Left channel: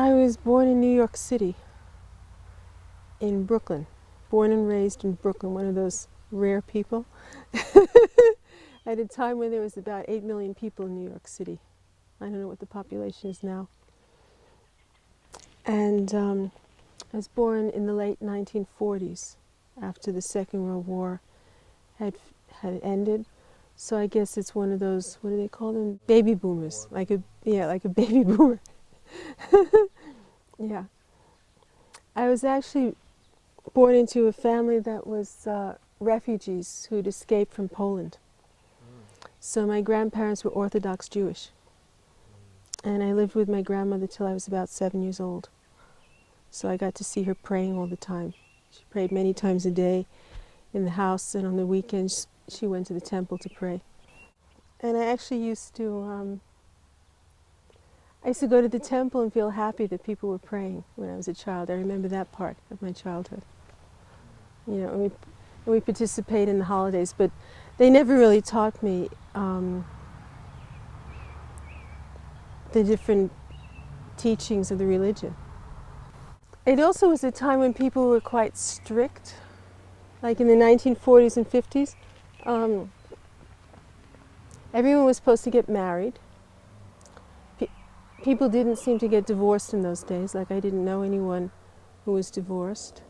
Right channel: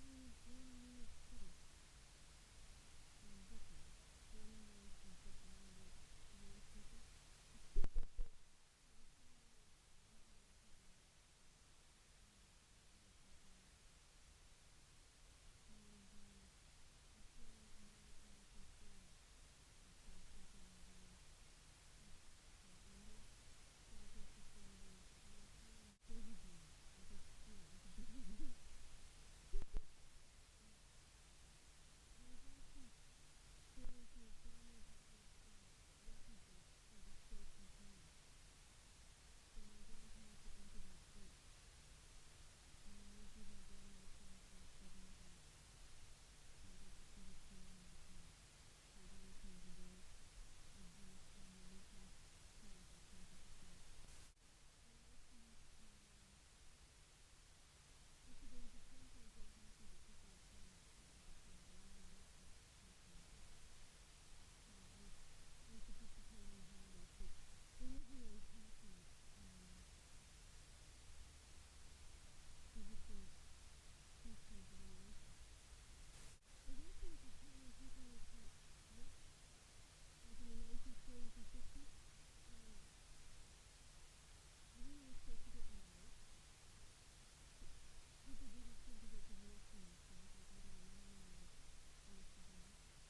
I was born in New York City, in Brooklyn. Born and raised in Brooklyn, one of those rare people. At a time when there was about 8 million people in New York City. I don't know what the population is now. And I was born in the late 1940s, after the Second World War had ended. So I guess it's one of those, what do they call them? Baby boomers, like a baby boomer. Yeah. I was actually born into a family that was refugees who'd escaped from Poland. So my grandparents were Orthodox Jewish. And I lived with my grandmother till I was about 7 years old. So I got to see her praying all the time. She prayed many times a day in the house, and on the weekends she went to the temple to pray. And I actually used to go to the temple and feel happy that people were praying when I was a child. I remember that part of my childhood. You know, and we participate in the holidays, but they never really taught me the different teachings of the religion. It also was a time when people were quite strict, like in the 1940s and 50s. Everyone was supposed to get married. People didn't seem to get divorced in those days, like I didn't know anyone who was divorced.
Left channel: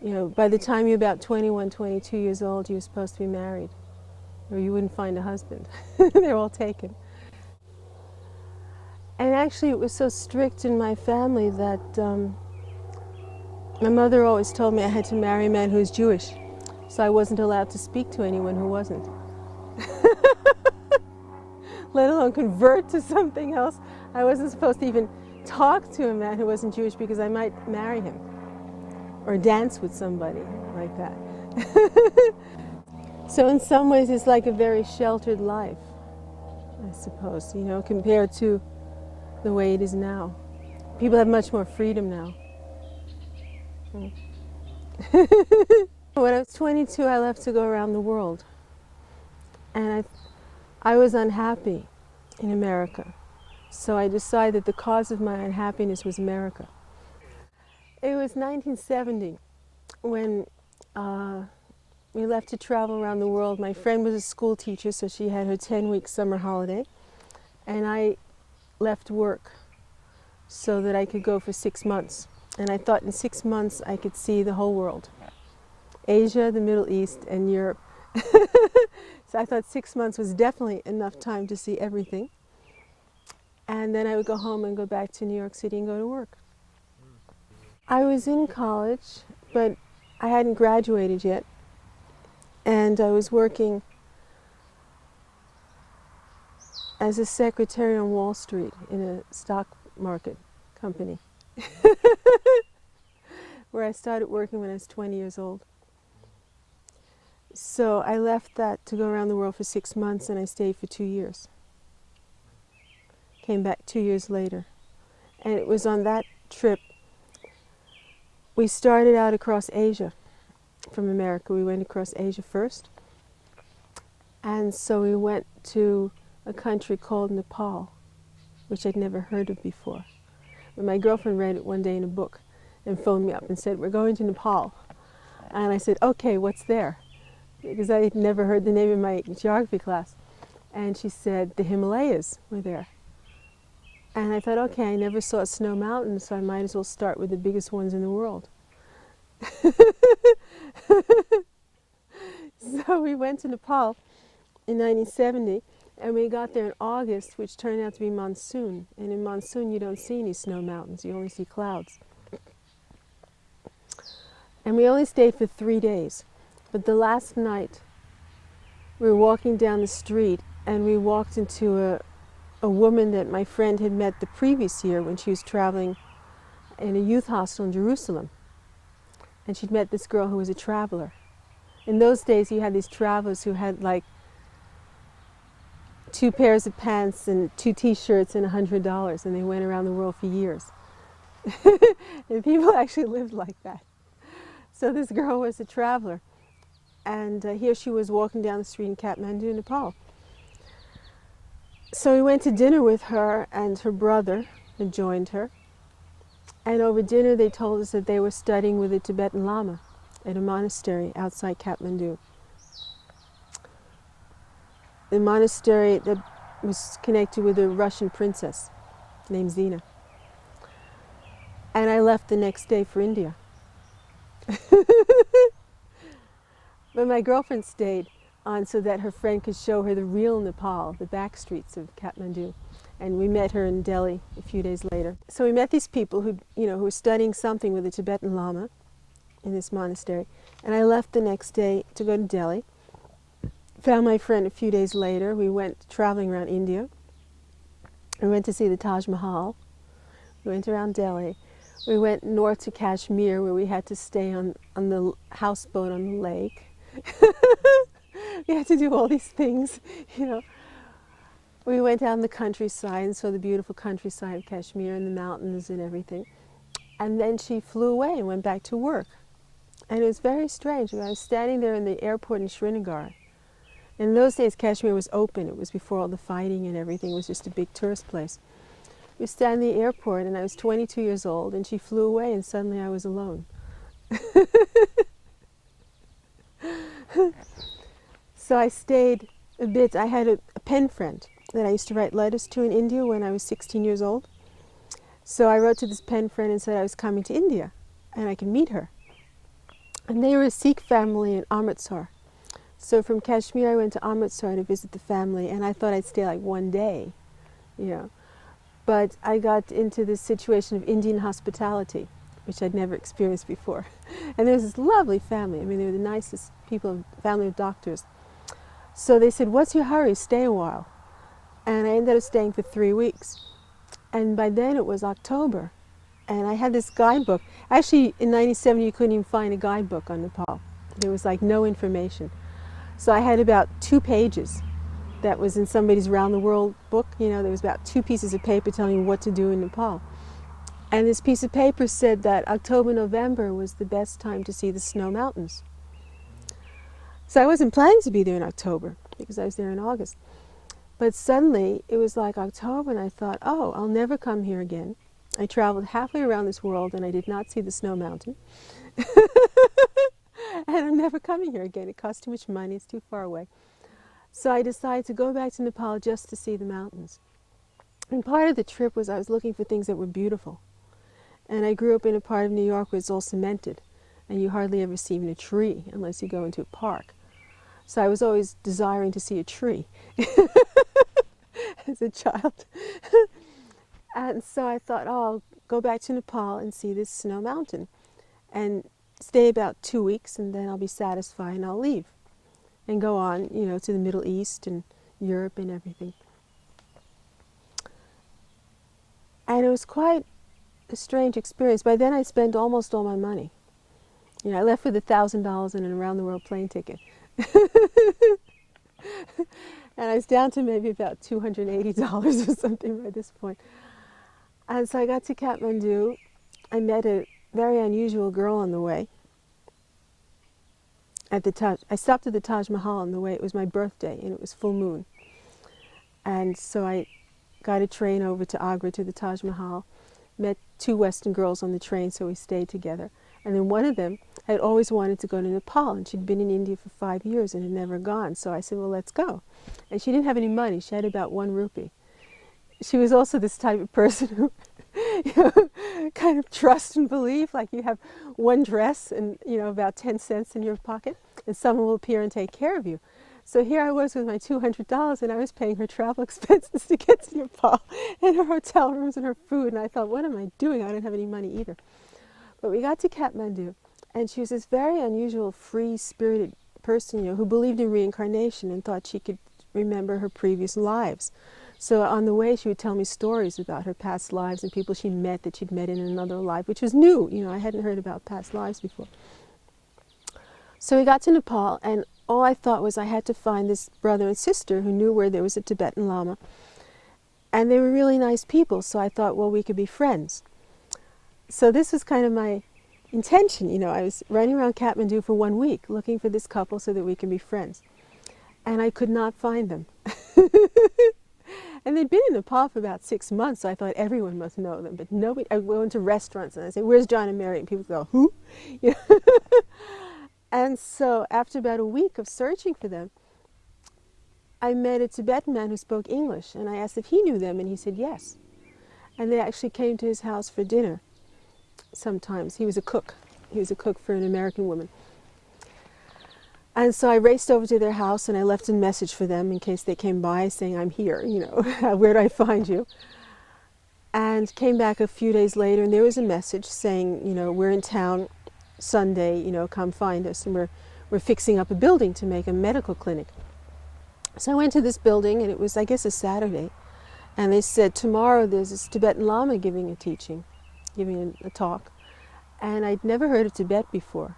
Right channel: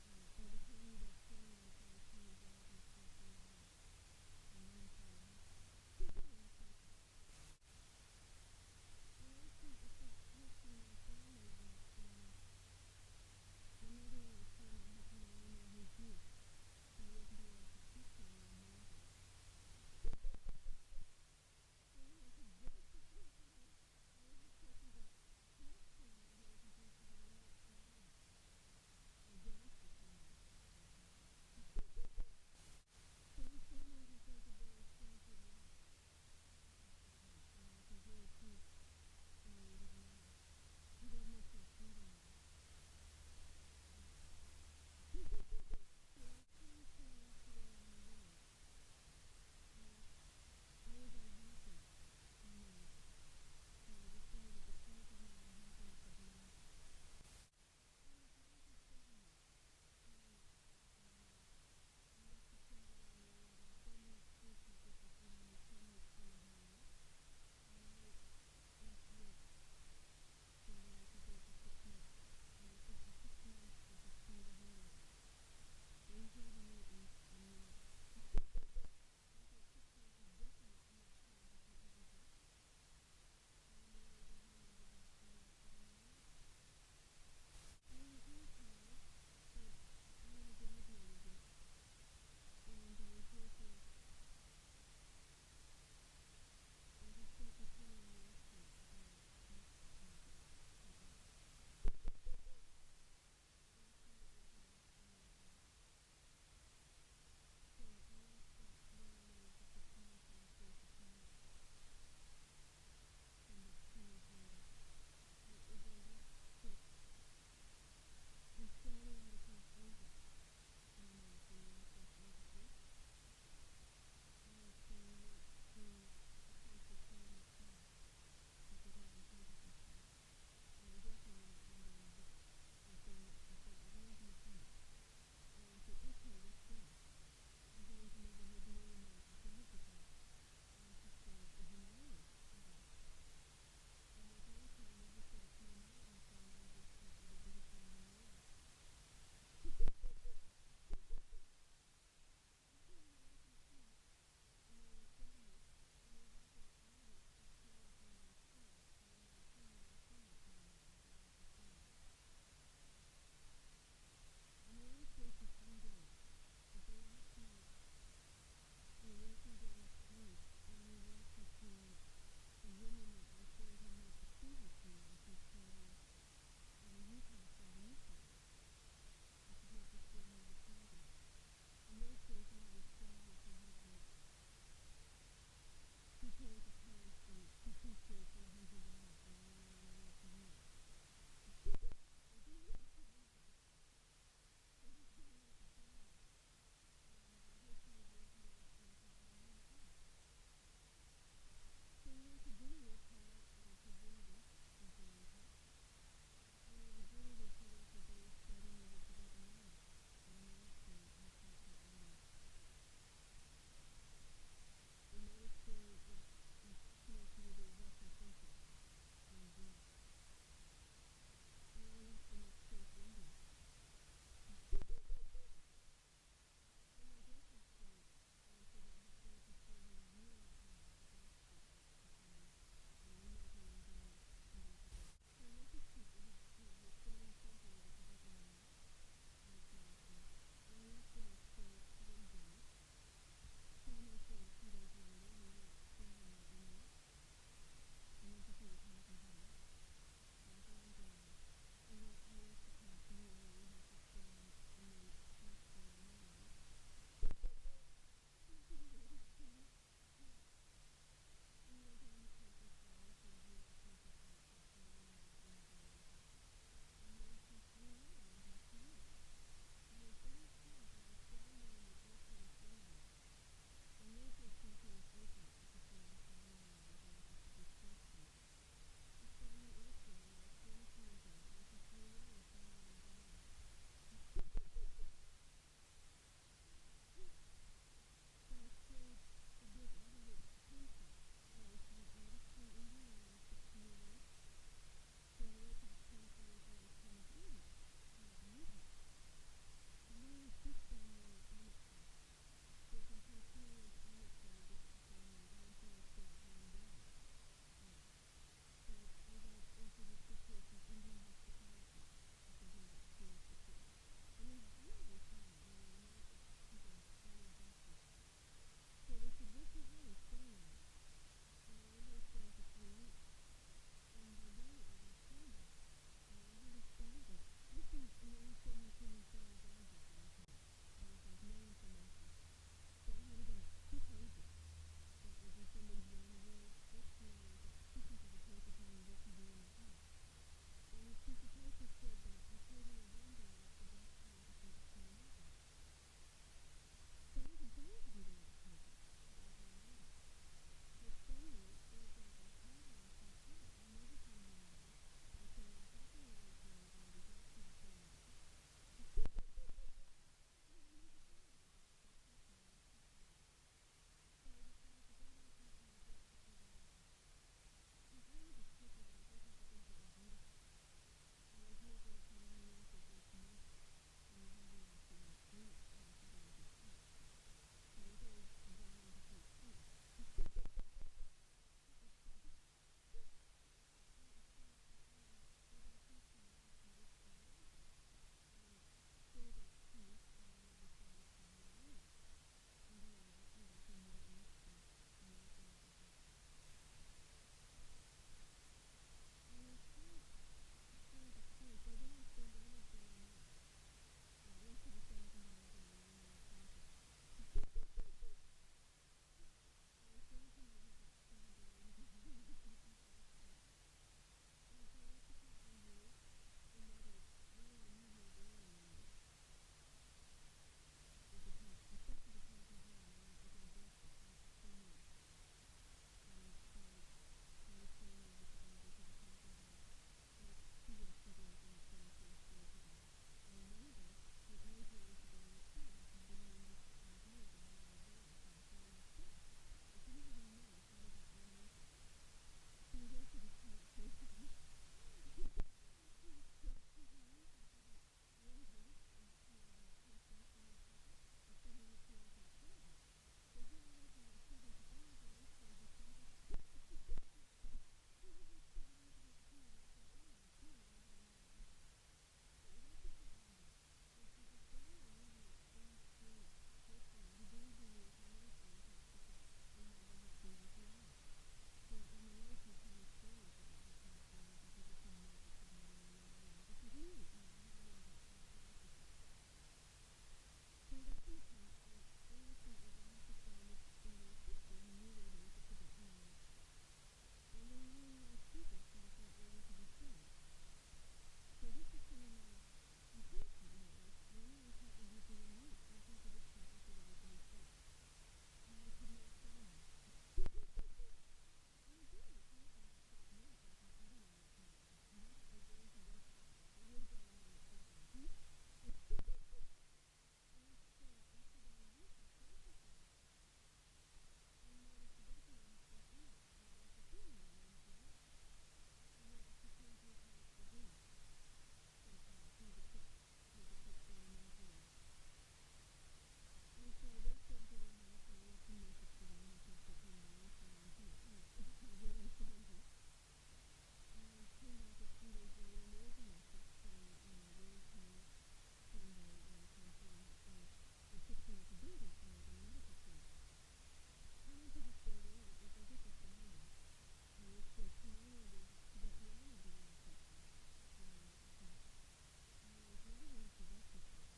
You know, by the time you're about 21, 22 years old, you're supposed to be married, or you wouldn't find a husband. They're all taken. And actually it was so strict in my family that my mother always told me I had to marry a man who was Jewish, so I wasn't allowed to speak to anyone who wasn't. Let alone convert to something else. I wasn't supposed to even talk to a man who wasn't Jewish because I might marry him or dance with somebody like that. So in some ways it's like a very sheltered life, I suppose, you know, compared to the way it is now. People have much more freedom now. When I was 22, I left to go around the world. And I was unhappy in America. So I decided the cause of my unhappiness was America. It was 1970 when we left to travel around the world. My friend was a school teacher, so she had her 10-week summer holiday. And I left work so that I could go for 6 months. And I thought in 6 months I could see the whole world. Asia, the Middle East, and Europe. So I thought 6 months was definitely enough time to see everything. And then I would go home and go back to New York City and go to work. I was in college, but I hadn't graduated yet. And I was working as a secretary on Wall Street in a stock market company, where I started working when I was 20 years old. So I left that to go around the world for 6 months, and I stayed for 2 years. Came back 2 years later. And it was on that trip, we started out across Asia from America. We went across Asia first. And so we went to a country called Nepal, which I'd never heard of before. But my girlfriend read it one day in a book and phoned me up and said, "We're going to Nepal." And I said, "Okay, what's there?" Because I had never heard the name in my geography class. And she said, "The Himalayas were there." And I thought, okay, I never saw snow mountains, so I might as well start with the biggest ones in the world. So we went to Nepal in 1970, and we got there in August, which turned out to be monsoon. And in monsoon, you don't see any snow mountains, you only see clouds. And we only stayed for 3 days. But the last night, we were walking down the street, and we walked into a woman that my friend had met the previous year when she was traveling in a youth hostel in Jerusalem. And she'd met this girl who was a traveler. In those days, you had these travelers who had like 2 pairs of pants and 2 t-shirts and $100, and they went around the world for years. And people actually lived like that. So this girl was a traveler. And here she was walking down the street in Kathmandu, Nepal. So we went to dinner with her, and her brother had joined her. And over dinner they told us that they were studying with a Tibetan Lama at a monastery outside Kathmandu. The monastery that was connected with a Russian princess named Zina. And I left the next day for India. But my girlfriend stayed on so that her friend could show her the real Nepal, the back streets of Kathmandu. And we met her in Delhi a few days later. So we met these people who were studying something with a Tibetan Lama in this monastery. And I left the next day to go to Delhi. Found my friend a few days later. We went traveling around India. We went to see the Taj Mahal. We went around Delhi. We went north to Kashmir, where we had to stay on the houseboat on the lake. We had to do all these things, We went down the countryside and saw the beautiful countryside of Kashmir and the mountains and everything. And then she flew away and went back to work. And it was very strange. I was standing there in the airport in Srinagar. In those days, Kashmir was open. It was before all the fighting and everything. It was just a big tourist place. We were standing in the airport, and I was 22 years old, and she flew away, and suddenly I was alone. So I stayed a bit. I had a pen friend that I used to write letters to in India when I was 16 years old. So I wrote to this pen friend and said I was coming to India, and I could meet her. And they were a Sikh family in Amritsar. So from Kashmir, I went to Amritsar to visit the family, and I thought I'd stay like one day, But I got into this situation of Indian hospitality, which I'd never experienced before. And there was this lovely family. I mean, they were the nicest people, family of doctors. So they said, "What's your hurry? Stay a while." And I ended up staying for 3 weeks. And by then it was October. And I had this guidebook. Actually, in 1970, you couldn't even find a guidebook on Nepal. There was like no information. So I had about 2 pages that was in somebody's Round the World book. There was about 2 pieces of paper telling you what to do in Nepal. And this piece of paper said that October, November was the best time to see the snow mountains. So I wasn't planning to be there in October because I was there in August. But suddenly it was like October, and I thought, oh, I'll never come here again. I traveled halfway around this world and I did not see the snow mountain. And I'm never coming here again. It costs too much money, it's too far away. So I decided to go back to Nepal just to see the mountains. And part of the trip was I was looking for things that were beautiful. And I grew up in a part of New York where it's all cemented, and you hardly ever see even a tree unless you go into a park. So I was always desiring to see a tree as a child. And so I thought, oh, I'll go back to Nepal and see this snow mountain and stay about 2 weeks, and then I'll be satisfied and I'll leave and go on, to the Middle East and Europe and everything. And it was quite a strange experience. By then I spent almost all my money. I left with $1,000 and an around-the-world plane ticket. And I was down to maybe about $280 or something by this point. And so I got to Kathmandu. I met a very unusual girl on the way. I stopped at the Taj Mahal on the way. It was my birthday, and it was full moon. And so I got a train over to Agra to the Taj Mahal, met 2 Western girls on the train, so we stayed together. And then one of them had always wanted to go to Nepal, and she'd been in India for 5 years and had never gone. So I said, well, let's go. And she didn't have any money. She had about 1 rupee. She was also this type of person who kind of trust and believe, like you have one dress and about 10 cents in your pocket, and someone will appear and take care of you. So here I was with my $200, and I was paying her travel expenses to get to Nepal, and her hotel rooms and her food, and I thought, what am I doing? I don't have any money either. But we got to Kathmandu, and she was this very unusual, free-spirited person, who believed in reincarnation and thought she could remember her previous lives. So on the way, she would tell me stories about her past lives and people she met that she'd met in another life, which was new. I hadn't heard about past lives before. So we got to Nepal, and all I thought was I had to find this brother and sister who knew where there was a Tibetan Lama. And they were really nice people, so I thought, well, we could be friends. So this was kind of my intention. I was running around Kathmandu for 1 week looking for this couple so that we could be friends. And I could not find them. And they'd been in Nepal for about 6 months, so I thought everyone must know them. But nobody, I went to restaurants and I say, "Where's John and Mary?" And people go, "Who?" You know? And so after about a week of searching for them, I met a Tibetan man who spoke English, and I asked if he knew them, and he said yes. And they actually came to his house for dinner sometimes. He was a cook. He was a cook for an American woman. And so I raced over to their house and I left a message for them in case they came by saying, "I'm here, you know, where do I find you?" And came back a few days later and there was a message saying, you know, "We're in town Sunday, you know, come find us." And we're fixing up a building to make a medical clinic. So I went to this building and it was, I guess, a Saturday. And they said, "Tomorrow there's this Tibetan Lama giving a teaching, giving a talk." And I'd never heard of Tibet before.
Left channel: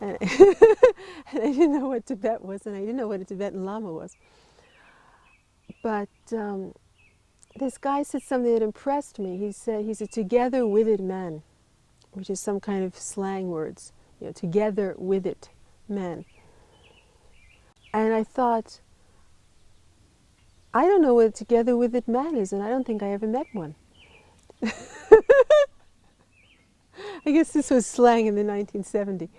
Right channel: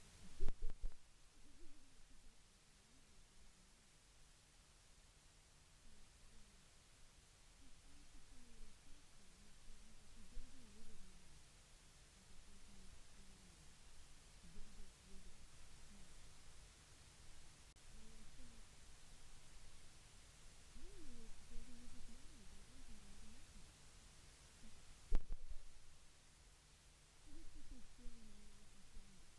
And and I didn't know what Tibet was, and I didn't know what a Tibetan Lama was. But this guy said something that impressed me. He said he's a together with it man, which is some kind of slang words, you know, together with it man. And I thought, I don't know what a together with it man is, and I don't think I ever met one. I guess this was slang in the 1970s.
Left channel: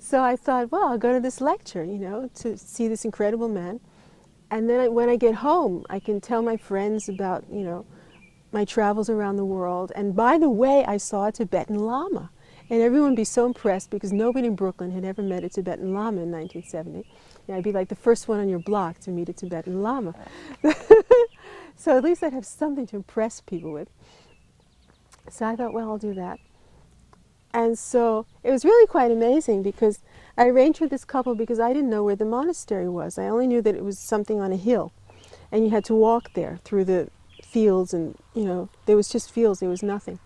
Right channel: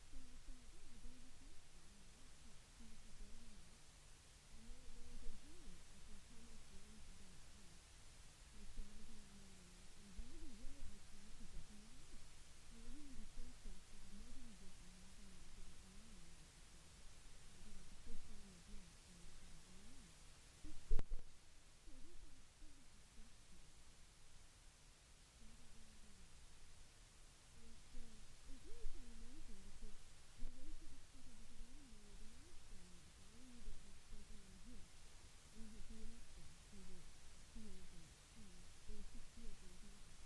So I thought, well, I'll go to this lecture, you know, to see this incredible man. And then when I get home, I can tell my friends about, you know, my travels around the world. And by the way, I saw a Tibetan Lama. And everyone would be so impressed because nobody in Brooklyn had ever met a Tibetan Lama in 1970. You know, I'd be like the first one on your block to meet a Tibetan Lama. So at least I'd have something to impress people with. So I thought, well, I'll do that. And so it was really quite amazing because I arranged with this couple because I didn't know where the monastery was. I only knew that it was something on a hill. And you had to walk there through the fields and, you know, there was just fields, there was nothing.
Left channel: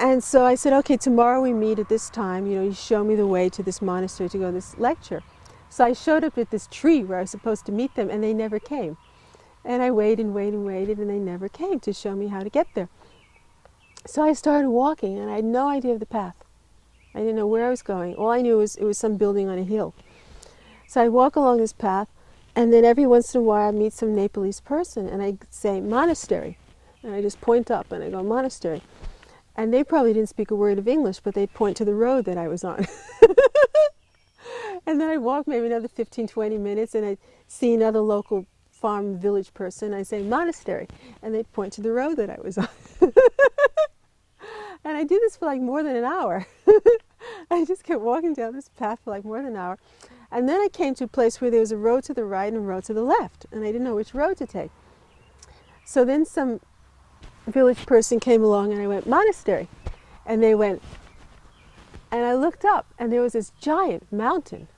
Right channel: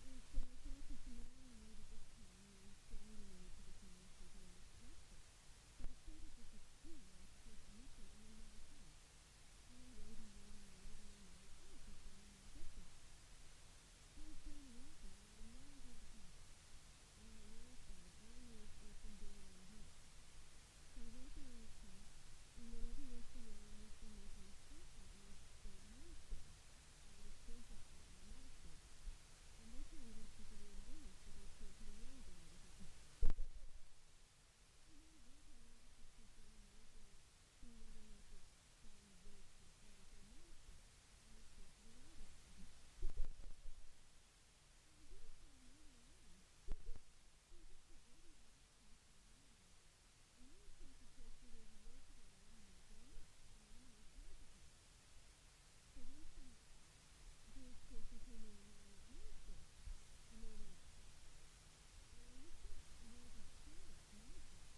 And so I said, okay, tomorrow we meet at this time, you know, you show me the way to this monastery to go to this lecture. So I showed up at this tree where I was supposed to meet them and they never came. And I waited and waited and waited and they never came to show me how to get there. So I started walking and I had no idea of the path. I didn't know where I was going. All I knew was it was some building on a hill. So I walk along this path and then every once in a while I meet some Nepalese person and I say monastery. And I just point up and I go monastery. And they probably didn't speak a word of English, but they'd point to the road that I was on. And then I'd walk maybe another 15, 20 minutes and I'd see another local farm village person. I'd say monastery. And they'd point to the road that I was on. And I did this for like more than an hour. I just kept walking down this path for like more than an hour. And then I came to a place where there was a road to the right and a road to the left. And I didn't know which road to take. So then some village person came along and I went, monastery. And they went, and I looked up and there was this giant mountain.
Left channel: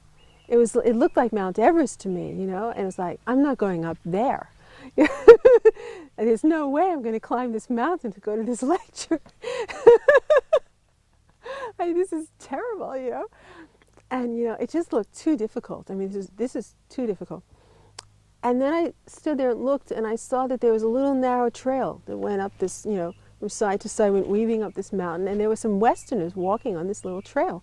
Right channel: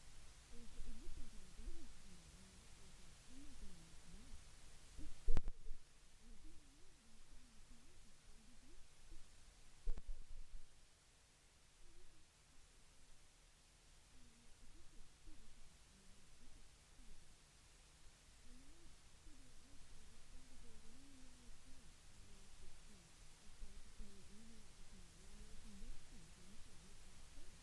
It looked like Mount Everest to me, you know, and it was like, I'm not going up there. There's no way I'm going to climb this mountain to go to this lecture. This is terrible, you know. And, you know, it just looked too difficult. I mean, this is too difficult. And then I stood there and looked and I saw that there was a little narrow trail that went up this, you know, from side to side, went weaving up this mountain. And there were some Westerners walking on this little trail.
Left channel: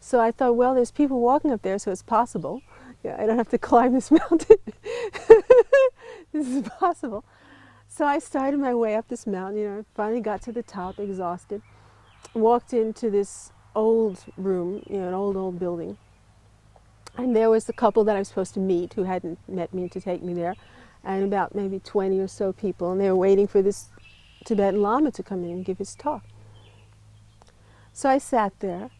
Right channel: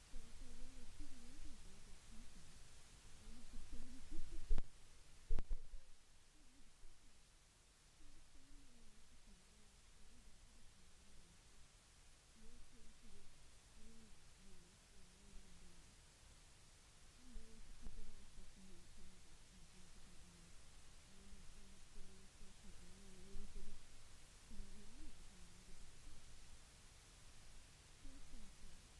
So I thought, well, there's people walking up there, so it's possible. Yeah, I don't have to climb this mountain. This is possible. So I started my way up this mountain, you know, finally got to the top, exhausted, walked into this old room, you know, an old building. And there was the couple that I was supposed to meet who hadn't met me to take me there, and about maybe 20 or so people, and they were waiting for this Tibetan Lama to come in and give his talk. So I sat there,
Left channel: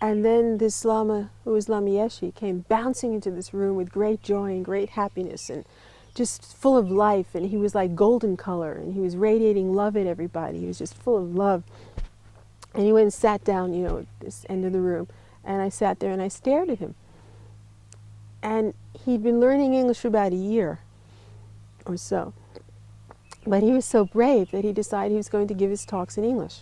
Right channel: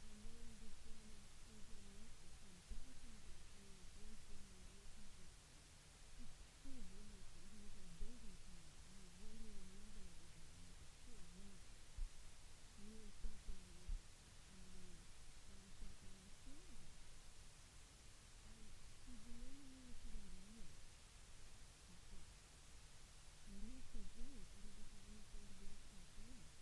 and then this Lama, who was Lama Yeshe, came bouncing into this room with great joy and great happiness and just full of life, and he was like golden color, and he was radiating love at everybody. He was just full of love. And he went and sat down, you know, at this end of the room, and I sat there and I stared at him. And he'd been learning English for about a year or so. But he was so brave that he decided he was going to give his talks in English.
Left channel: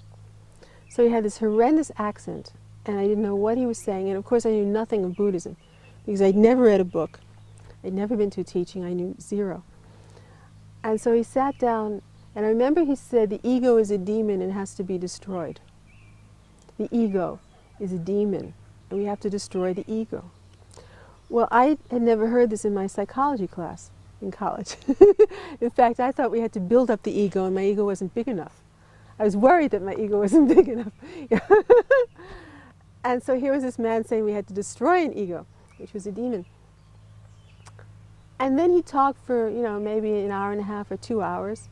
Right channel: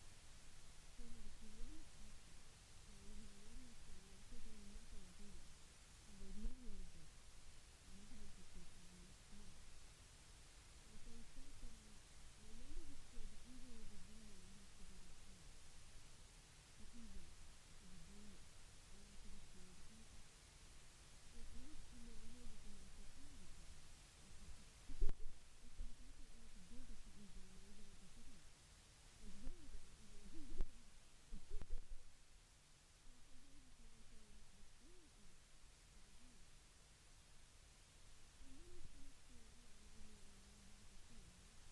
So he had this horrendous accent, and I didn't know what he was saying. And of course I knew nothing of Buddhism, because I'd never read a book. I'd never been to a teaching. I knew zero. And so he sat down, and I remember he said, the ego is a demon and has to be destroyed. The ego is a demon, and we have to destroy the ego. Well, I had never heard this in my psychology class. in college. In fact, I thought we had to build up the ego, and my ego wasn't big enough. I was worried that my ego wasn't big enough. And so here was this man saying we had to destroy an ego, which was a demon. And then he talked for, maybe an hour and a half or 2 hours.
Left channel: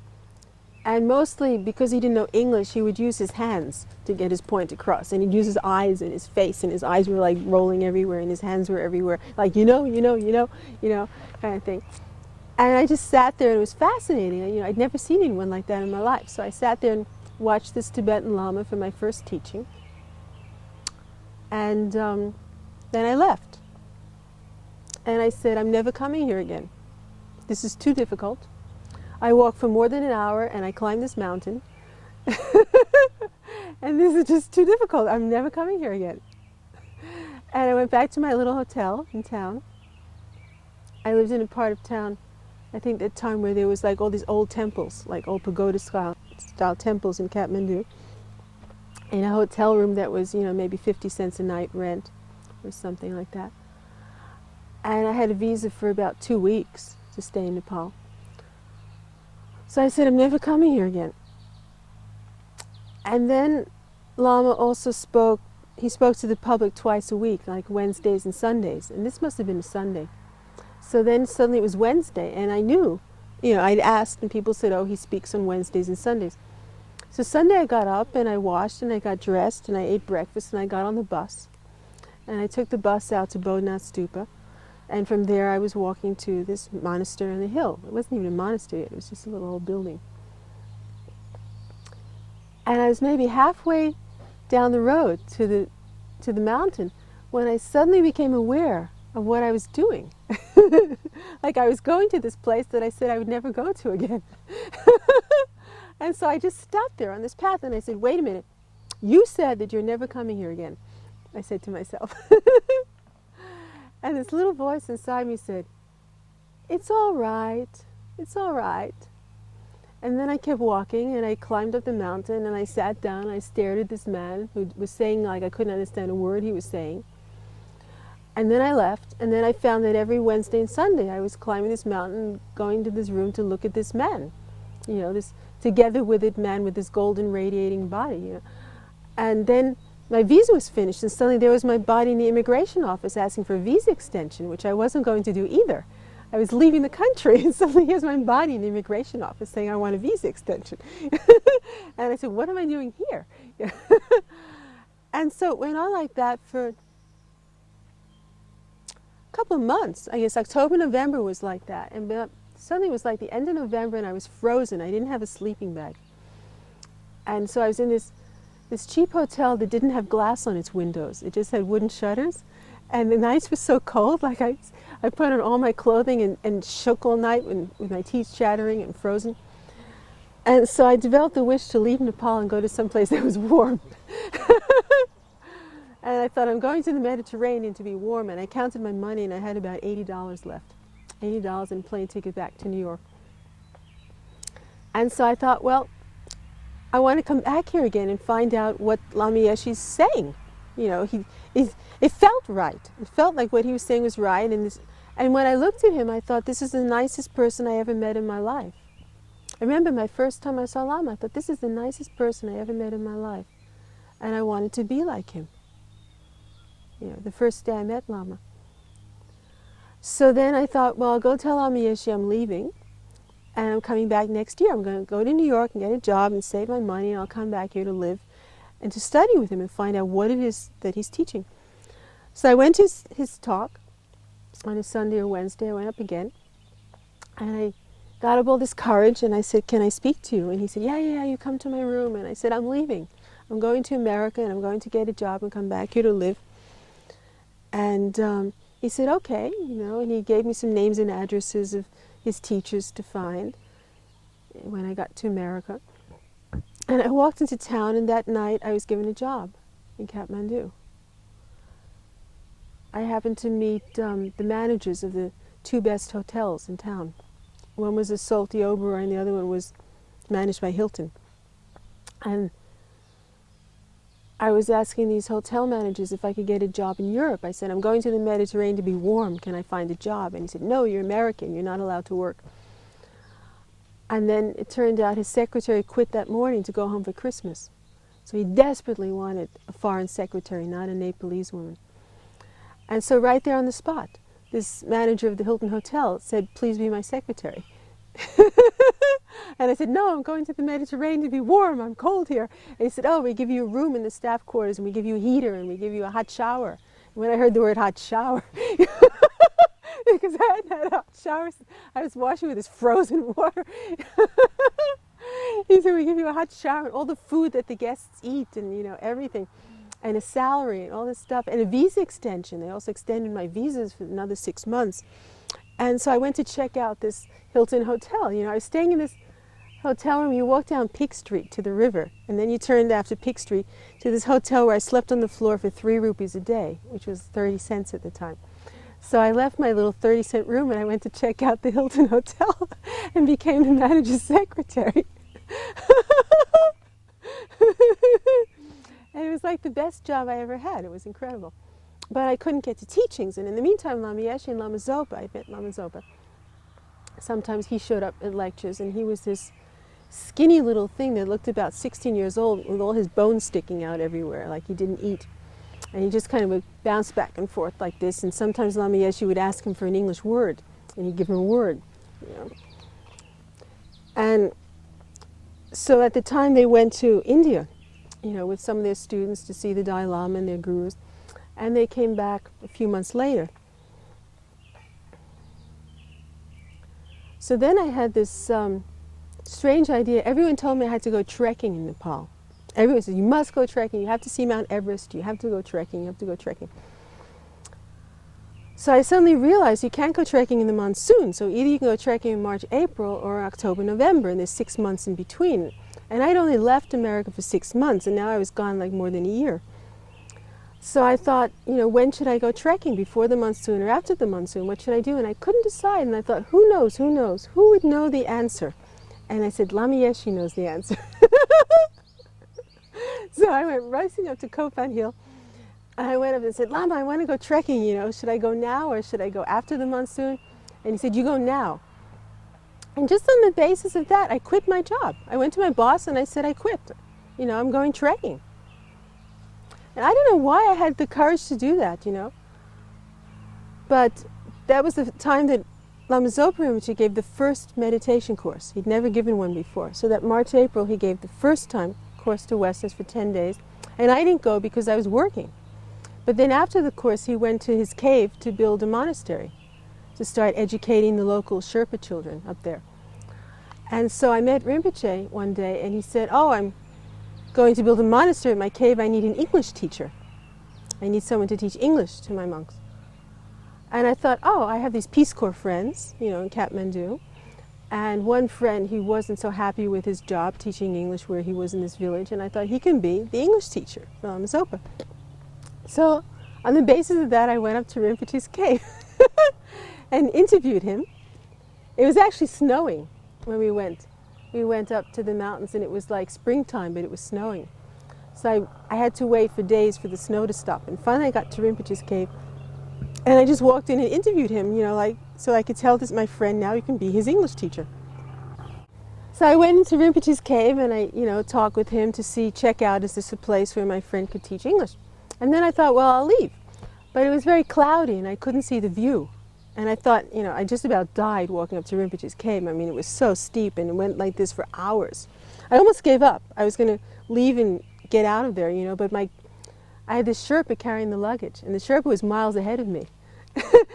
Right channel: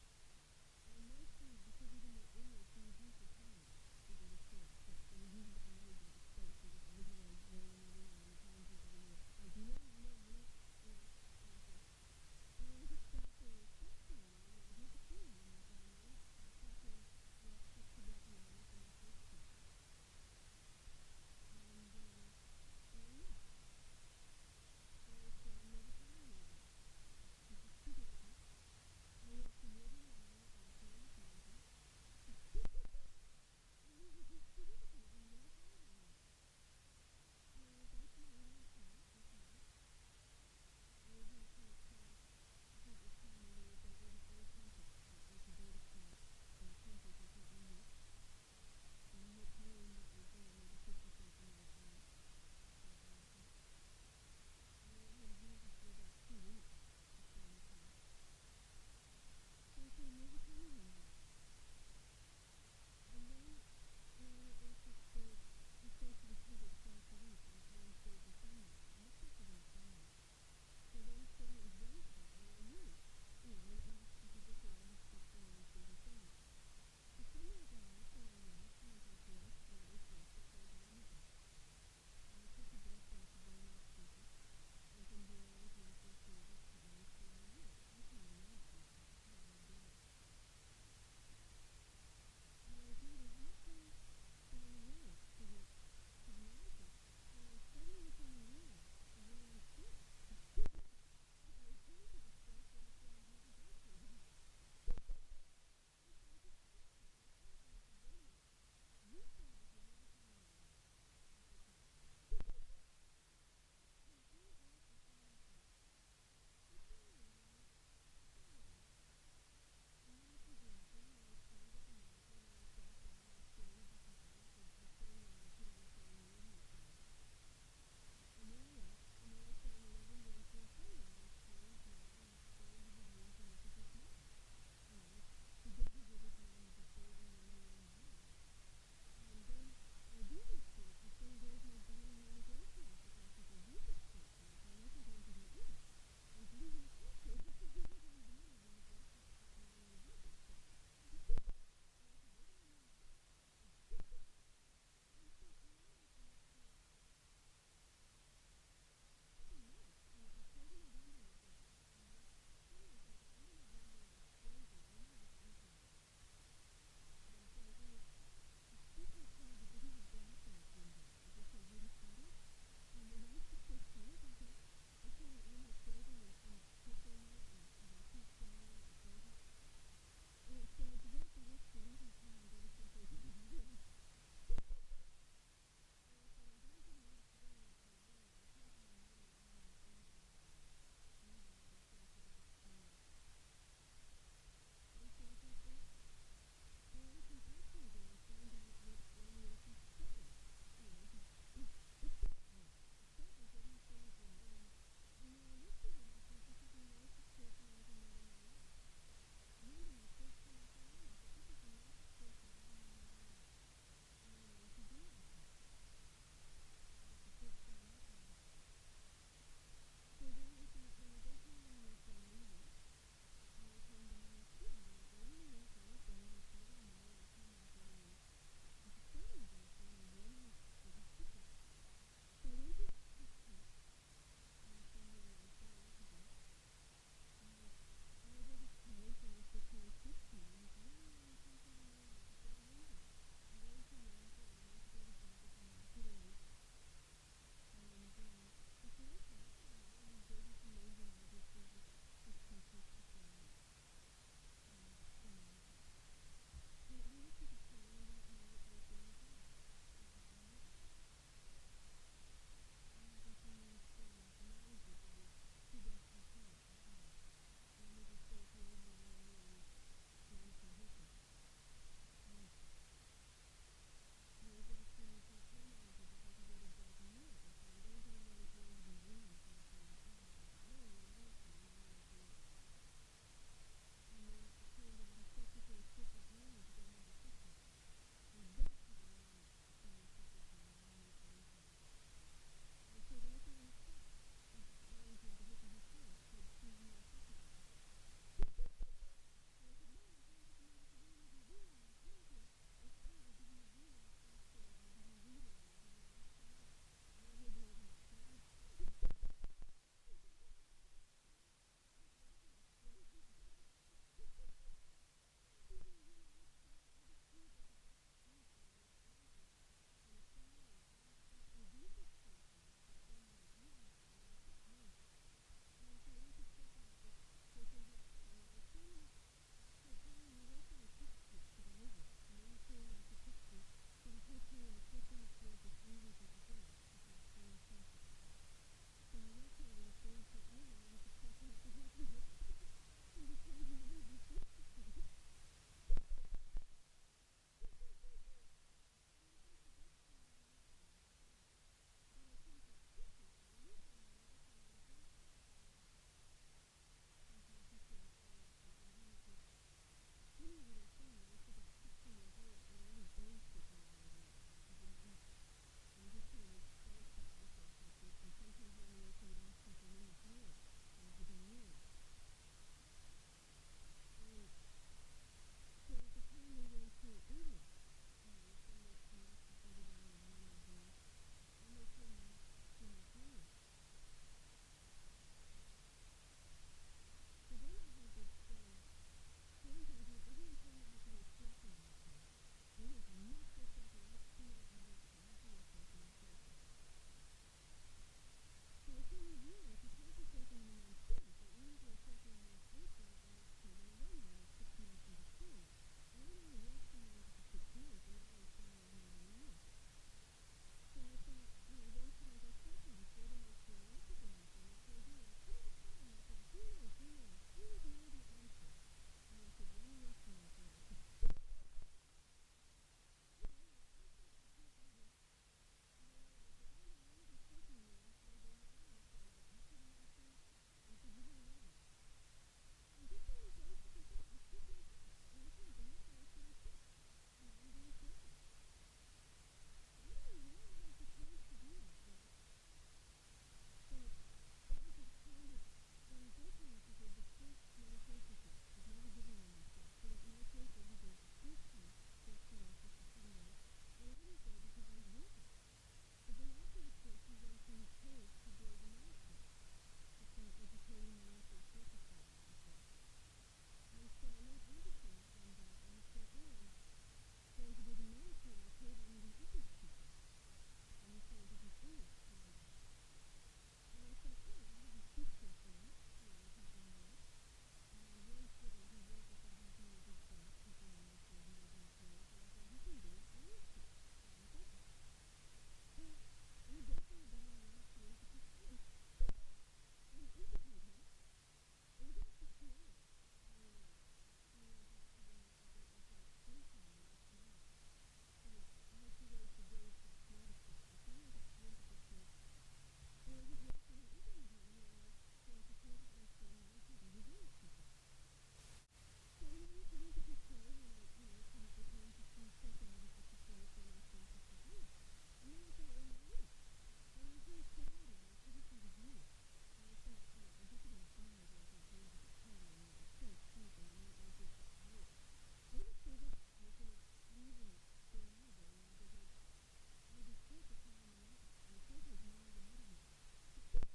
And mostly because he didn't know English, he would use his hands to get his point across. And he'd use his eyes and his face, and his eyes were like rolling everywhere, and his hands were everywhere, like, kind of thing. And I just sat there, and it was fascinating. I'd never seen anyone like that in my life. So I sat there and watched this Tibetan Lama for my first teaching. And then I left. And I said, I'm never coming here again. This is too difficult. I walked for more than an hour, and I climbed this mountain. And this is just too difficult. I'm never coming here again. And I went back to my little hotel in town. I lived in a part of town, I think at the time, where there was like all these old temples, like old pagoda style temples in Kathmandu, in a hotel room that was, maybe 50 cents a night rent or something like that. And I had a visa for about 2 weeks to stay in Nepal. So I said, I'm never coming here again. And then Lama also spoke to the public twice a week, like Wednesdays and Sundays. And this must have been a Sunday. So then suddenly it was Wednesday, and I knew, I'd asked, and people said, oh, he speaks on Wednesdays and Sundays. So Sunday I got up, and I washed, and I got dressed, and I ate breakfast, and I got on the bus. And I took the bus out to Bodhnath Stupa. And from there I was walking to this monastery on the hill. It wasn't even a monastery, it was just a little old building. And I was maybe halfway down the road to the mountain when I suddenly became aware of what I was doing. Like I was going to this place that I said I would never go to again. And so I just stopped there on this path, and I said, wait a minute, you said that you're never coming here again, I said to myself. And this little voice inside me said, it's all right, it's all right. And then I kept walking, and I climbed up the mountain, and I sat down, and I stared at this man who was saying, like, I couldn't understand a word he was saying. And then I left, and then I found that every Wednesday and Sunday I was climbing this mountain, going to this room to look at this man, this together with it man with this golden radiating body. And then my visa was finished, and suddenly there was my body in the immigration office asking for a visa extension, which I wasn't going to do either. I was leaving the country, and suddenly here's my body in the immigration office saying I want a visa extension. And I said, what am I doing here? And so it went on like that for a couple of months. I guess October, November was like that. And suddenly it was like the end of November, and I was frozen. I didn't have a sleeping bag. And so I was in this cheap hotel that didn't have glass on its windows. It just had wooden shutters. And the nights were so cold, like I put on all my clothing and shook all night with my teeth chattering and frozen. And so I developed the wish to leave Nepal and go to some place that was warm. And I thought, I'm going to the Mediterranean to be warm, and I counted my money, and I had about $80 left. $80 and a plane ticket back to New York. And so I thought, well, I want to come back here again and find out what Lama Yeshe's saying. It felt right. It felt like what he was saying was right. And when I looked at him, I thought, this is the nicest person I ever met in my life. I remember my first time I saw Lama, I thought, this is the nicest person I ever met in my life. And I wanted to be like him. The first day I met Lama. So then I thought, well, I'll go tell Lama Yeshe I'm leaving, and I'm coming back next year. I'm going to go to New York and get a job and save my money, and I'll come back here to live and to study with him and find out what it is that he's teaching. So I went to his talk on a Sunday or Wednesday. I went up again, and I got up all this courage, and I said, can I speak to you? And he said, yeah, you come to my room. And I said, I'm leaving. I'm going to America, and I'm going to get a job and come back here to live. And he said, okay, and he gave me some names and addresses of his teachers to find when I got to America. And I walked into town, and that night I was given a job in Kathmandu. I happened to meet the managers of the 2 best hotels in town. One was a Salty Oberoi, and the other one was managed by Hilton. And I was asking these hotel managers if I could get a job in Europe. I said, I'm going to the Mediterranean to be warm. Can I find a job? And he said, no, you're American. You're not allowed to work. And then it turned out his secretary quit that morning to go home for Christmas. So he desperately wanted a foreign secretary, not a Nepalese woman. And so right there on the spot, this manager of the Hilton Hotel said, please be my secretary. And I said, no, I'm going to the Mediterranean to be warm. I'm cold here. And he said, oh, we give you a room in the staff quarters, and we give you a heater, and we give you a hot shower. And when I heard the word hot shower, because I hadn't had hot showers, I was washing with this frozen water. He said, we give you a hot shower, and all the food that the guests eat, and everything, and a salary, and all this stuff, and a visa extension. They also extended my visas for another 6 months. And so I went to check out this Hilton Hotel. I was staying in this hotel room. You walk down Peak Street to the river, and then you turned after Peak Street to this hotel where I slept on the floor for 3 rupees a day, which was 30 cents at the time. So I left my little 30-cent room and I went to check out the Hilton Hotel and became the manager's secretary. And it was like the best job I ever had. It was incredible. But I couldn't get to teachings, and in the meantime, Lama Yeshe and Lama Zopa, I met Lama Zopa. Sometimes he showed up at lectures, and he was this skinny little thing that looked about 16 years old with all his bones sticking out everywhere, like he didn't eat. And he just kind of would bounce back and forth like this, and sometimes Lama Yeshe would ask him for an English word, and he'd give him a word. And so at the time they went to India, with some of their students to see the Dalai Lama and their gurus, and they came back a few months later. So then I had this strange idea. Everyone told me I had to go trekking in Nepal. Everyone said, you must go trekking, you have to see Mount Everest, you have to go trekking, you have to go trekking. So I suddenly realized you can't go trekking in the monsoon, so either you can go trekking in March, April, or October, November, and there's 6 months in between. And I'd only left America for 6 months, and now I was gone like more than a year. So I thought, when should I go trekking, before the monsoon or after the monsoon? What should I do? And I couldn't decide, and I thought, who knows, who knows? Who would know the answer? And I said, Lama Yeshe knows the answer. So I went racing up to Kopan Hill, and I went up and said, Lama, I want to go trekking, should I go now or should I go after the monsoon? And he said, you go now. And just on the basis of that, I quit my job. I went to my boss and I said, I quit. I'm going trekking. And I don't know why I had the courage to do that, But that was the time that Lama Zopa Rinpoche gave the first meditation course. He'd never given one before. So that March, April, he gave the first time course to Westerners for 10 days. And I didn't go because I was working. But then after the course, he went to his cave to build a monastery, to start educating the local Sherpa children up there. And so I met Rinpoche one day, and he said, oh, I'm going to build a monastery in my cave. I need an English teacher. I need someone to teach English to my monks. And I thought, oh, I have these Peace Corps friends, in Kathmandu. And one friend, he wasn't so happy with his job teaching English where he was in this village, and I thought he can be the English teacher for Lama Zopa. So on the basis of that, I went up to Rinpoche's cave and interviewed him. It was actually snowing when we went. We went up to the mountains, and it was like springtime, but it was snowing. So I had to wait for days for the snow to stop. And finally I got to Rinpoche's cave, and I just walked in and interviewed him, so I could tell this my friend, now you can be his English teacher. So I went into Rinpoche's cave, and I, talked with him to check out, is this a place where my friend could teach English? And then I thought, well, I'll leave. But it was very cloudy, and I couldn't see the view. And I thought, I just about died walking up to Rinpoche's cave. I mean, it was so steep, and it went like this for hours. I almost gave up. I was going to leave and get out of there, but I had this Sherpa carrying the luggage, and the Sherpa was miles ahead of me.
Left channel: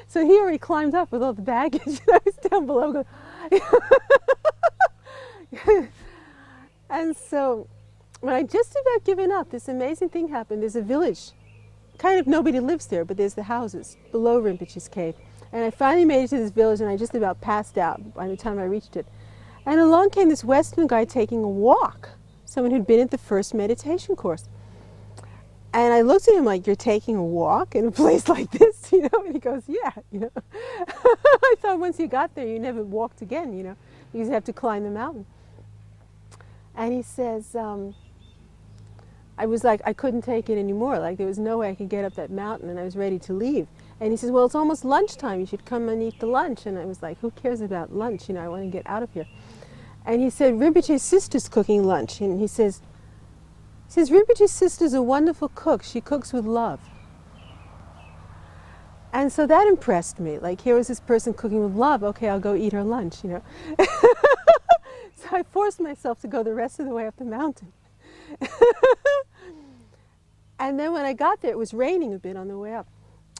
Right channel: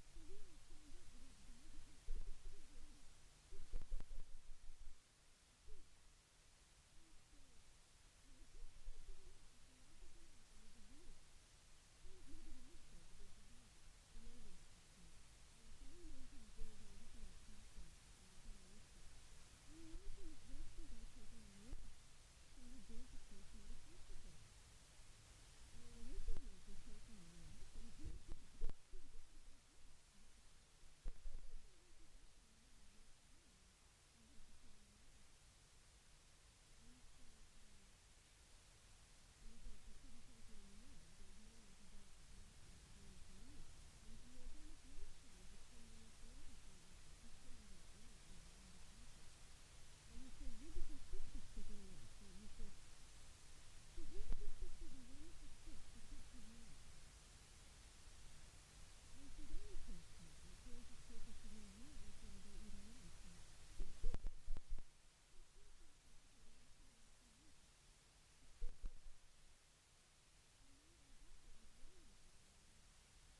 So he already climbed up with all the baggage, and I was down below going, And so when I just about given up, this amazing thing happened. There's a village, kind of nobody lives there, but there's the houses below Rinpoche's cave. And I finally made it to this village, and I just about passed out by the time I reached it. And along came this Western guy taking a walk, someone who'd been at the first meditation course. And I looked at him like, you're taking a walk in a place like this, And he goes, yeah, I thought once you got there, you never walked again, because you have to climb the mountain. And he says, I was like, I couldn't take it anymore. Like there was no way I could get up that mountain, and I was ready to leave. And he says, well, it's almost lunchtime. You should come and eat the lunch. And I was like, who cares about lunch? You know, I want to get out of here. And he said, Rinpoche's sister's cooking lunch. And he says, Rinpoche's sister's a wonderful cook. She cooks with love. And so that impressed me. Like, here was this person cooking with love. Okay, I'll go eat her lunch, you know. So I forced myself to go the rest of the way up the mountain. And then when I got there, it was raining a bit on the way up.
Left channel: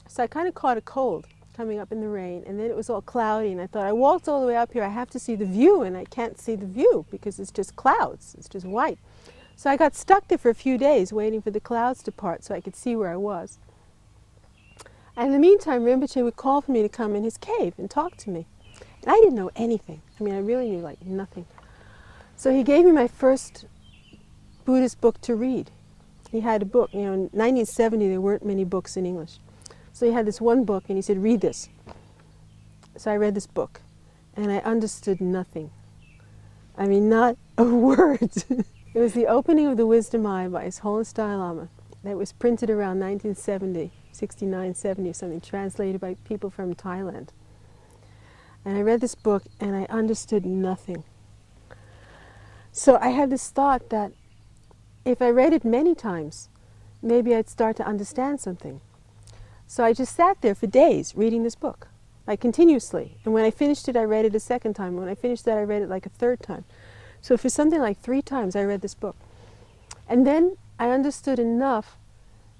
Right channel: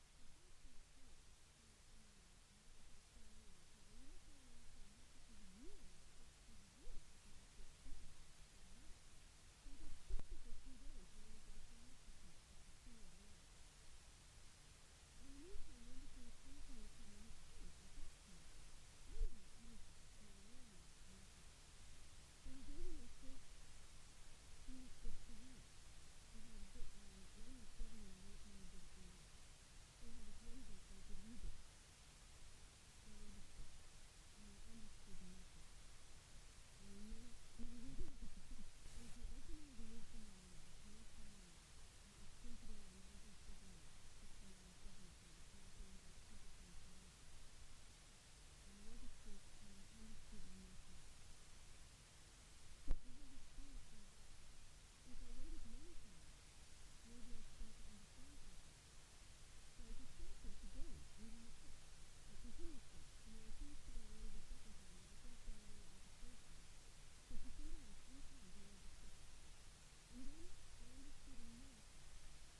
So I kind of caught a cold coming up in the rain. And then it was all cloudy. And I thought, I walked all the way up here. I have to see the view. And I can't see the view because it's just clouds. It's just white. So I got stuck there for a few days waiting for the clouds to part so I could see where I was. And in the meantime, Rinpoche would call for me to come in his cave and talk to me. And I didn't know anything. I mean, I really knew like nothing. So he gave me my first Buddhist book to read. He had a book, you know, in 1970 there weren't many books in English. So he had this one book and he said, read this. So I read this book and I understood nothing. I mean, not a word. It was the opening of the Wisdom Eye by His Holiness Dalai Lama that was printed around 1970, 69, 70 or something, translated by people from Thailand. And I read this book and I understood nothing. So I had this thought that if I read it many times, maybe I'd start to understand something. So I just sat there for days reading this book, like continuously. And when I finished it, I read it a second time. When I finished that, I read it like a third time. So for something like 3 times, I read this book. And then I understood enough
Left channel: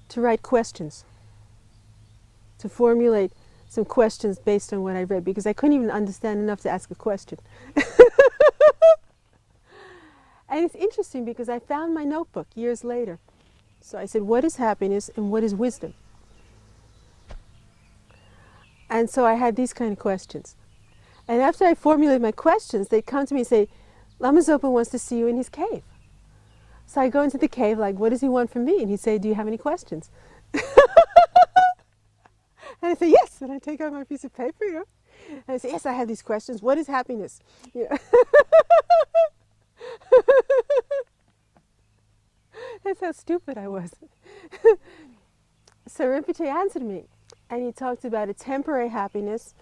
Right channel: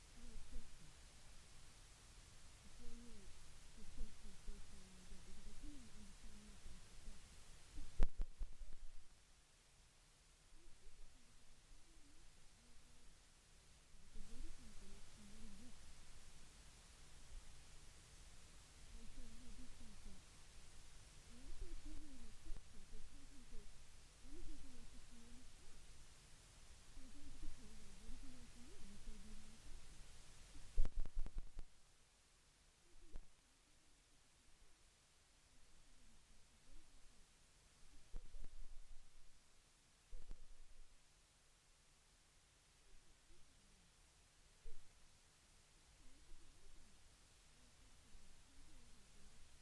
to write questions, to formulate some questions based on what I read, because I couldn't even understand enough to ask a question. And it's interesting because I found my notebook years later. So I said, what is happiness and what is wisdom? And so I had these kind of questions. And after I formulated my questions, they'd come to me and say, Lama Zopa wants to see you in his cave. So I go into the cave like, what does he want from me? And he'd say, do you have any questions? And I say, yes. And I take out my piece of paper, you know. And I say, yes, I have these questions. What is happiness? You know. That's how stupid I was. So Rinpoche answered me, and he talked about a temporary happiness,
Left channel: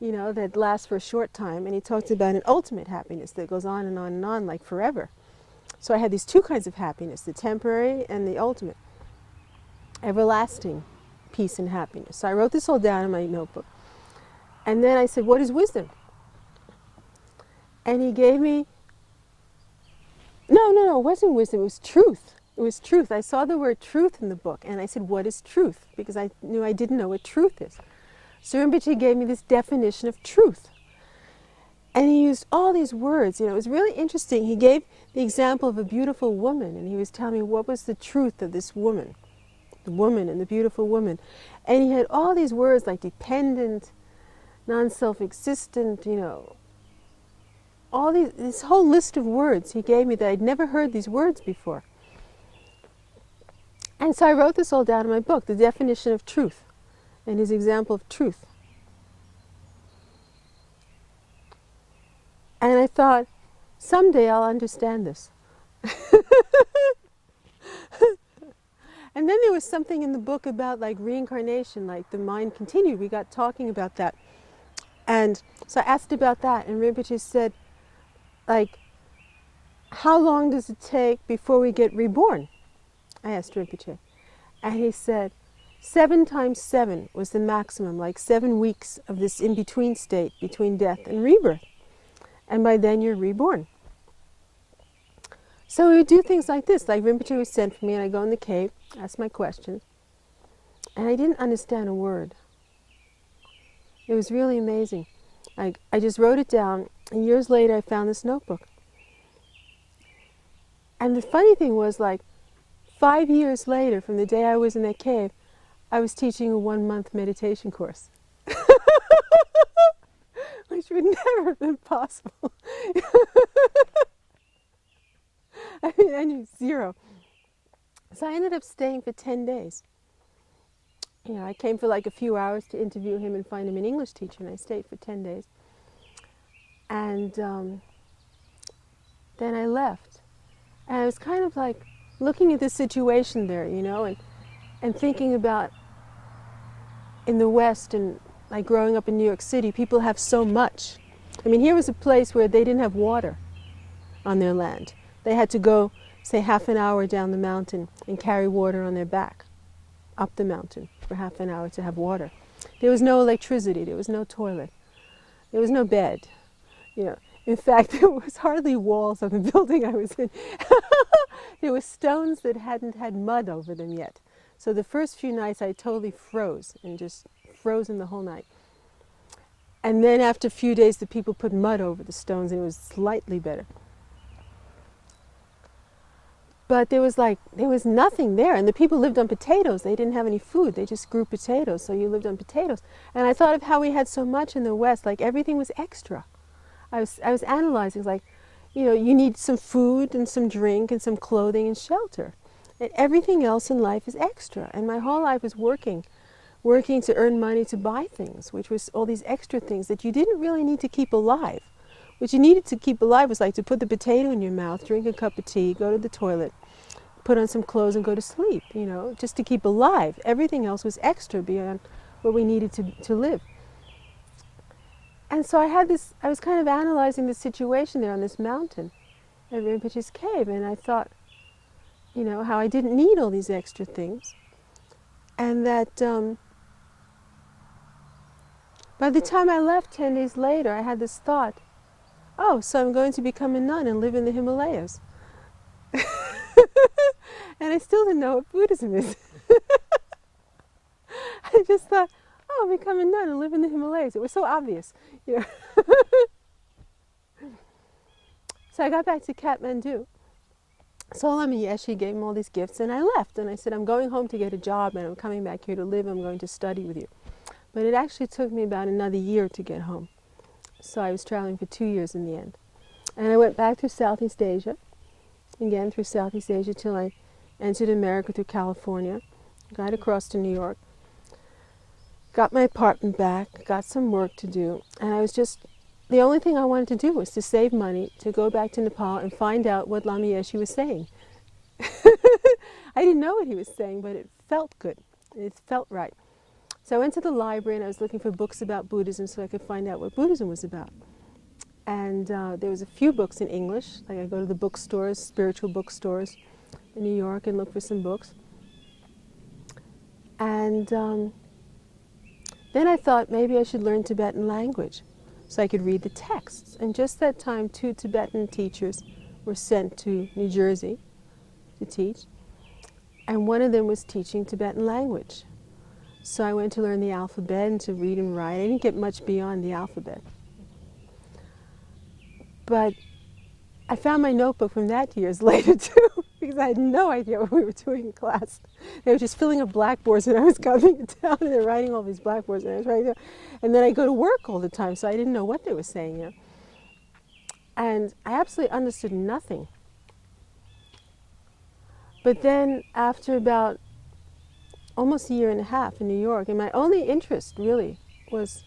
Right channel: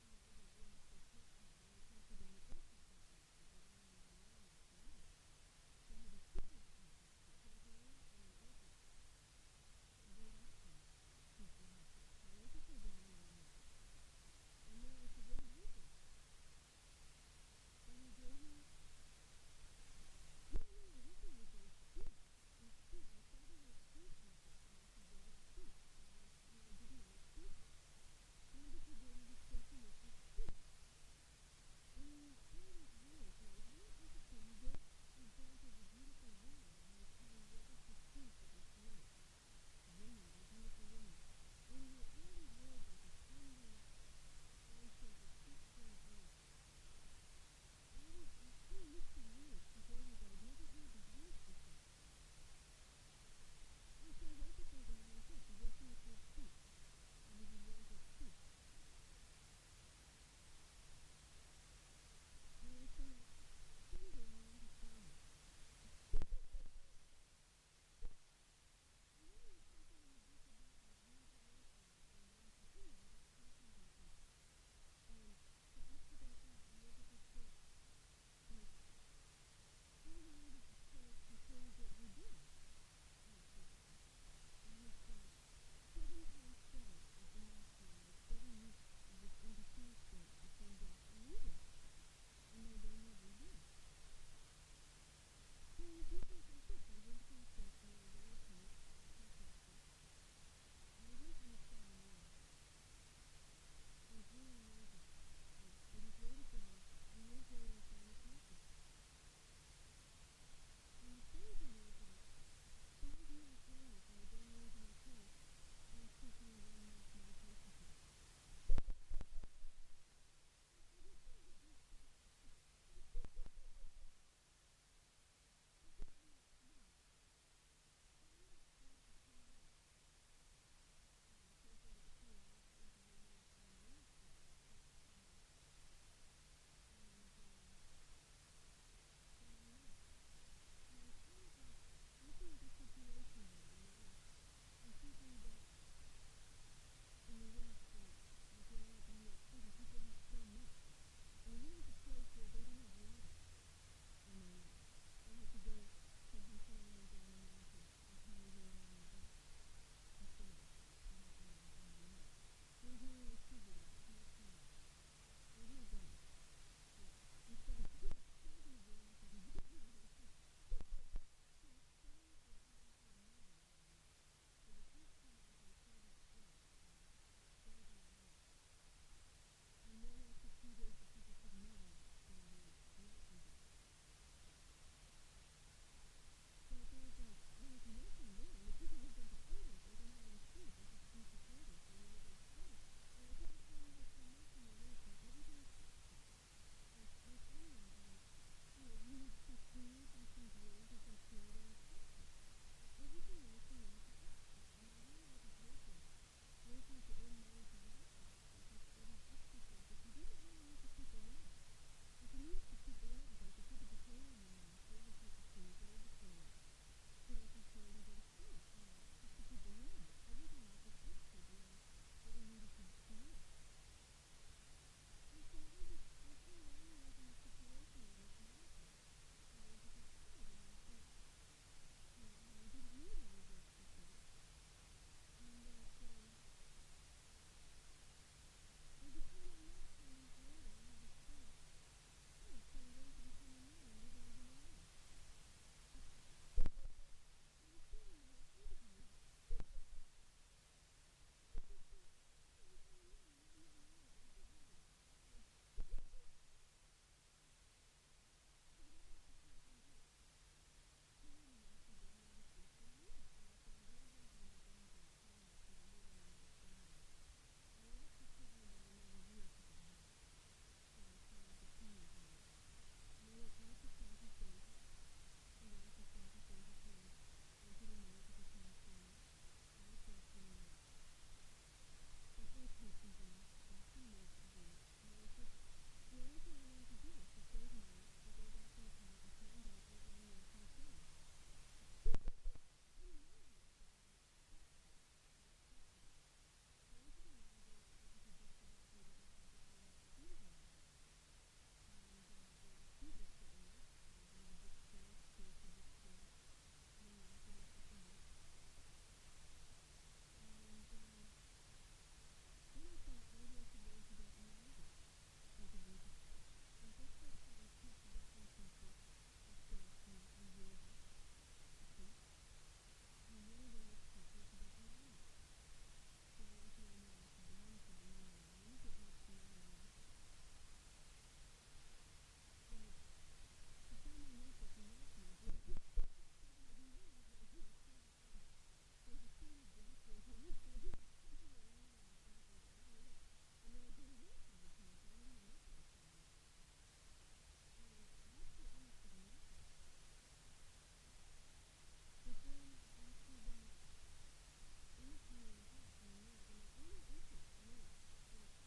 you know, that lasts for a short time, and he talked about an ultimate happiness that goes on and on and on, like forever. So I had these 2 kinds of happiness, the temporary and the ultimate, everlasting peace and happiness. So I wrote this all down in my notebook. And then I said, what is wisdom? And he gave me, no, it wasn't wisdom, it was truth. It was truth. I saw the word truth in the book, and I said, what is truth? Because I knew I didn't know what truth is. So Rinpoche gave me this definition of truth. And he used all these words. You know, it was really interesting. He gave the example of a beautiful woman, and he was telling me what was the truth of this woman, the woman and the beautiful woman. And he had all these words like dependent, non-self-existent, you know, all these, this whole list of words he gave me that I'd never heard these words before. And so I wrote this all down in my book, the definition of truth, and his example of truth. And I thought, someday I'll understand this. And then there was something in the book about like reincarnation, like the mind continued. We got talking about that. And so I asked about that, and Rinpoche said, like, how long does it take before we get reborn? I asked Rinpoche. And he said, 7 times 7 was the maximum, like 7 weeks of this in-between state between death and rebirth. And by then you're reborn. So we would do things like this, like Rinpoche would send for me, and I go in the cave, ask my questions, and I didn't understand a word. It was really amazing. I just wrote it down, and years later I found this notebook. And the funny thing was, like, 5 years later, from the day I was in that cave, I was teaching a 1-month meditation course. Which would never have been possible. I mean, I knew 0. So I ended up staying for 10 days. You know, I came for like a few hours to interview him and find him an English teacher, and I stayed for 10 days. And then I left. And I was kind of like looking at the situation there, and thinking about in the West and like growing up in New York City, people have so much. I mean, here was a place where they didn't have water on their land. They had to go, say, half an hour down the mountain and carry water on their back up the mountain for half an hour to have water. There was no electricity. There was no toilet. There was no bed. In fact, there was hardly walls on the building I was in. There were stones that hadn't had mud over them yet. So the first few nights I totally froze and just frozen the whole night. And then after a few days the people put mud over the stones and it was slightly better. But there was nothing there, and the people lived on potatoes. They didn't have any food. They just grew potatoes, so you lived on potatoes. And I thought of how we had so much in the West, like everything was extra. I was analyzing, like, you need some food and some drink and some clothing and shelter. And everything else in life is extra. And my whole life was working to earn money to buy things, which was all these extra things that you didn't really need to keep alive. What you needed to keep alive was like to put the potato in your mouth, drink a cup of tea, go to the toilet, put on some clothes and go to sleep, just to keep alive. Everything else was extra beyond what we needed to live. And so I was kind of analyzing the situation there on this mountain at Rinpoche's cave, and I thought, how I didn't need all these extra things. And that by the time I left 10 days later, I had this thought, oh, so I'm going to become a nun and live in the Himalayas. And I still didn't know what Buddhism is. I just thought, oh, I'll become a nun and live in the Himalayas. It was so obvious. So I got back to Kathmandu. Lama Yeshe gave him all these gifts, and I left. And I said, I'm going home to get a job, and I'm coming back here to live. I'm going to study with you. But it actually took me about another year to get home. So I was traveling for 2 years in the end. And I went back through Southeast Asia, again through Southeast Asia, till I entered America through California, got across to New York, got my apartment back, got some work to do, and the only thing I wanted to do was to save money to go back to Nepal and find out what Lama Yeshe was saying. I didn't know what he was saying, but it felt good. It felt right. So I went to the library and I was looking for books about Buddhism so I could find out what Buddhism was about. And there was a few books in English. Like I go to the bookstores, spiritual bookstores in New York, and look for some books. And then I thought maybe I should learn Tibetan language so I could read the texts. And just that time, 2 Tibetan teachers were sent to New Jersey to teach. And one of them was teaching Tibetan language. So I went to learn the alphabet and to read and write. I didn't get much beyond the alphabet. But I found my notebook from that years later too, because I had no idea what we were doing in class. They were just filling up blackboards and I was coming to town and they're writing all these blackboards and I was writing. And then I go to work all the time, so I didn't know what they were saying. And I absolutely understood nothing. But then after about almost a year and a half in New York, and my only interest really was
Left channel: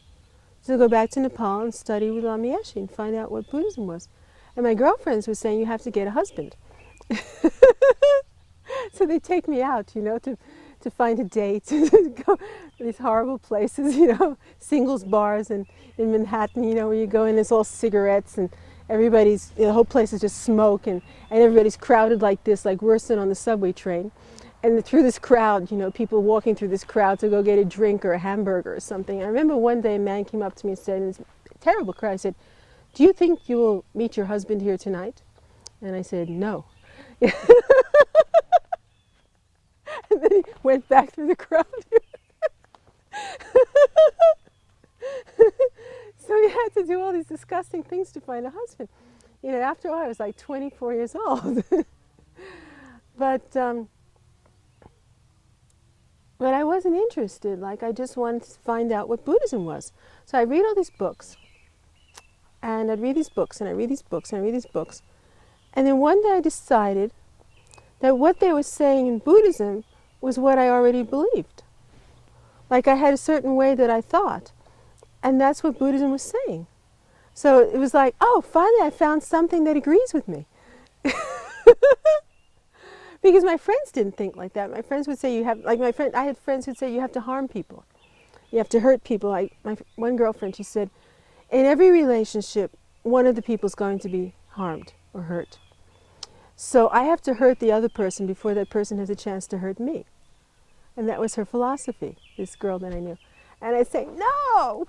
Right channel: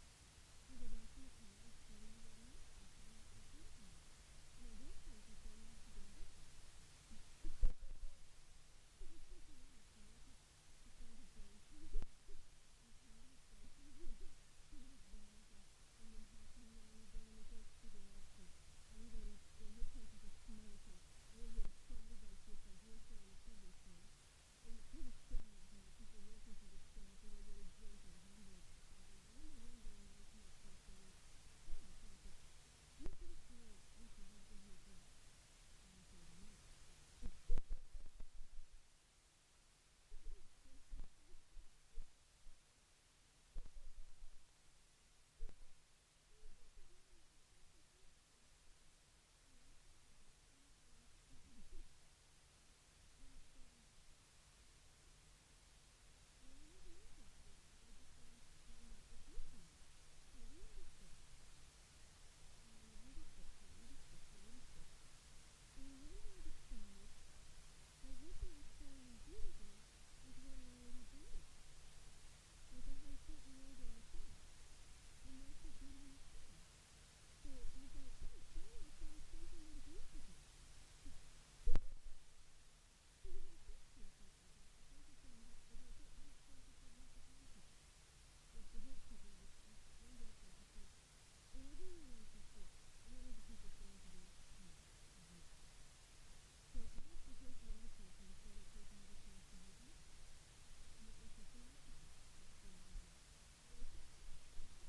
to go back to Nepal and study with Lama Yeshe and find out what Buddhism was. And my girlfriends were saying, you have to get a husband. So they take me out, to find a date, to go to these horrible places, singles bars in Manhattan, where you go in, it's all cigarettes and everybody's, the whole place is just smoke and everybody's crowded like this, like worse than on the subway train. And through this crowd, people walking through this crowd to go get a drink or a hamburger or something. I remember one day a man came up to me and said, in this terrible crowd, I said, do you think you will meet your husband here tonight? And I said, no. And then he went back through the crowd. So he had to do all these disgusting things to find a husband. After all, I was like 24 years old. But I wasn't interested. Like, I just wanted to find out what Buddhism was. So I read all these books. And I'd read these books, and I read these books, and I read these books. And then one day I decided that what they were saying in Buddhism was what I already believed. Like, I had a certain way that I thought. And that's what Buddhism was saying. So it was like, oh, finally I found something that agrees with me. Because my friends didn't think like that. My friends would say you have, like I had friends who'd say you have to harm people. You have to hurt people. My one girlfriend, she said, in every relationship, one of the people's going to be harmed or hurt. So I have to hurt the other person before that person has a chance to hurt me. And that was her philosophy, this girl that I knew. And I'd say, no,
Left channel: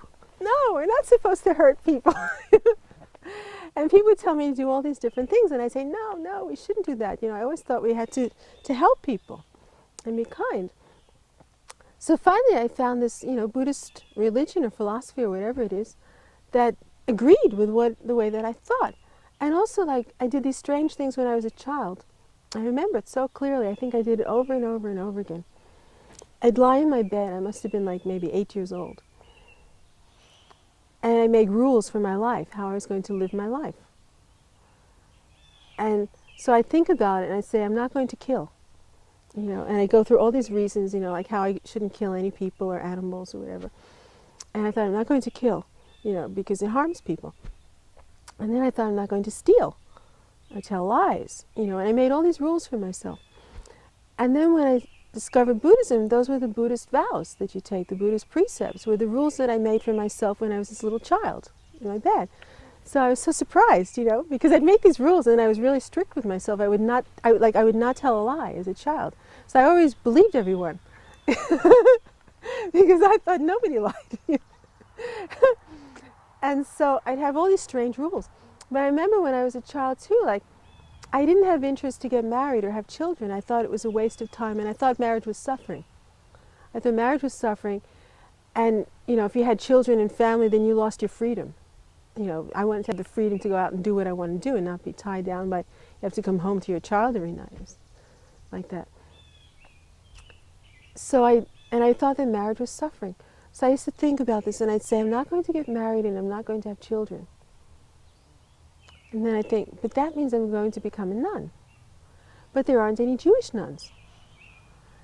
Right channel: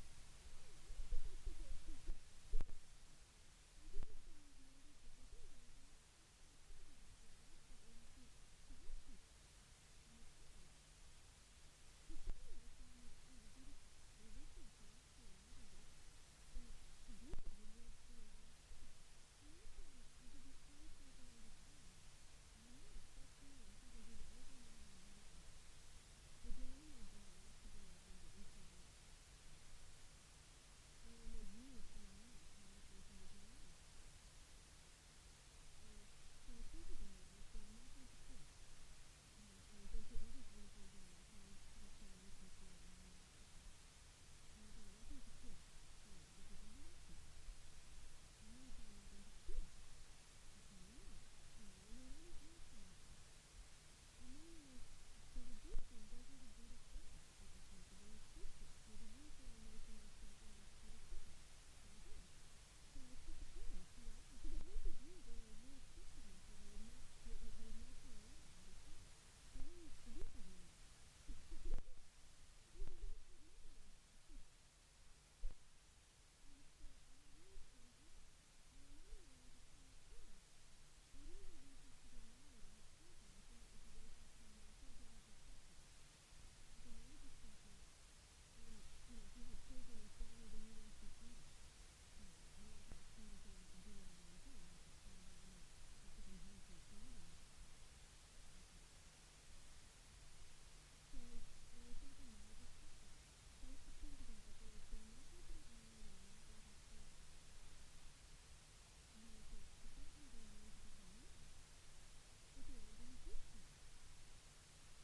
we're not supposed to hurt people. And people would tell me to do all these different things. And I'd say, no, we shouldn't do that. I always thought we had to help people and be kind. So finally I found this, Buddhist religion or philosophy or whatever it is that agreed with the way that I thought. And also, like, I did these strange things when I was a child. I remember it so clearly. I think I did it over and over and over again. I'd lie in my bed. I must have been like maybe 8 years old. And I made rules for my life, how I was going to live my life. And so I think about it and I say, I'm not going to kill. And I go through all these reasons, like how I shouldn't kill any people or animals or whatever. And I thought, I'm not going to kill, because it harms people. And then I thought, I'm not going to steal or tell lies, and I made all these rules for myself. And then when I discovered Buddhism, those were the Buddhist vows that you take, the Buddhist precepts, were the rules that I made for myself when I was this little child in my bed. So I was so surprised, because I'd make these rules and I was really strict with myself. I would not tell a lie as a child. So I always believed everyone because I thought nobody lied. And so I'd have all these strange rules. But I remember when I was a child too, like, I didn't have interest to get married or have children. I thought it was a waste of time, and I thought marriage was suffering. I thought marriage was suffering, and, if you had children and family, then you lost your freedom. I wanted to have the freedom to go out and do what I want to do and not be tied down by, you have to come home to your child every night, like that. So I thought that marriage was suffering. So I used to think about this, and I'd say, I'm not going to get married and I'm not going to have children. And then I think, but that means I'm going to become a nun. But there aren't any Jewish nuns.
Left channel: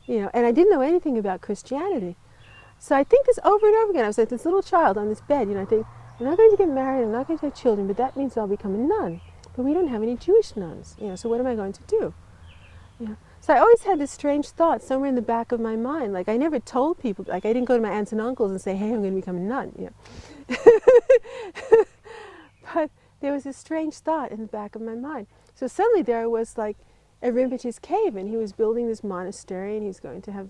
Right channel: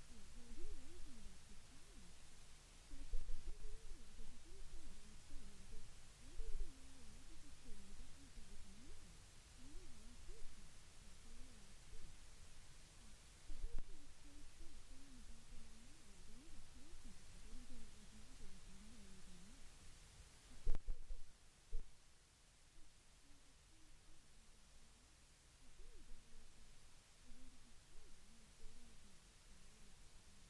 And I didn't know anything about Christianity. So I think this over and over again. I was like this little child on this bed, I think, I'm not going to get married, I'm not going to have children, but that means I'll become a nun. But we don't have any Jewish nuns, so what am I going to do? So I always had this strange thought somewhere in the back of my mind. Like, I never told people, like, I didn't go to my aunts and uncles and say, hey, I'm going to become a nun, But there was this strange thought in the back of my mind. So suddenly there was, like, at Rinpoche's cave, and he was building this monastery, and he was going to have,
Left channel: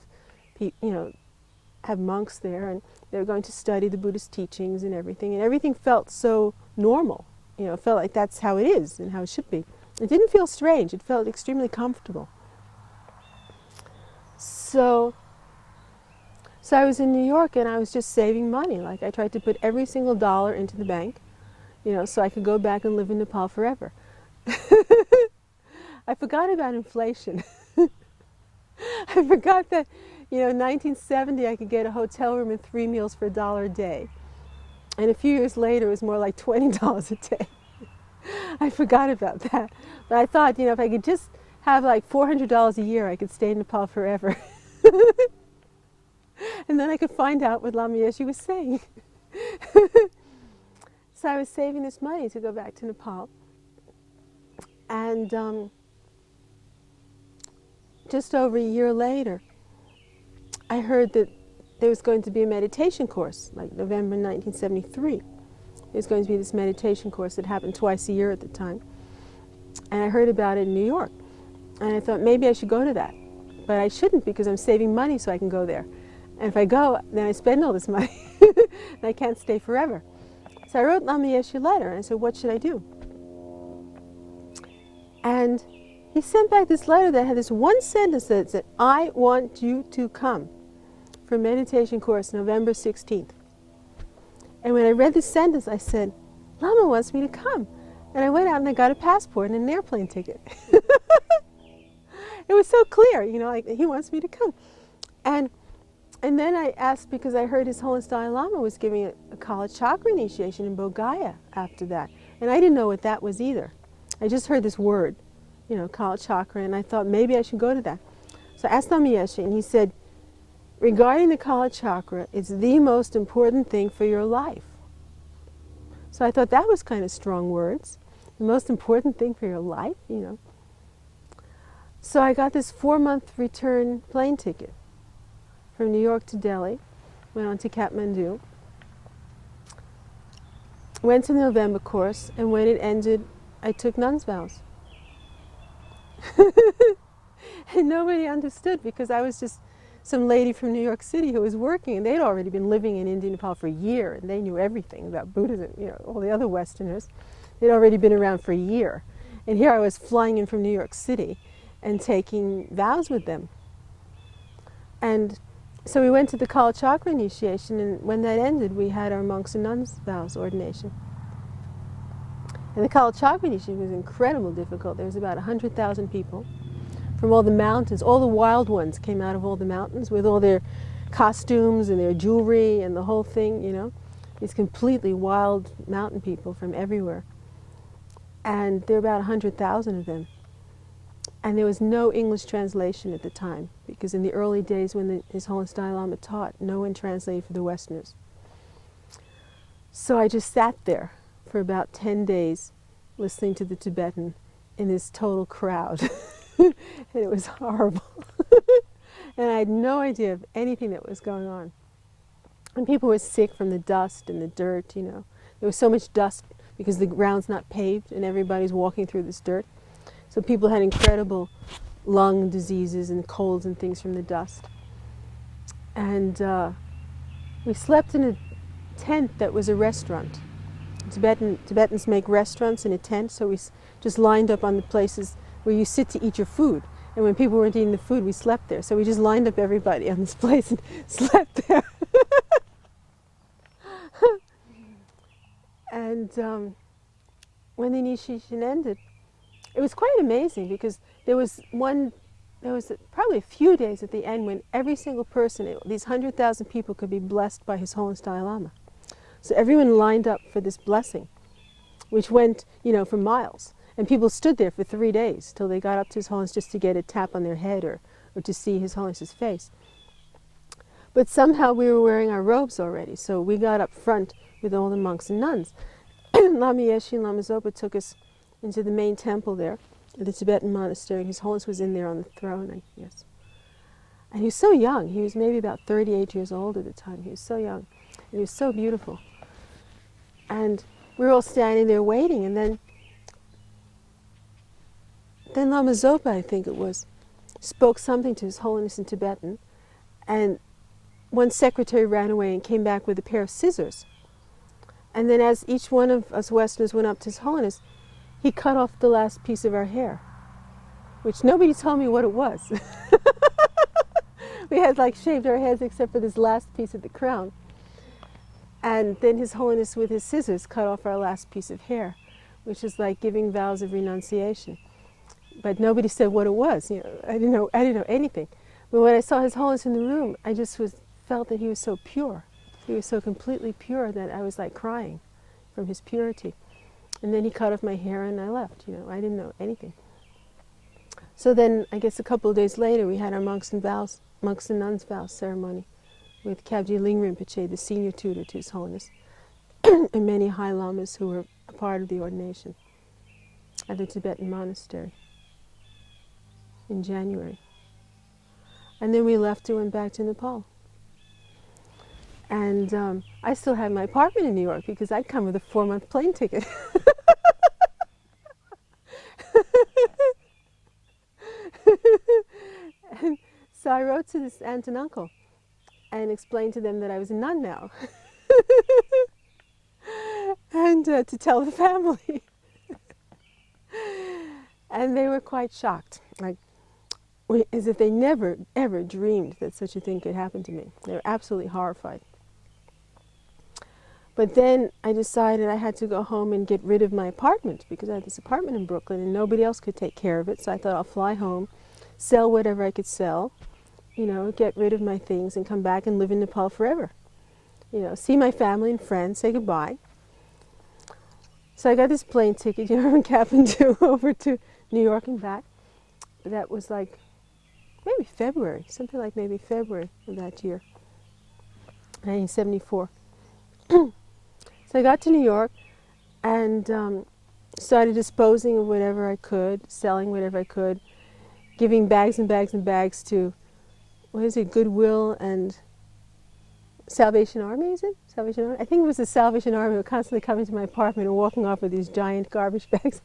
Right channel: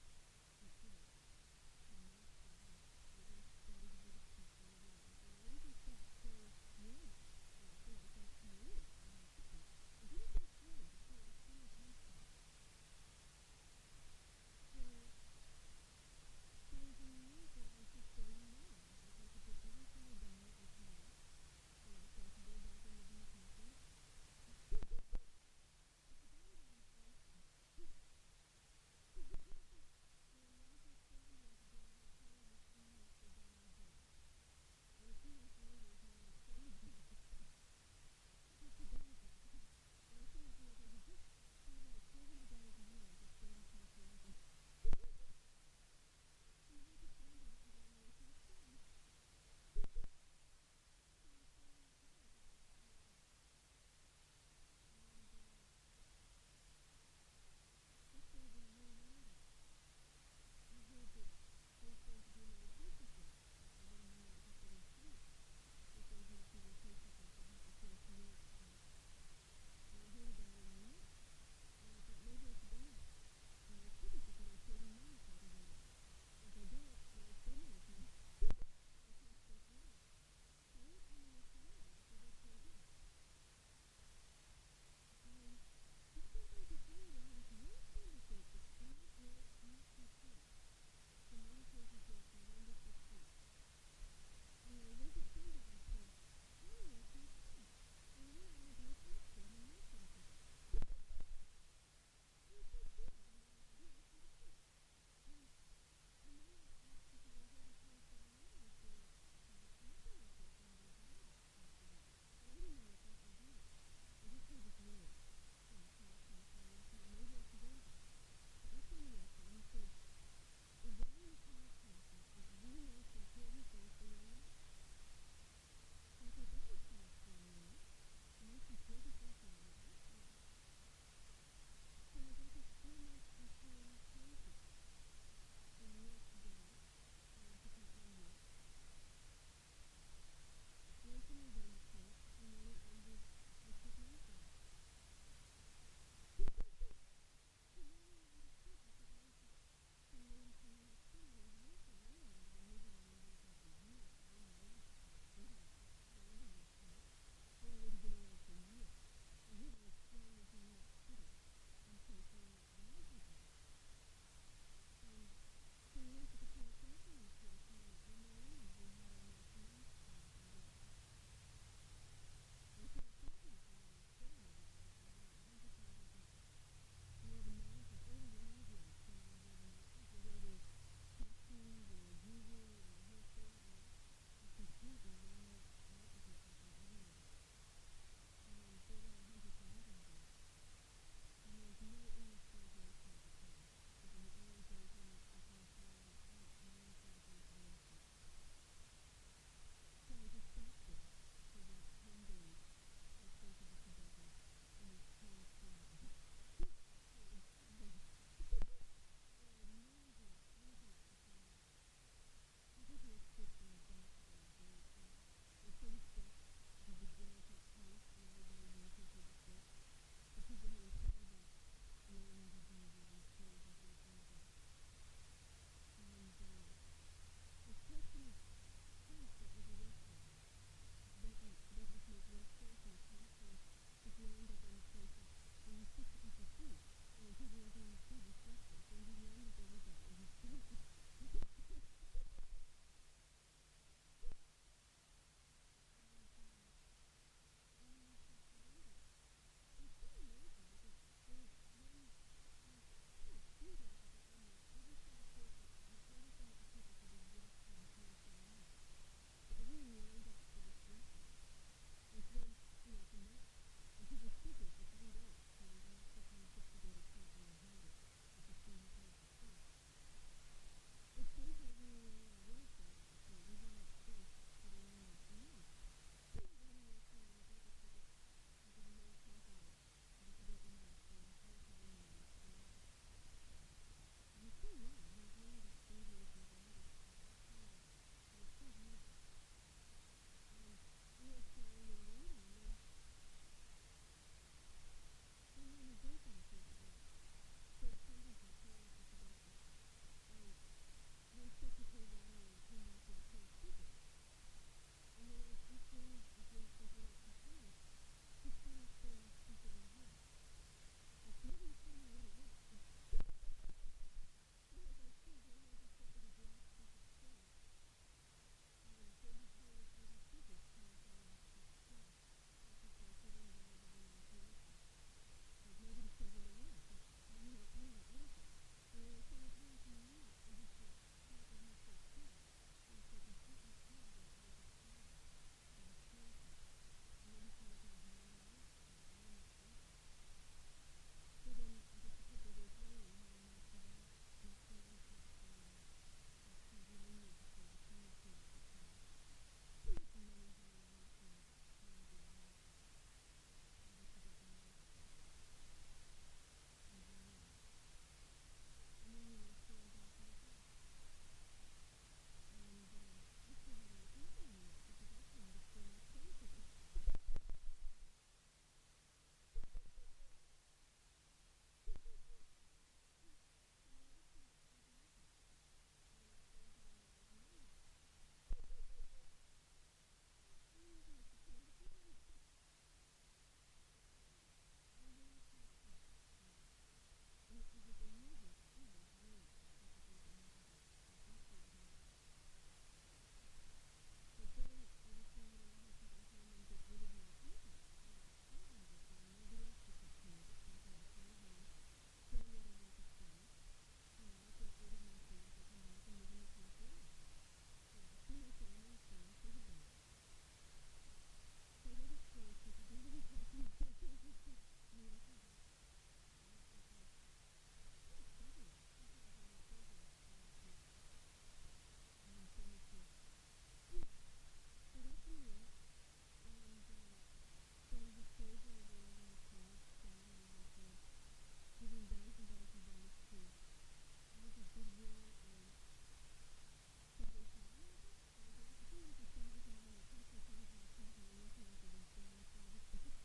have monks there, and they were going to study the Buddhist teachings and everything felt so normal. It felt like that's how it is and how it should be. It didn't feel strange. It felt extremely comfortable. So I was in New York, and I was just saving money. Like, I tried to put every single dollar into the bank, so I could go back and live in Nepal forever. I forgot about inflation. I forgot that, in 1970 I could get a hotel room and 3 meals for $1 a day. And a few years later it was more like $20 a day. I forgot about that. But I thought, if I could just have like $400 a year, I could stay in Nepal forever. And then I could find out what Lama Yeshe was saying. So I was saving this money to go back to Nepal. And just over a year later, I heard that there was going to be a meditation course, like November 1973. There's going to be this meditation course that happened twice a year at the time. And I heard about it in New York. And I thought maybe I should go to that. But I shouldn't, because I'm saving money so I can go there. And if I go, then I spend all this money. And I can't stay forever. So I wrote Lama Yeshe a letter, and I said, what should I do? And he sent back this letter that had this one sentence that said, I want you to come for a meditation course November 16th. And when I read this sentence, I said, Lama wants me to come. And I went out and I got a passport and an airplane ticket. It was so clear, like he wants me to come. And then I asked, because I heard His Holiness Dalai Lama was giving a college chakra initiation in Bodh after that. And I didn't know what that was either. I just heard this word, college chakra, and I thought maybe I should go to that. So I asked Lama Yeshe, and he said, regarding the college chakra, it's the most important thing for your life. So I thought that was kind of strong words. The most important thing for your life, So I got this 4-month return plane ticket from New York to Delhi, went on to Kathmandu, went to the November course, and when it ended, I took nun's vows. And nobody understood because I was just some lady from New York City who was working, and they'd already been living in India, Nepal for a year, and they knew everything about Buddhism, you know, all the other Westerners. They'd already been around for a year. And here I was flying in from New York City and taking vows with them. And so we went to the Kala Chakra initiation, and when that ended, we had our monks and nuns vows ordination. And the Kala Chakra initiation was incredibly difficult. There was about 100,000 people from all the mountains. All the wild ones came out of all the mountains with all their costumes and their jewelry and the whole thing, you know. These completely wild mountain people from everywhere. And there were about 100,000 of them. And there was no English translation at the time, because in the early days when His Holiness Dalai Lama taught, no one translated for the Westerners. So I just sat there for about 10 days listening to the Tibetan in this total crowd. And it was horrible. And I had no idea of anything that was going on. And people were sick from the dust and the dirt, you know. There was so much dust because the ground's not paved and everybody's walking through this dirt. So people had incredible lung diseases and colds and things from the dust. And we slept in a tent that was a restaurant. Tibetans make restaurants in a tent, so we just lined up on the places where you sit to eat your food. And when people weren't eating the food, we slept there. So we just lined up everybody on this place and slept there. And when the initiation ended, it was quite amazing because there was probably a few days at the end when every single person, these 100,000 people, could be blessed by His Holiness Dalai Lama. So everyone lined up for this blessing, which went, you know, for miles. And people stood there for 3 days till they got up to His Holiness just to get a tap on their head or to see His Holiness's face. But somehow we were wearing our robes already, so we got up front with all the monks and nuns. Lama Yeshe and Lama Zopa took us into the main temple there, at the Tibetan monastery. His Holiness was in there on the throne, yes. And he was so young. He was maybe about 38 years old at the time. He was so young. And he was so beautiful. And we were all standing there waiting, and then Lama Zopa, I think it was, spoke something to His Holiness in Tibetan, and one secretary ran away and came back with a pair of scissors. And then as each one of us Westerners went up to His Holiness, he cut off the last piece of our hair, which nobody told me what it was. We had like shaved our heads except for this last piece of the crown. And then His Holiness with his scissors cut off our last piece of hair, which is like giving vows of renunciation. But nobody said what it was. You know, I didn't know anything. But when I saw His Holiness in the room, I just felt that he was so pure. He was so completely pure that I was like crying from his purity. And then he cut off my hair and I left. You know, I didn't know anything. So then, I guess a couple of days later, we had our monks and nuns vows ceremony with Kabji Ling Rinpoche, the senior tutor to His Holiness, and many high lamas who were a part of the ordination at the Tibetan monastery in January. And then we left and went back to Nepal. And I still had my apartment in New York because I'd come with a 4-month plane ticket. And so I wrote to this aunt and uncle and explained to them that I was a nun now. And to tell the family. And they were quite shocked, like as if they never, ever dreamed that such a thing could happen to me. They were absolutely horrified. But then I decided I had to go home and get rid of my apartment because I had this apartment in Brooklyn and nobody else could take care of it. So I thought I'll fly home, sell whatever I could sell, you know, get rid of my things and come back and live in Nepal forever. You know, see my family and friends, say goodbye. So I got this plane ticket, you know, from Kathmandu over to New York and back. That was like maybe February, something like maybe February of that year, 1974. So I got to New York and started disposing of whatever I could, selling whatever I could, giving bags and bags and bags to, what is it, Goodwill and Salvation Army, is it? Salvation Army? I think it was the Salvation Army were constantly coming to my apartment and walking off with these giant garbage bags.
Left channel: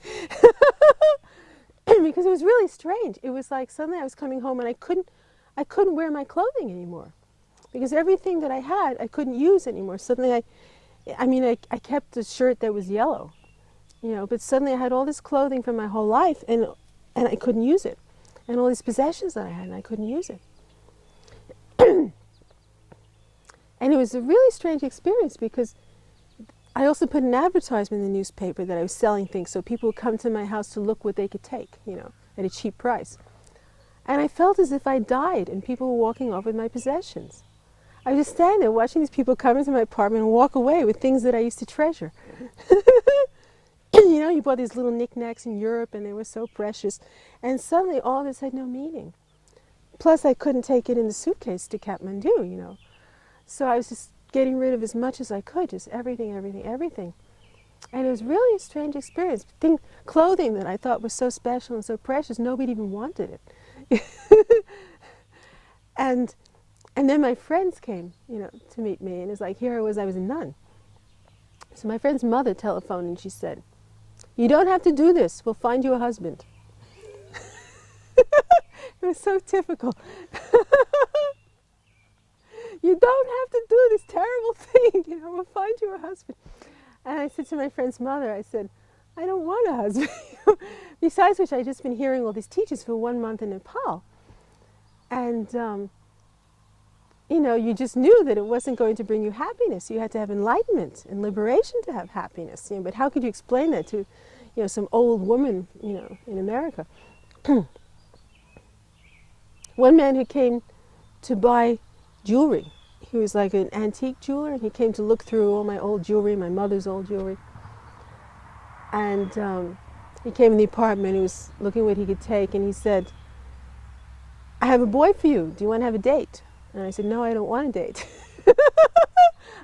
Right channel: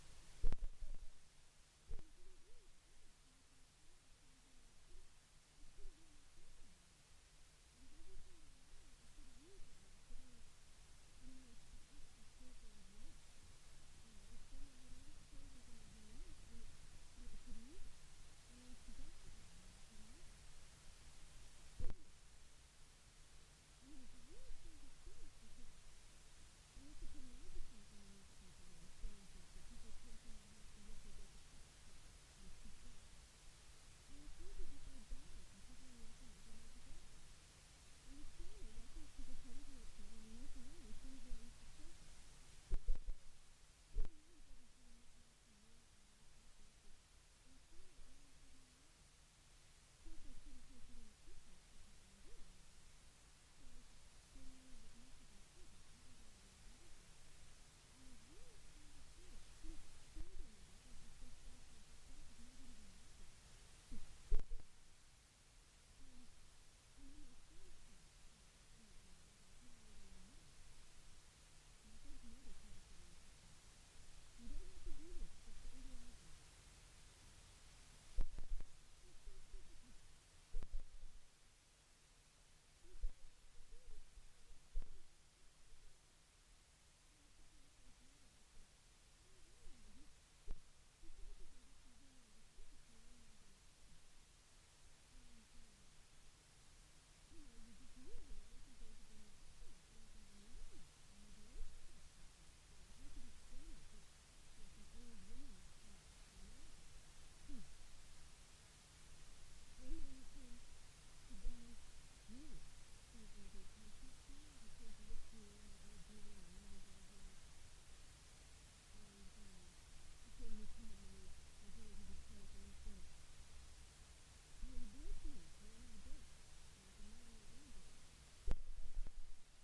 Because it was really strange. It was like suddenly I was coming home and I couldn't wear my clothing anymore. Because everything that I had, I couldn't use anymore. Suddenly I kept a shirt that was yellow, but suddenly I had all this clothing from my whole life and I couldn't use it. And all these possessions that I had and I couldn't use it. And it was a really strange experience because I also put an advertisement in the newspaper that I was selling things so people would come to my house to look what they could take, at a cheap price. And I felt as if I died and people were walking off with my possessions. I was just standing there watching these people come into my apartment and walk away with things that I used to treasure. You bought these little knickknacks in Europe and they were so precious. And suddenly all this had no meaning. Plus I couldn't take it in the suitcase to Kathmandu, So I was just getting rid of as much as I could, just everything, everything, everything. And it was really a strange experience. Clothing that I thought was so special and so precious, nobody even wanted it. And then my friends came, to meet me, and it's like, here I was a nun. So my friend's mother telephoned and she said, "You don't have to do this, we'll find you a husband." It was so typical. You don't have to do this terrible thing, we'll find you a husband. And I said to my friend's mother, I said, "I don't want a husband." Besides which, I'd just been hearing all these teachers for 1 month in Nepal. And, you just knew that it wasn't going to bring you happiness. You had to have enlightenment and liberation to have happiness. But how could you explain that to, some old woman, in America? One man who came to buy jewelry. He was like an antique jeweler, and he came to look through all my old jewelry, my mother's old jewelry. And he came in the apartment, he was looking what he could take, and he said, "I have a boy for you. Do you want to have a date?" And I said, "No, I don't want a date."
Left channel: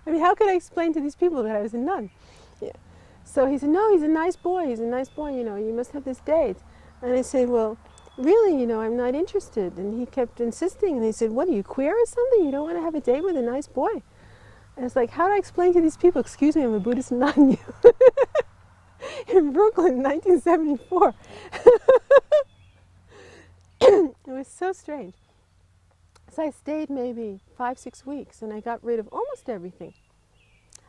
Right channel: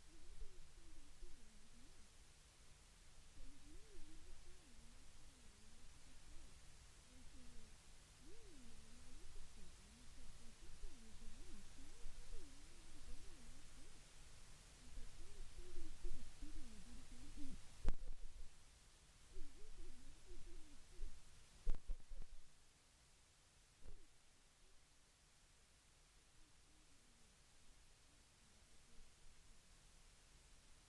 I mean, how could I explain to these people that I was a nun? Yeah. So he said, "No, he's a nice boy. He's a nice boy, you must have this date." And I said, "Well, really, I'm not interested." And he kept insisting, and he said, "What, are you queer or something? You don't want to have a date with a nice boy?" And it's like, how do I explain to these people, "Excuse me, I'm a Buddhist nun," in Brooklyn in 1974. It was so strange. So I stayed maybe 5-6 weeks, and I got rid of almost everything.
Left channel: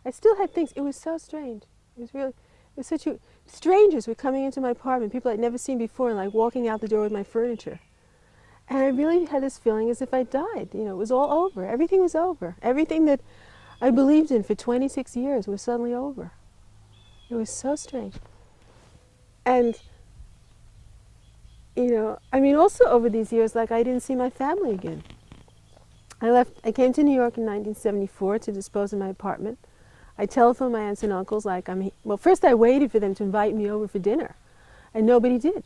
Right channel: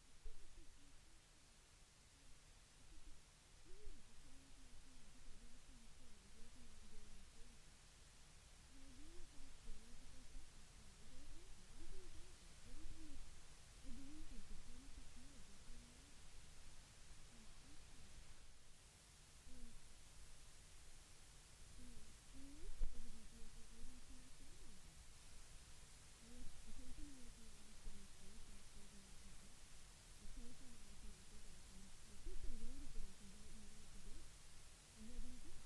I still had things. It was so strange. It was such a... Strangers were coming into my apartment, people I'd never seen before, and like walking out the door with my furniture. And I really had this feeling as if I died. It was all over. Everything was over. Everything that I believed in for 26 years was suddenly over. It was so strange. And, also over these years, like I didn't see my family again. I came to New York in 1974 to dispose of my apartment. I telephoned my aunts and uncles well, first I waited for them to invite me over for dinner, and nobody did.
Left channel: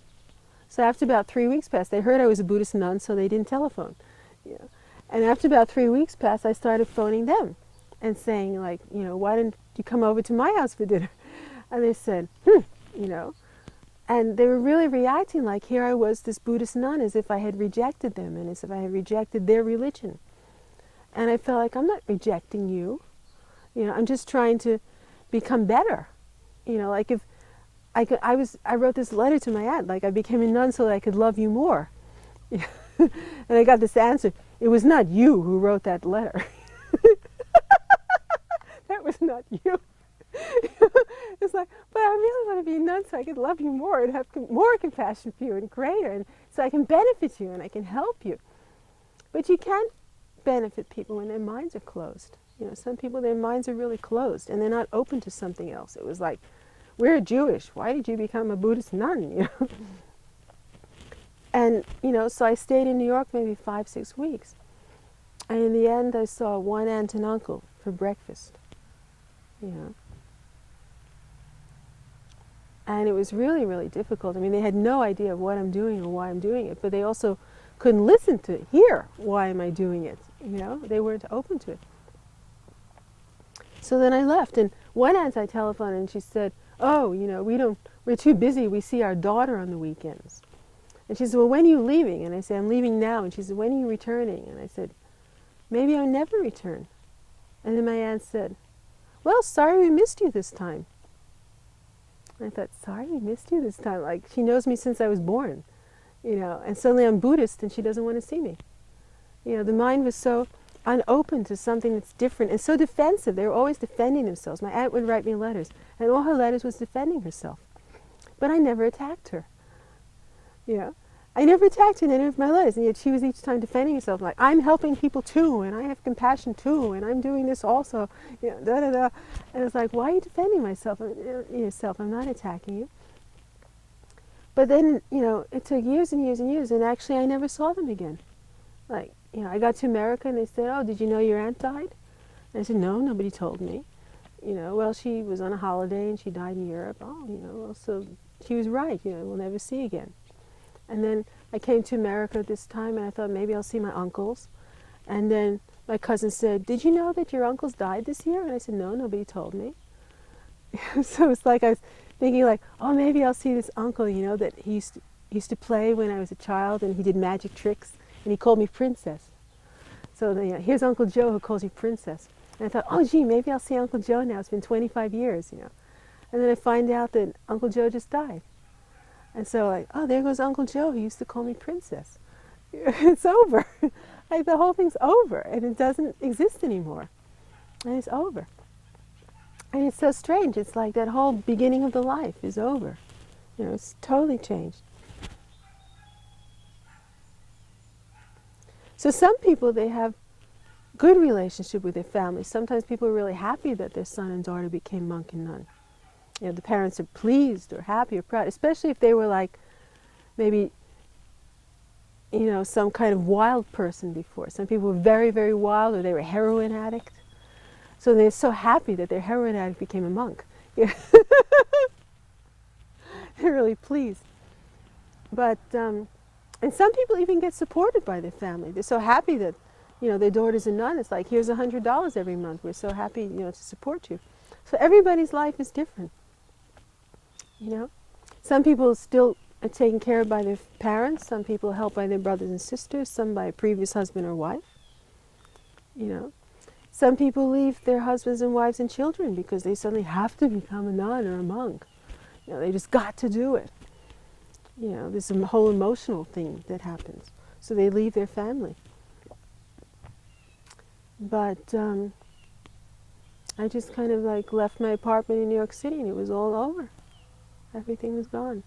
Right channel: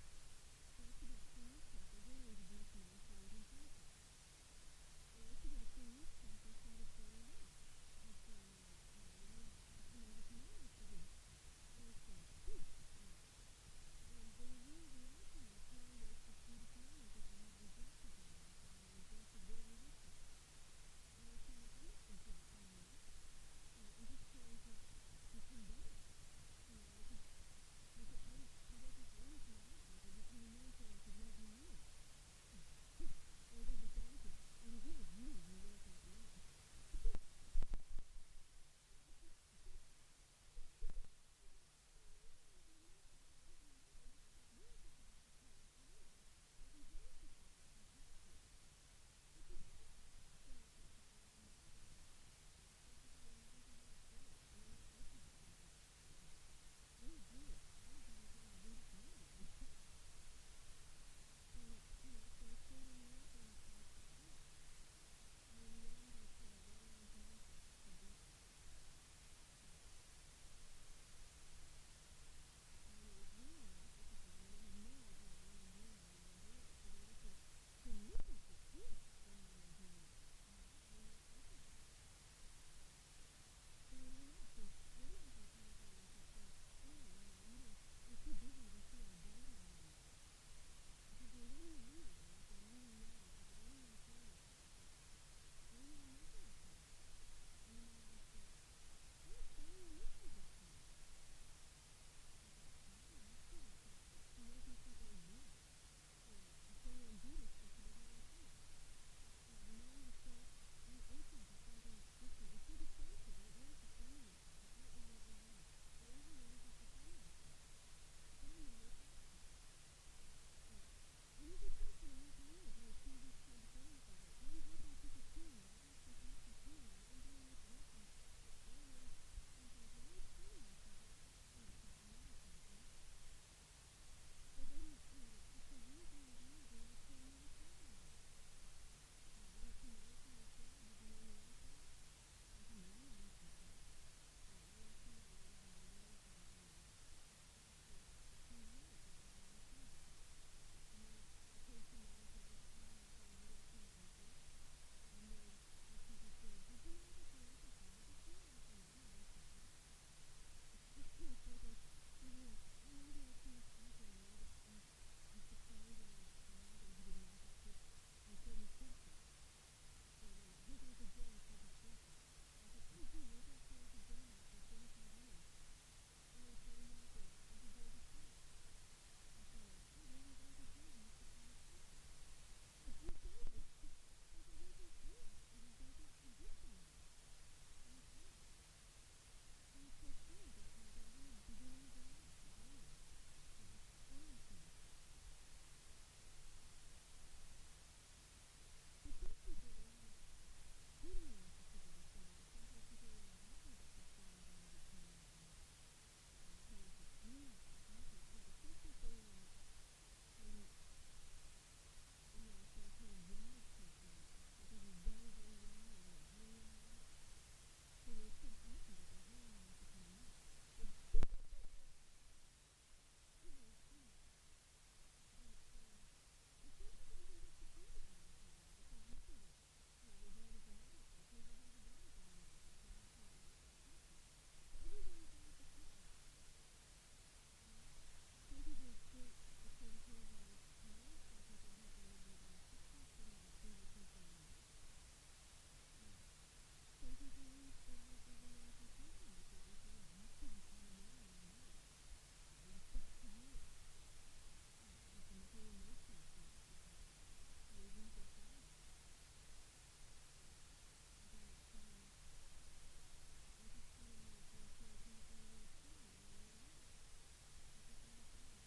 So after about 3 weeks passed, they heard I was a Buddhist nun, so they didn't telephone. And after about 3 weeks passed, I started phoning them and saying, like, "Why didn't you come over to my house for dinner?" And they said, And they were really reacting like here I was, this Buddhist nun, as if I had rejected them and as if I had rejected their religion. And I felt like, I'm not rejecting you. I'm just trying to become better. Like if I wrote this letter to my aunt, like I became a nun so that I could love you more. And I got this answer, "It was not you who wrote that letter." That was not you. It's like, but I really want to be a nun so I could love you more and have more compassion for you and greater, and so I can benefit you and I can help you. But you can't benefit people when their minds are closed. Some people, their minds are really closed and they're not open to something else. It was like, we're Jewish. Why did you become a Buddhist nun? And, so I stayed in New York maybe 5-6 weeks. And in the end, I saw one aunt and uncle for breakfast. And it was really, really difficult. I mean, they had no idea of what I'm doing or why I'm doing it, but they also couldn't listen to hear why am I doing it. They weren't open to it. So then I left, and one aunt I telephoned, and she said, "Oh, we're too busy. We see our daughter on the weekends." And she said, well, when are you leaving? And I said, I'm leaving now. And she said, when are you returning? And I said, maybe I'll never return. And then my aunt said, well, sorry we missed you this time. And I thought, sorry we missed you this time? Like, she knows me since I was born, you know, and suddenly I'm Buddhist and she doesn't want to see me. You know, the mind was so unopen to something that's different and so defensive. They were always defending themselves. My aunt would write me letters, and all her letters was defending herself. But I never attacked her. You know, I never attacked her in any of my letters, and yet she was each time defending herself, like, I'm helping people too, and I have compassion too, and I'm doing this also, you know, da da da. And it's like, why are you defending yourself? I'm not attacking you. But then, you know, it took years and years and years, and actually I never saw them again. Like, you know, I got to America and they said, oh, did you know your aunt died? And I said, no, nobody told me. You know, well, she was on a holiday and she died in Europe. Oh, you know, well, so she was right, you know, we'll never see again. And then I came to America this time and I thought maybe I'll see my uncles. And then my cousin said, did you know that your uncles died this year? And I said, no, nobody told me. So it's like I was thinking like, oh, maybe I'll see this uncle, you know, that he used to play when I was a child, and he did magic tricks, and he called me princess. So you know, here's Uncle Joe who calls you princess. And I thought, oh, gee, maybe I'll see Uncle Joe now. It's been 25 years, you know. And then I find out that Uncle Joe just died. And so like, oh, there goes Uncle Joe. He used to call me princess. It's over. Like, the whole thing's over, and it doesn't exist anymore. And it's over. And it's so strange. It's like that whole beginning of the life is over. You know, it's totally changed. So some people, they have good relationship with their families. Sometimes people are really happy that their son and daughter became monk and nun. You know, the parents are pleased or happy or proud, especially if they were like maybe, you know, some kind of wild person before. Some people were very, very wild, or they were a heroin addict. So they're so happy that their heroin addict became a monk. Yeah. They're really pleased. But, and some people even get supported by their family. They're so happy that, you know, their daughter's a nun. It's like, here's $100 every month. We're so happy, you know, to support you. So everybody's life is different. You know, some people still are taken care of by their parents. Some people are helped by their brothers and sisters. Some by a previous husband or wife. You know, some people leave their husbands and wives and children because they suddenly have to become a nun or a monk. You know, they just got to do it. You know, there's a whole emotional thing that happens. So they leave their family. But I just kind of like left my apartment in New York City, and it was all over. Everything was gone.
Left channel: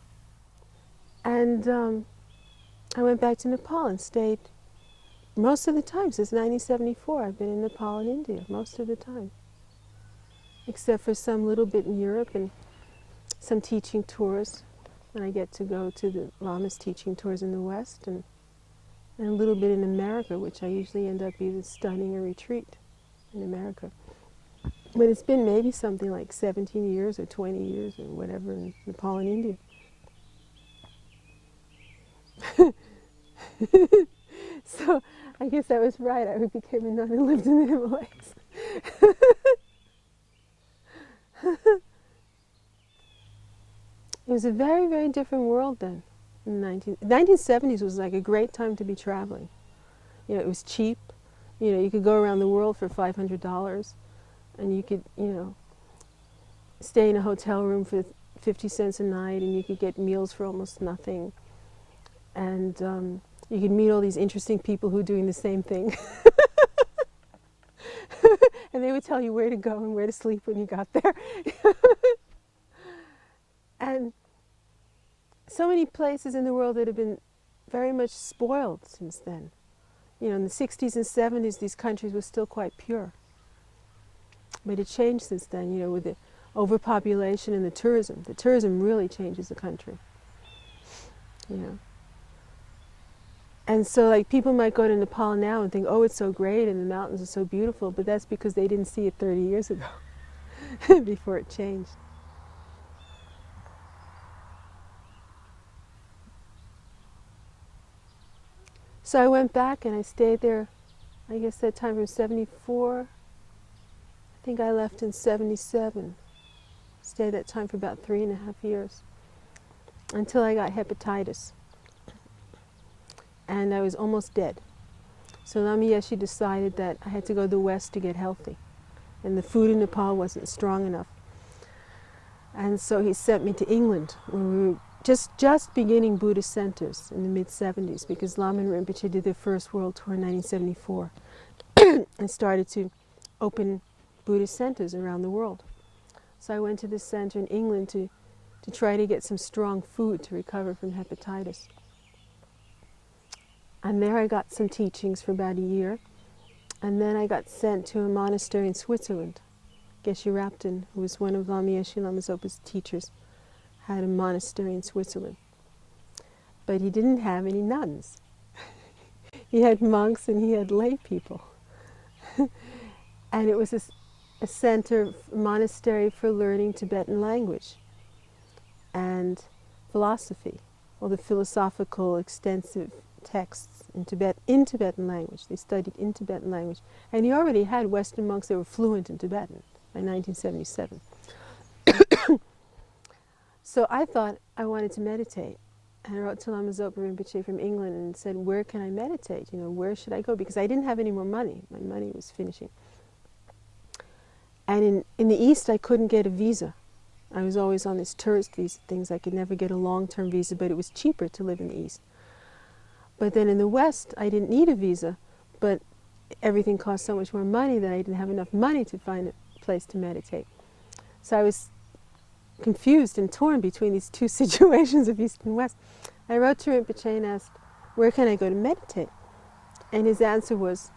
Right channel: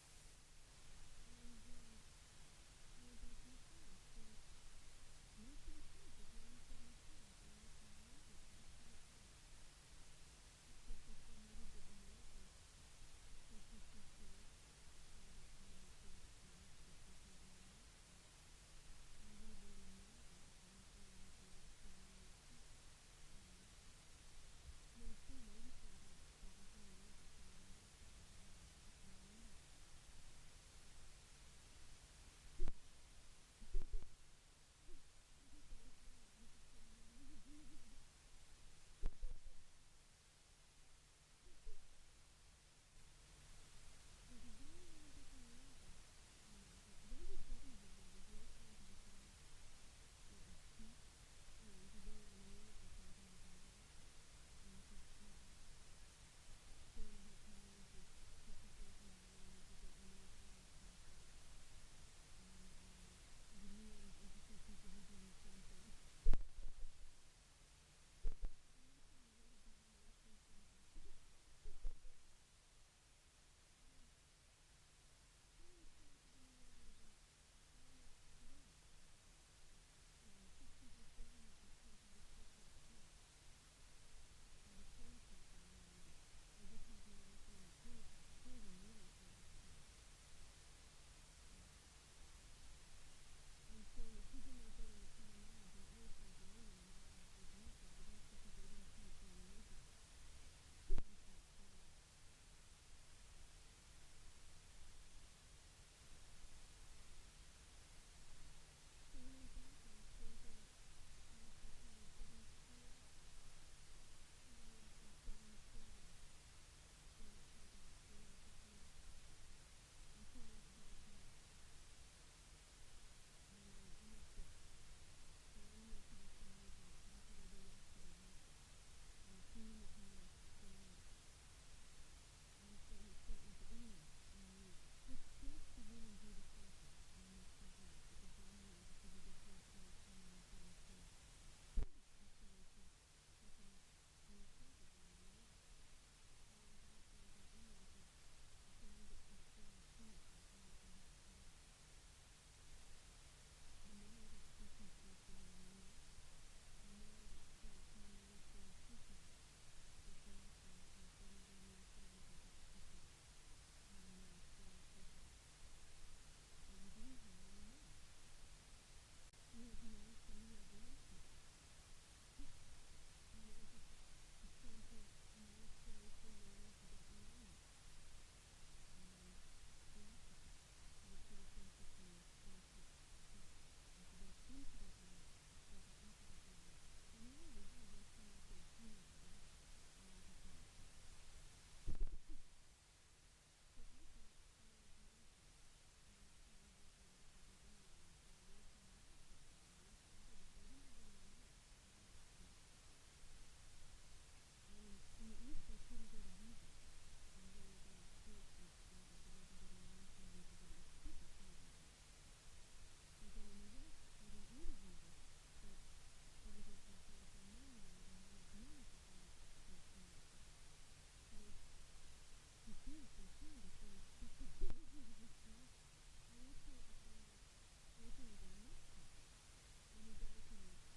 And I went back to Nepal and stayed most of the time. Since 1974, I've been in Nepal and India most of the time. Except for some little bit in Europe and some teaching tours. When I get to go to the Lama's teaching tours in the West, and a little bit in America, which I usually end up either studying a retreat in America. But it's been maybe something like 17 years or 20 years or whatever in Nepal and India. So I guess I was right. I became a nun and lived in the Himalayas. It was a very, very different world then. In the 1970s was like a great time to be traveling. You know, it was cheap. You know, you could go around the world for $500, and you could, you know, stay in a hotel room for 50 cents a night, and you could get meals for almost nothing. And you could meet all these interesting people who are doing the same thing. And they would tell you where to go and where to sleep when you got there. And so many places in the world that have been very much spoiled since then. You know, in the 60s and 70s, these countries were still quite pure. But it changed since then, you know, with the overpopulation and the tourism. The tourism really changes the country, you know. And so, like, people might go to Nepal now and think, oh, it's so great and the mountains are so beautiful, but that's because they didn't see it 30 years ago, before it changed. So I went back and I stayed there, I guess that time from 74. I think I left in 77. Stayed that time for about 3.5 years, until I got hepatitis. and I was almost dead. So Lama Yeshe decided that I had to go to the West to get healthy, and the food in Nepal wasn't strong enough. And so he sent me to England, where we were just beginning Buddhist centers in the mid-70s, because Lama and Rinpoche did their first world tour in 1974 and started to open Buddhist centers around the world. So I went to this center in England to try to get some strong food to recover from hepatitis. And there I got some teachings for about a year. And then I got sent to a monastery in Switzerland. Geshe Rapton, who was one of Lama Yeshe Lama Zopa's teachers, had a monastery in Switzerland. But he didn't have any nuns. He had monks and he had lay people. And it was a center, a monastery for learning Tibetan language and philosophy, all the philosophical extensive texts in Tibetan language. They studied in Tibetan language. And he already had Western monks that were fluent in Tibetan by 1977. So I thought I wanted to meditate. And I wrote to Lama Zopa Rinpoche from England and said, where can I meditate? You know, where should I go? Because I didn't have any more money. My money was finishing. And in the East, I couldn't get a visa. I was always on this tourist visa things. I could never get a long-term visa, but it was cheaper to live in the East. But then in the West, I didn't need a visa, but everything cost so much more money that I didn't have enough money to find a place to meditate. So I was confused and torn between these two situations of East and West. I wrote to Rinpoche and asked, where can I go to meditate? And his answer was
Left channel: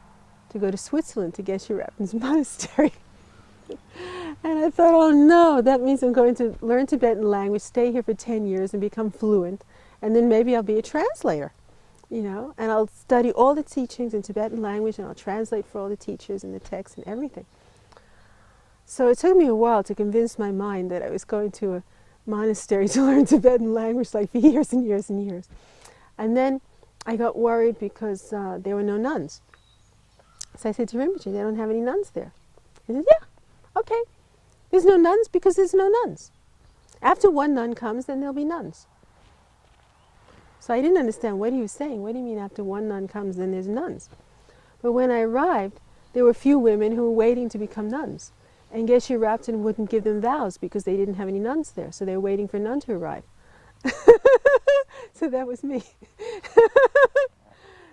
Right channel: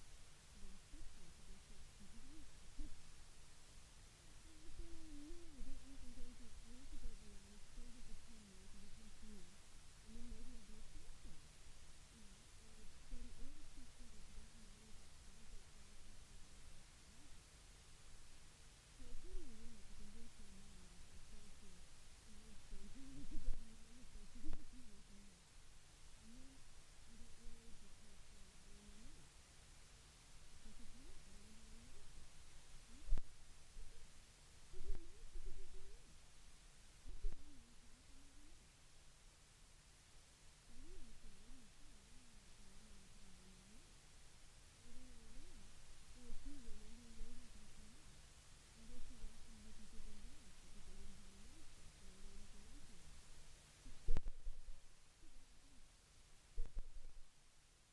to go to Switzerland to Geshe Rapton's monastery. And I thought, oh no, that means I'm going to learn Tibetan language, stay here for 10 years and become fluent, and then maybe I'll be a translator, you know, and I'll study all the teachings in Tibetan language and I'll translate for all the teachers and the texts and everything. So it took me a while to convince my mind that I was going to a monastery to learn Tibetan language, like for years and years and years. And then I got worried because there were no nuns. So I said to Rinpoche, they don't have any nuns there. He said, yeah, okay. There's no nuns because there's no nuns. After one nun comes, then there'll be nuns. So I didn't understand what he was saying. What do you mean after one nun comes, then there's nuns? But when I arrived, there were a few women who were waiting to become nuns. And Geshe Rapton wouldn't give them vows because they didn't have any nuns there. So they were waiting for a nun to arrive. So that was me.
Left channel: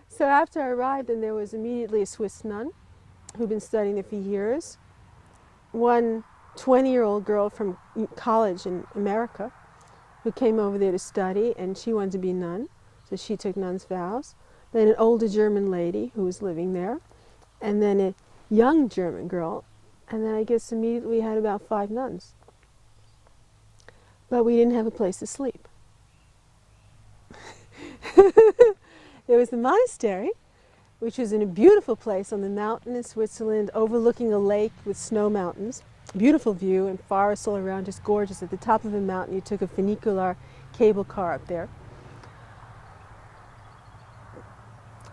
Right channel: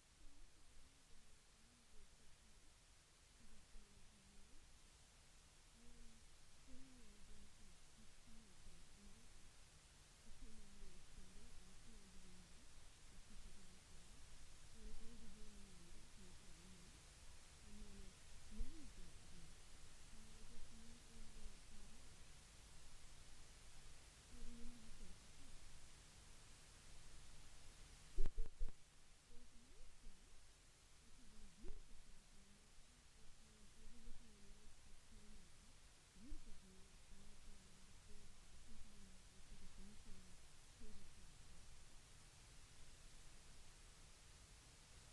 So after I arrived, and there was immediately a Swiss nun who'd been studying there for years. One 20-year-old girl from college in America who came over there to study, and she wanted to be a nun, so she took nun's vows. Then an older German lady who was living there, and then a young German girl, and then I guess immediately we had about 5 nuns. But we didn't have a place to sleep. There was the monastery, which was in a beautiful place on the mountain in Switzerland, overlooking a lake with snow mountains. Beautiful view and forests all around, just gorgeous. At the top of the mountain, you took a funicular cable car up there.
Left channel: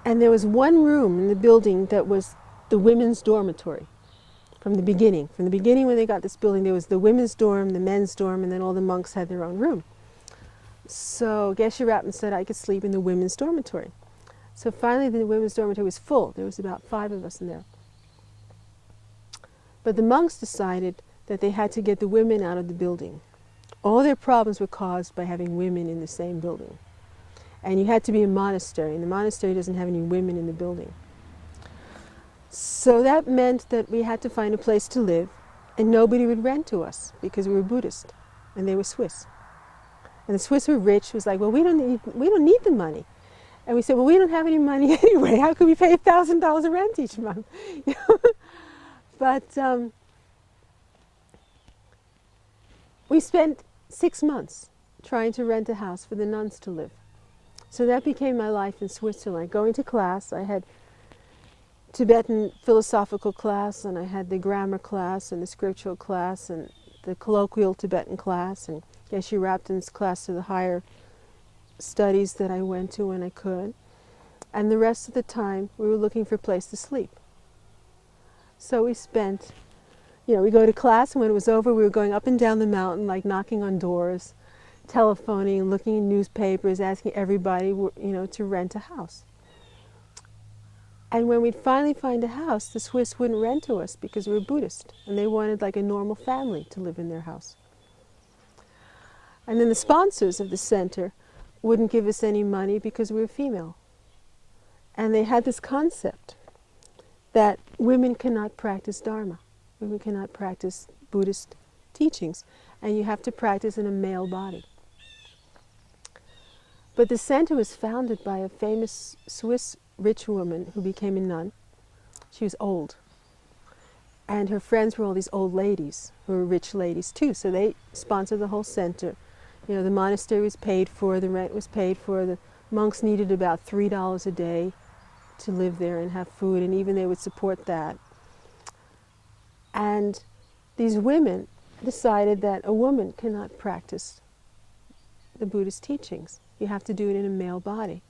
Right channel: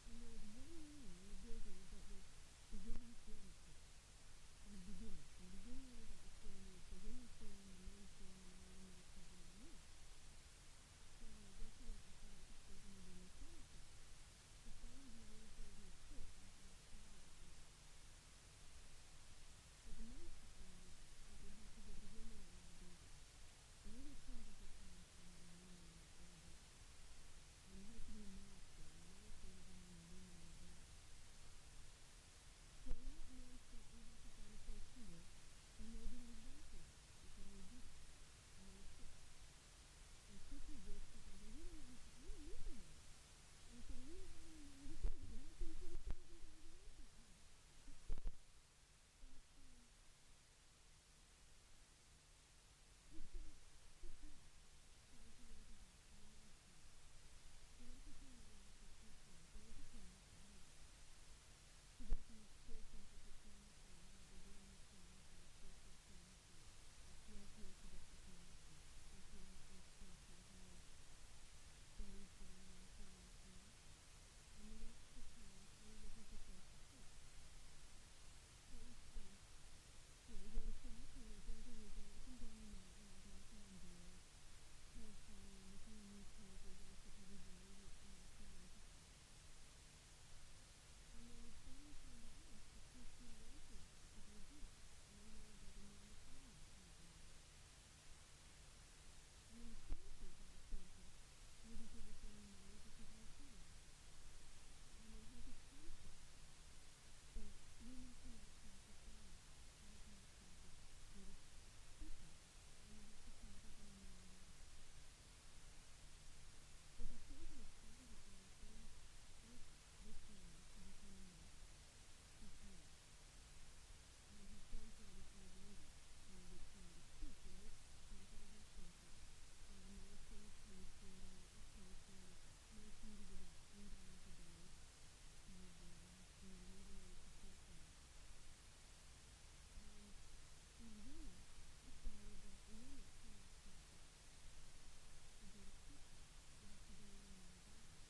And there was one room in the building that was the women's dormitory from the beginning. From the beginning when they got this building, there was the women's dorm, the men's dorm, and then all the monks had their own room. So Geshe Rapton said I could sleep in the women's dormitory. So finally the women's dormitory was full. There was about 5 of us in there. But the monks decided that they had to get the women out of the building. All their problems were caused by having women in the same building. And you had to be a monastery, and the monastery doesn't have any women in the building. So that meant that we had to find a place to live, and nobody would rent to us because we were Buddhist, and they were Swiss. And the Swiss were rich. It was like, well, we don't need the money. And we said, well, we don't have any money anyway. How could we pay $1,000 of rent each month? But we spent 6 months trying to rent a house for the nuns to live. So that became my life in Switzerland. Going to class, I had Tibetan philosophical class, and I had the grammar class, and the scriptural class, and the colloquial Tibetan class, and Geshe Rapton's class to the higher studies that I went to when I could. And the rest of the time, we were looking for a place to sleep. So we spent, we go to class, and when it was over, we were going up and down the mountain, like knocking on doors, telephoning, looking in newspapers, asking everybody, to rent a house. And when we'd finally find a house, the Swiss wouldn't rent to us because we were Buddhist, and they wanted like a normal family to live in their house. And then the sponsors of the center wouldn't give us any money because we were female. And they had this concept that women cannot practice Dharma. Women cannot practice Buddhist teachings, and you have to practice in a male body. But the center was founded by a famous Swiss rich woman who became a nun. She was old. And her friends were all these old ladies who were rich ladies too, so they sponsored the whole center. You know, the monastery was paid for, the rent was paid for, the monks needed about $3 a day to live there and have food, and even they would support that. And these women decided that a woman cannot practice the Buddhist teachings. You have to do it in a male body.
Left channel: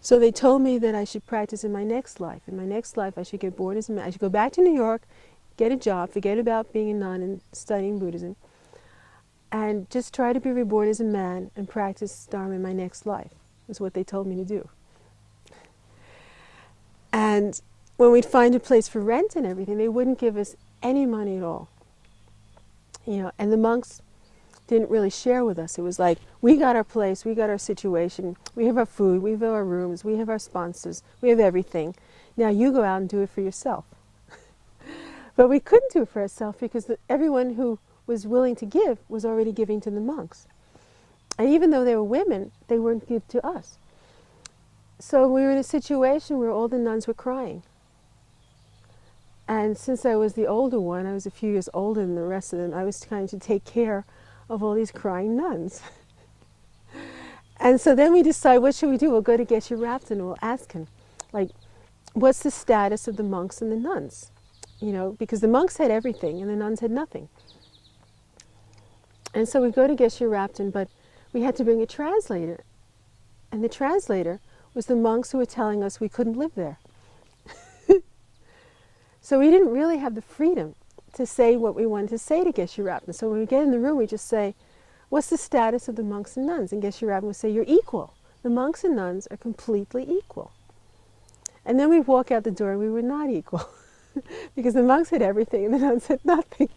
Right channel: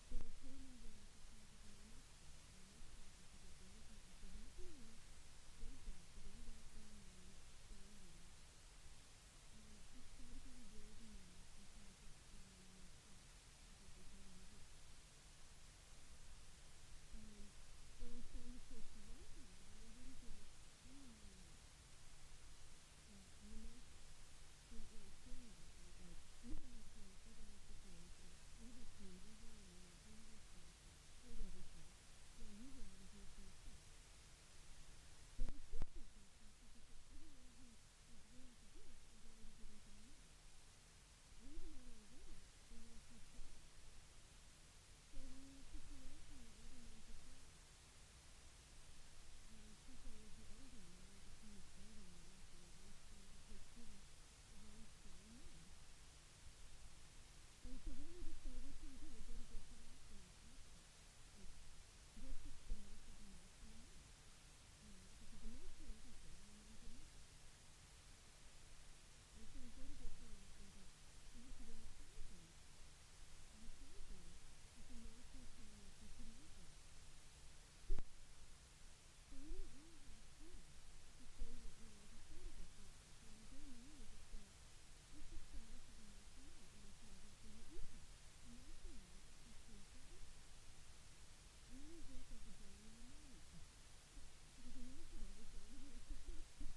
So they told me that I should practice in my next life. In my next life, I should get born as a man. I should go back to New York, get a job, forget about being a nun and studying Buddhism, and just try to be reborn as a man and practice Dharma in my next life, is what they told me to do. And when we'd find a place for rent and everything, they wouldn't give us any money at all. You know, and the monks didn't really share with us. It was like, we got our place, we got our situation, we have our food, we have our rooms, we have our sponsors, we have everything. Now you go out and do it for yourself. But we couldn't do it for ourselves because everyone who was willing to give was already giving to the monks. And even though they were women, they wouldn't give to us. So we were in a situation where all the nuns were crying. And since I was the older one, I was a few years older than the rest of them, I was trying to take care of all these crying nuns. And so then we decided, what should we do? We'll go to Geshe Rabten and we'll ask him, like, what's the status of the monks and the nuns? You know, because the monks had everything and the nuns had nothing. And so we go to Geshe Rabten, but we had to bring a translator. And the translator was the monks who were telling us we couldn't live there. So we didn't really have the freedom to say what we wanted to say to Geshe Rabten. So when we get in the room, we just say, what's the status of the monks and nuns? And Geshe Rabten would say, you're equal. The monks and nuns are completely equal. And then we walk out the door and we were not equal. Because the monks had everything and the nuns had nothing.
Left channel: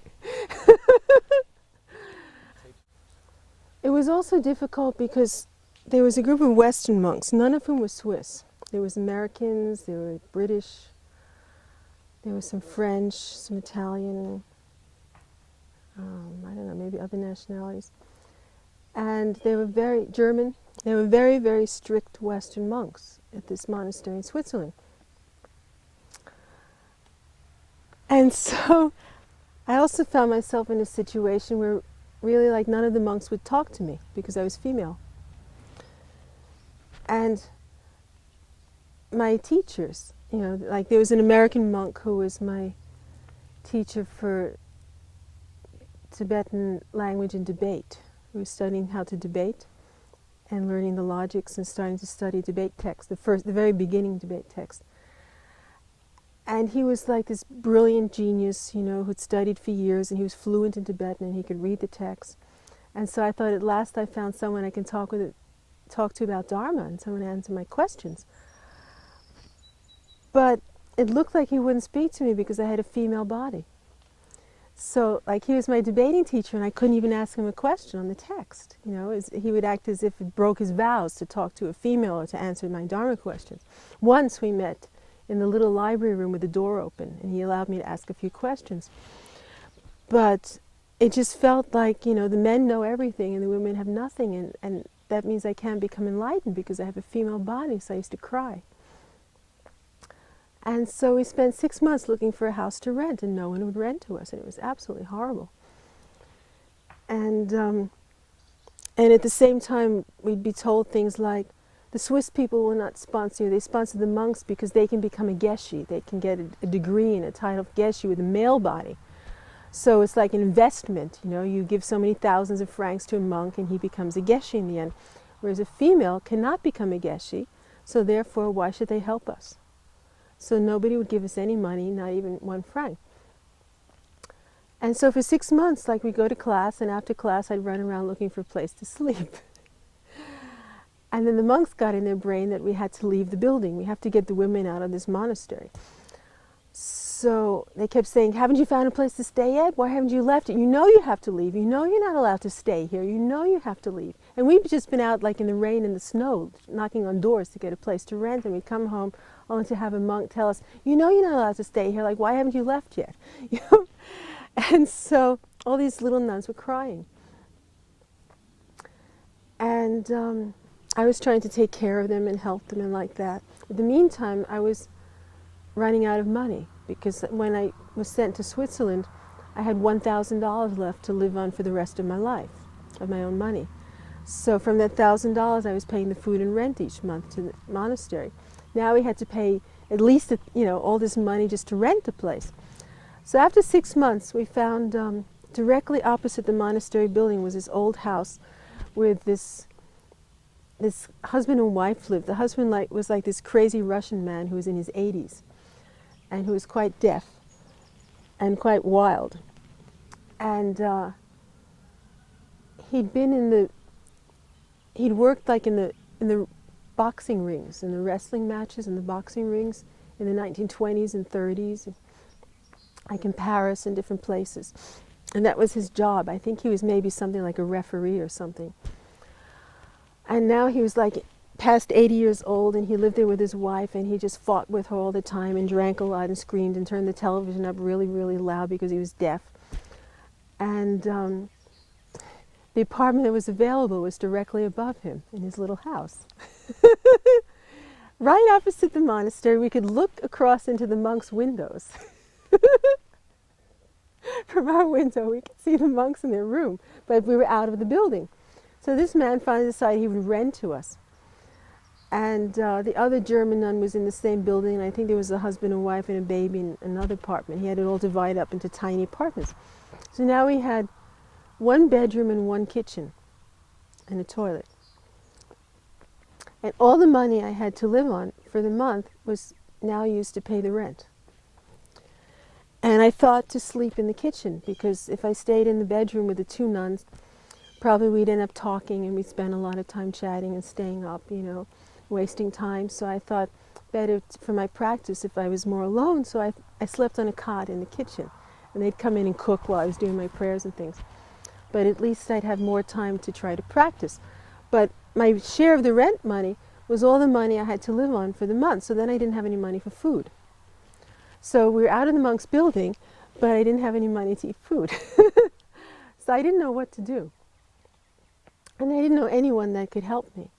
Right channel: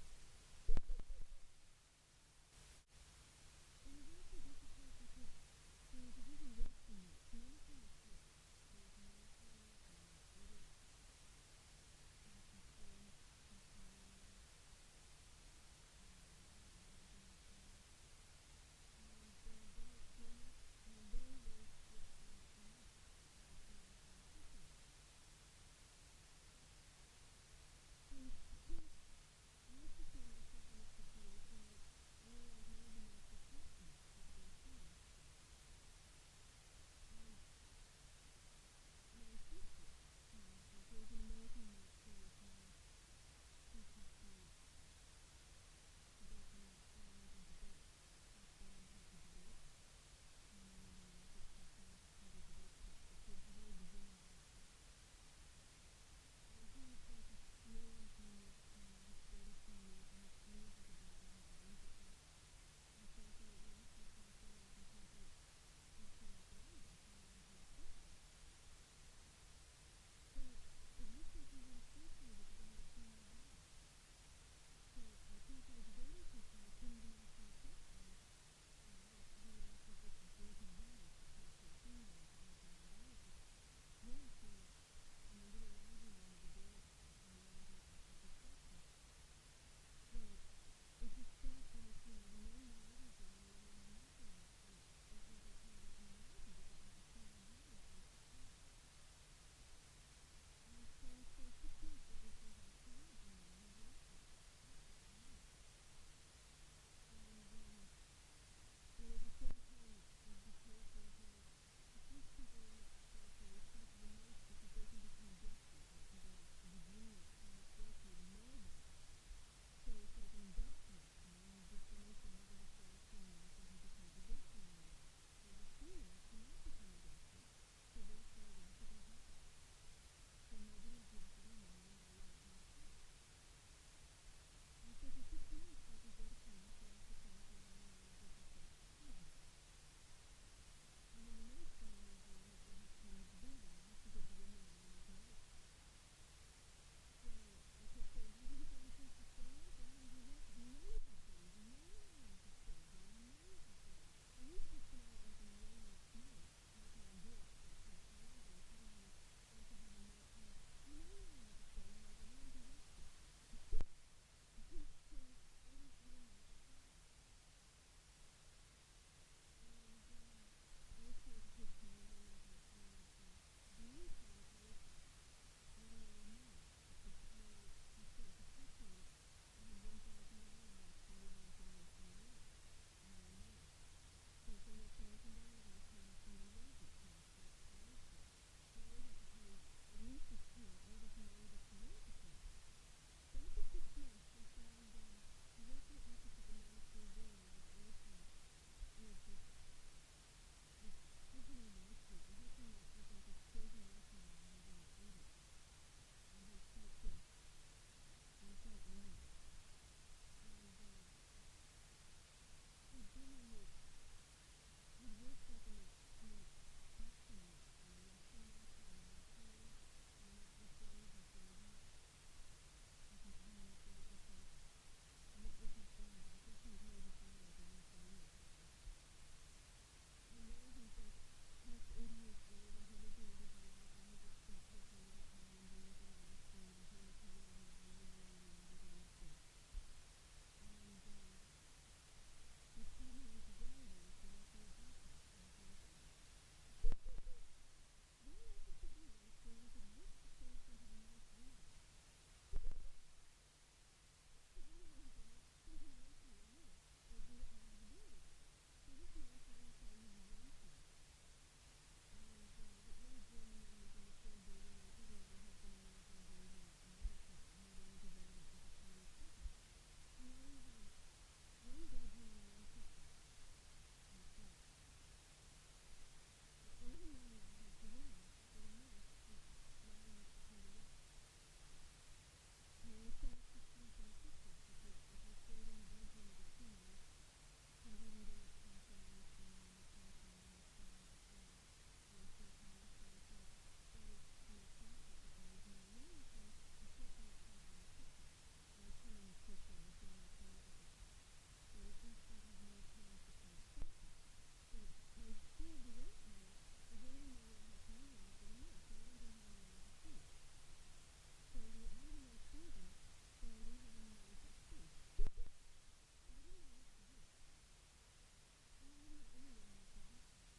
It was also difficult because there was a group of Western monks, none of whom were Swiss. There was Americans, there were British, there was some French, some Italian, I don't know, maybe other nationalities. And they were very German. They were very, very strict Western monks at this monastery in Switzerland. And so I also found myself in a situation where really like none of the monks would talk to me because I was female. And my teachers, you know, like there was an American monk who was my teacher for Tibetan language and debate. He was studying how to debate and learning the logics and starting to study debate text, the very beginning debate text. And he was like this brilliant genius, you know, who'd studied for years, and he was fluent in Tibetan and he could read the text. And so I thought at last I found someone I can talk to about Dharma and someone to answer my questions. But it looked like he wouldn't speak to me because I had a female body. So like he was my debating teacher and I couldn't even ask him a question on the text. You know, he would act as if it broke his vows to talk to a female or to answer my Dharma questions. Once we met in the little library room with the door open and he allowed me to ask a few questions. But it just felt like, you know, the men know everything and the women have nothing, and that means I can't become enlightened because I have a female body, so I used to cry. And so we spent 6 months looking for a house to rent, and no one would rent to us, and it was absolutely horrible. And at the same time, we'd be told things like, the Swiss people will not sponsor you. They sponsor the monks because they can become a geshe. They can get a degree and a title of geshe with a male body. So it's like an investment, you know, you give so many thousands of francs to a monk and he becomes a geshe in the end. Whereas a female cannot become a geshe, so therefore why should they help us? So nobody would give us any money, not even 1 franc. And so for 6 months, like we go to class, and after class I'd run around looking for a place to sleep. And then the monks got in their brain that we had to leave the building. We have to get the women out of this monastery. So they kept saying, haven't you found a place to stay yet? Why haven't you left it? You know you have to leave. You know you're not allowed to stay here. You know you have to leave. And we've just been out like in the rain and the snow, knocking on doors to get a place to rent. And we'd come home only to have a monk tell us, you know you're not allowed to stay here. Like, why haven't you left yet? You know? And so all these little nuns were crying. And I was trying to take care of them and help them and like that. In the meantime, I was running out of money, because when I was sent to Switzerland, I had $1,000 left to live on for the rest of my life, of my own money. So from that $1,000, I was paying the food and rent each month to the monastery. Now we had to pay at least, all this money just to rent the place. So after 6 months, we found directly opposite the monastery building was this old house with this husband and wife lived. The husband was like this crazy Russian man who was in his 80s. And who was quite deaf and quite wild. And he'd worked like in the boxing rings, in the wrestling matches and the boxing rings in the 1920s and 30s, like in Paris and different places. And that was his job. I think he was maybe something like a referee or something. And now he was like past 80 years old, and he lived there with his wife, and he just fought with her all the time and drank a lot and screamed and turned the television up really, really loud because he was deaf. And the apartment that was available was directly above him in his little house. Right opposite the monastery, we could look across into the monks' windows. From our window, we could see the monks in their room, but we were out of the building. So this man finally decided he would rent to us. And the other German nun was in the same building, and I think there was a husband and wife and a baby in another apartment. He had it all divided up into tiny apartments. So now we had 1 bedroom and 1 kitchen and a toilet. And all the money I had to live on for the month was now used to pay the rent. And I thought to sleep in the kitchen, because if I stayed in the bedroom with the 2 nuns, probably we'd end up talking, and we'd spend a lot of time chatting and staying up, wasting time. So I thought better for my practice if I was more alone. So I slept on a cot in the kitchen, and they'd come in and cook while I was doing my prayers and things. But at least I'd have more time to try to practice. But my share of the rent money was all the money I had to live on for the month. So then I didn't have any money for food. So we were out in the monks' building, but I didn't have any money to eat food. So I didn't know what to do. And I didn't know anyone that could help me,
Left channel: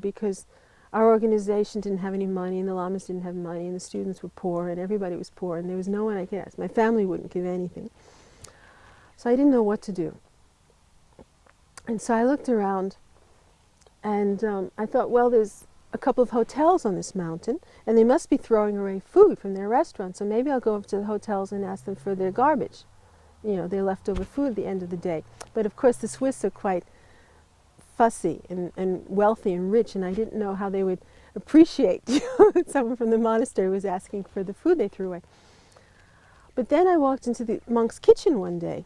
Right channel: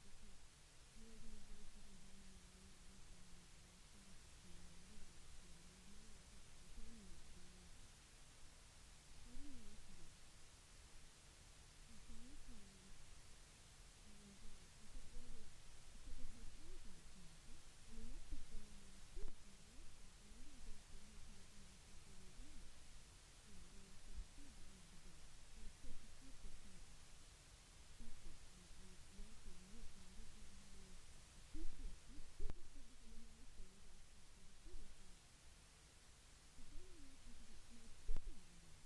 because our organization didn't have any money, and the lamas didn't have money, and the students were poor, and everybody was poor, and there was no one I could ask. My family wouldn't give anything. So I didn't know what to do. And so I looked around, and I thought, well, there's a couple of hotels on this mountain, and they must be throwing away food from their restaurants, so maybe I'll go up to the hotels and ask them for their garbage, their leftover food at the end of the day. But of course the Swiss are quite fussy and wealthy and rich, and I didn't know how they would appreciate that someone from the monastery was asking for the food they threw away. But then I walked into the monk's kitchen one day,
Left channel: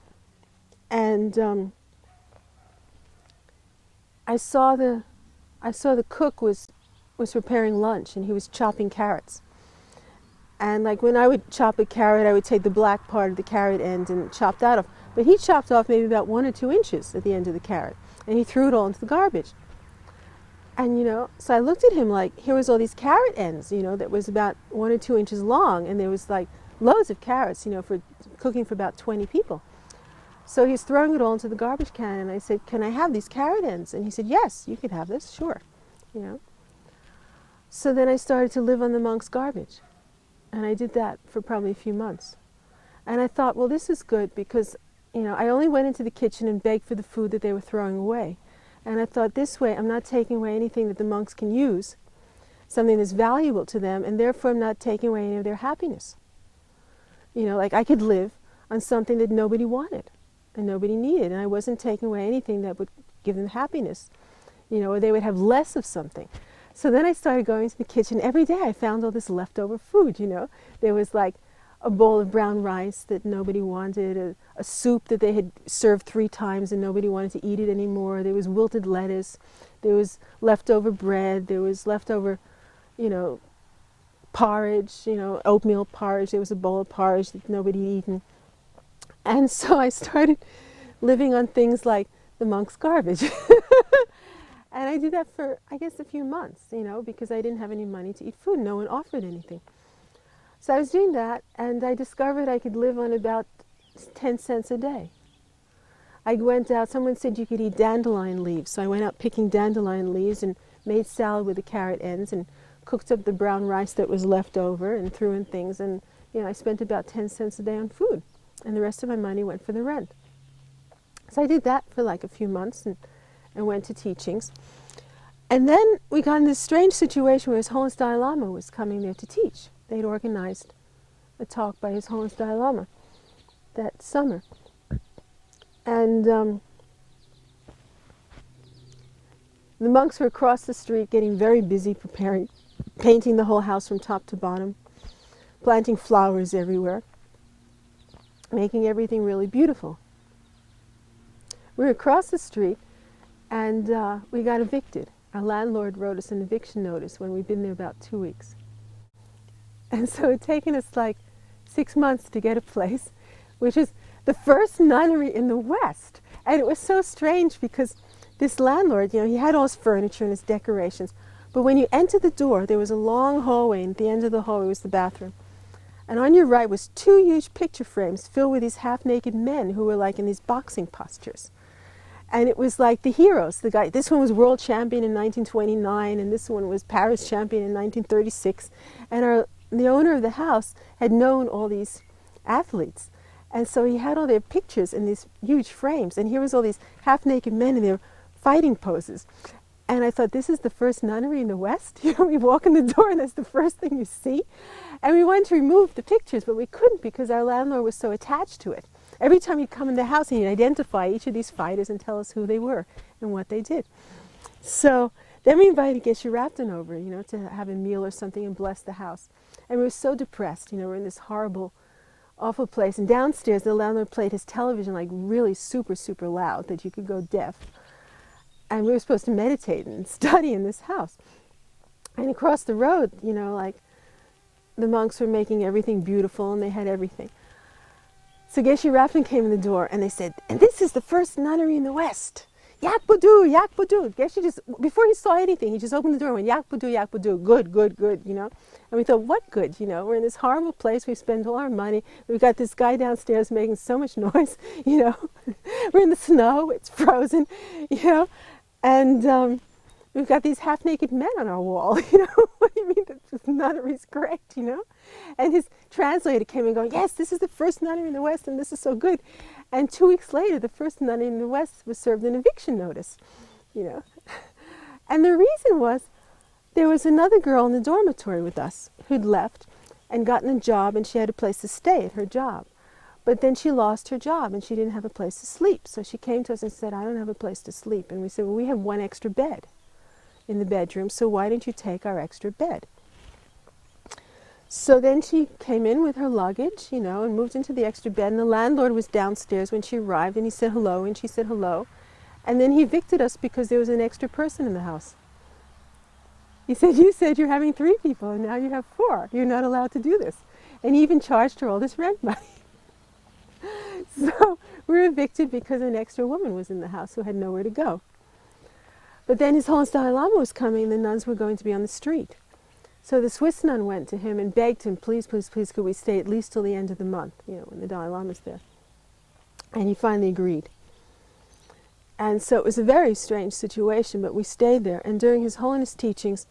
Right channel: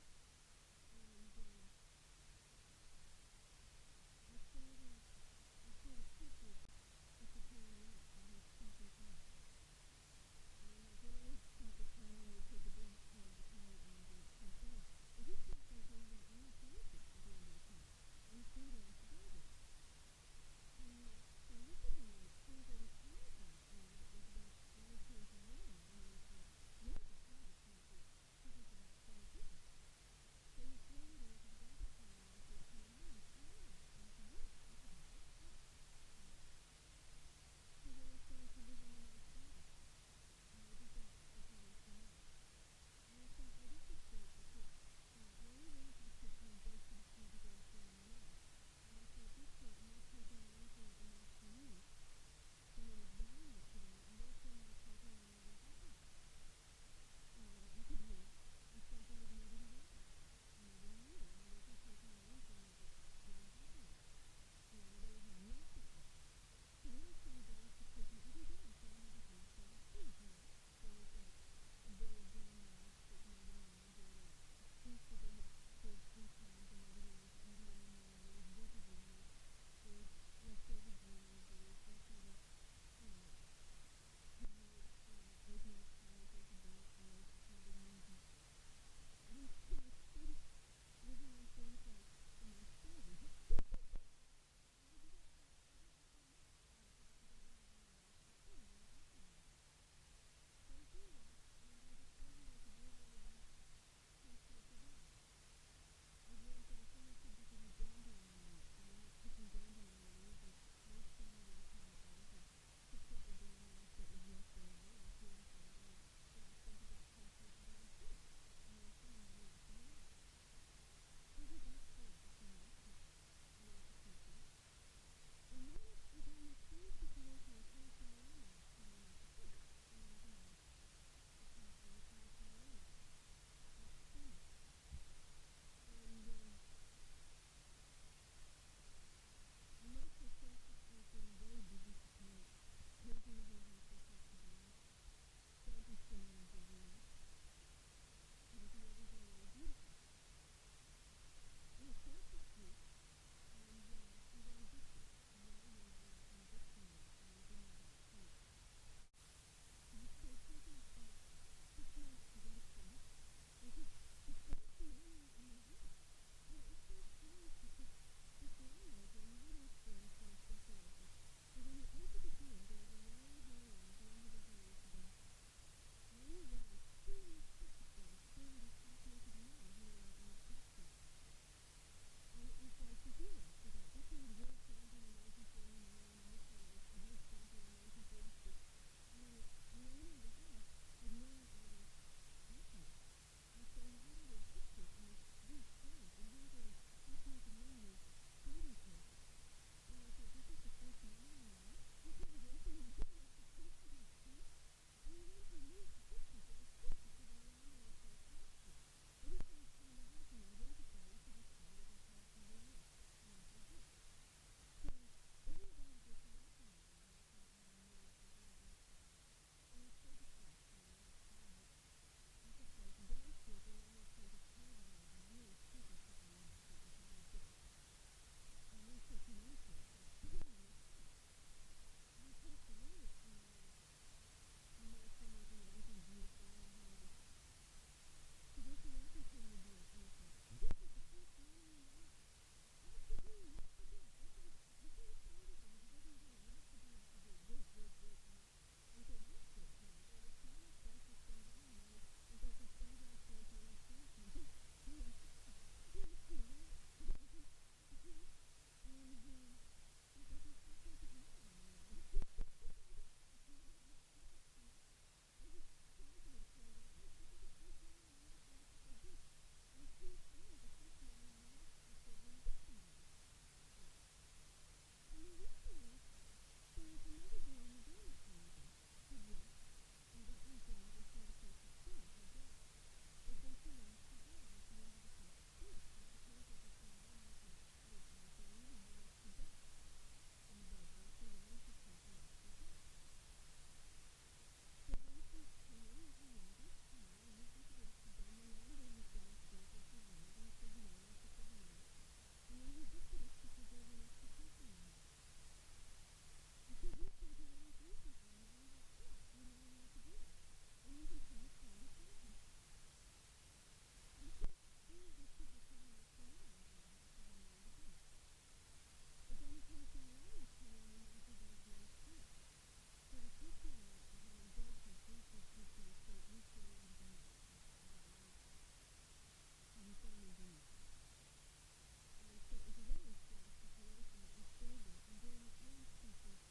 and I saw the cook was preparing lunch, and he was chopping carrots. And like when I would chop a carrot, I would take the black part of the carrot end and chop that off. But he chopped off maybe about 1 or 2 inches at the end of the carrot. And he threw it all into the garbage. And, so I looked at him like, here was all these carrot ends, that was about 1 or 2 inches long. And there was like loads of carrots, for cooking for about 20 people. So he's throwing it all into the garbage can. And I said, can I have these carrot ends? And he said, yes, you can have this, sure. So then I started to live on the monks' garbage. And I did that for probably a few months. And I thought, well, this is good because I only went into the kitchen and begged for the food that they were throwing away. And I thought, this way, I'm not taking away anything that the monks can use, something that's valuable to them, and therefore I'm not taking away any of their happiness. Like I could live on something that nobody wanted and nobody needed, and I wasn't taking away anything that would give them happiness, or they would have less of something. So then I started going to the kitchen. Every day I found all this leftover food, There was like a bowl of brown rice that nobody wanted, a soup that they had served 3 times and nobody wanted to eat it anymore. There was wilted lettuce. There was leftover bread, there was leftover, you know, porridge, you know, oatmeal porridge. There was a bowl of porridge that nobody had eaten. And so I started living on things like the monk's garbage. And I did that for, I guess, a few months, you know, because I didn't have any money to eat food. No one offered anything. So I was doing that, and I discovered I could live on about 10 cents a day. I went out, someone said you could eat dandelion leaves, so I went out picking dandelion leaves and made salad with the carrot ends and cooked up the brown rice that was left over and threw in things, and you know, I spent about 10 cents a day on food, and the rest of my money went for the rent. So I did that for like a few months and went to teachings. And then we got in this strange situation where His Holiness Dalai Lama was coming there to teach. They'd organized a talk by His Holiness Dalai Lama that summer. And the monks were across the street getting very busy preparing, painting the whole house from top to bottom, planting flowers everywhere, making everything really beautiful. We were across the street and we got evicted. Our landlord wrote us an eviction notice when we'd been there about 2 weeks. And so it had taken us like 6 months to get a place, which is the first nunnery in the West. And it was so strange because this landlord, you know, he had all his furniture and his decorations, but when you entered the door, there was a long hallway, and at the end of the hallway was the bathroom. And on your right was 2 huge picture frames filled with these half-naked men who were like in these boxing postures. And it was like the heroes. The guy, this one was world champion in 1929, and this one was Paris champion in 1936. And the owner of the house had known all these athletes. And so he had all their pictures in these huge frames. And here was all these half-naked men in their fighting poses. And I thought, this is the first nunnery in the West? You know, we walk in the door and that's the first thing you see. And we wanted to remove the pictures, but we couldn't because our landlord was so attached to it. Every time he'd come in the house, he'd identify each of these fighters and tell us who they were and what they did. So then we invited Geshe Rapton over, you know, to have a meal or something and bless the house. And we were so depressed, you know, we're in this horrible, awful place. And downstairs, the landlord played his television like really super, super loud that you could go deaf. And we were supposed to meditate and study in this house. And across the road, you know, like the monks were making everything beautiful and they had everything. So Geshe Rapton came in the door and they said, and this is the first nunnery in the West. Yak Budu, Yak Budu. Geshe just, before he saw anything, he just opened the door and went, Yak Budu, Yak Budu. Good, good, good, you know. And we thought, what good, you know? We're in this horrible place. We spend all our money. We've got this guy downstairs making so much noise, you know. We're in the snow. It's frozen, you know. And we've got these half-naked men on our wall, you know. What do you mean that this nunnery's great, you know? And his translator came and going, yes, this is the first nunnery in the West and this is so good. And 2 weeks later, the first nunnery in the West was served an eviction notice, you know. And the reason was there was another girl in the dormitory with us who'd left and gotten a job and she had a place to stay at her job. But then she lost her job and she didn't have a place to sleep. So she came to us and said, I don't have a place to sleep. And we said, well, we have 1 extra bed in the bedroom, so why don't you take our extra bed? So then she came in with her luggage, you know, and moved into the extra bed. And the landlord was downstairs when she arrived, and he said hello, and she said hello. And then he evicted us because there was an extra person in the house. He said, you said you're having 3 people, and now you have 4. You're not allowed to do this. And he even charged her all this rent money. So we were evicted because an extra woman was in the house who had nowhere to go. But then His Holiness Dalai Lama was coming, and the nuns were going to be on the street. So the Swiss nun went to him and begged him, please, please, please, could we stay at least till the end of the month, you know, when the Dalai Lama's there. And he finally agreed. And so it was a very strange situation, but we stayed there. And during His Holiness teachings,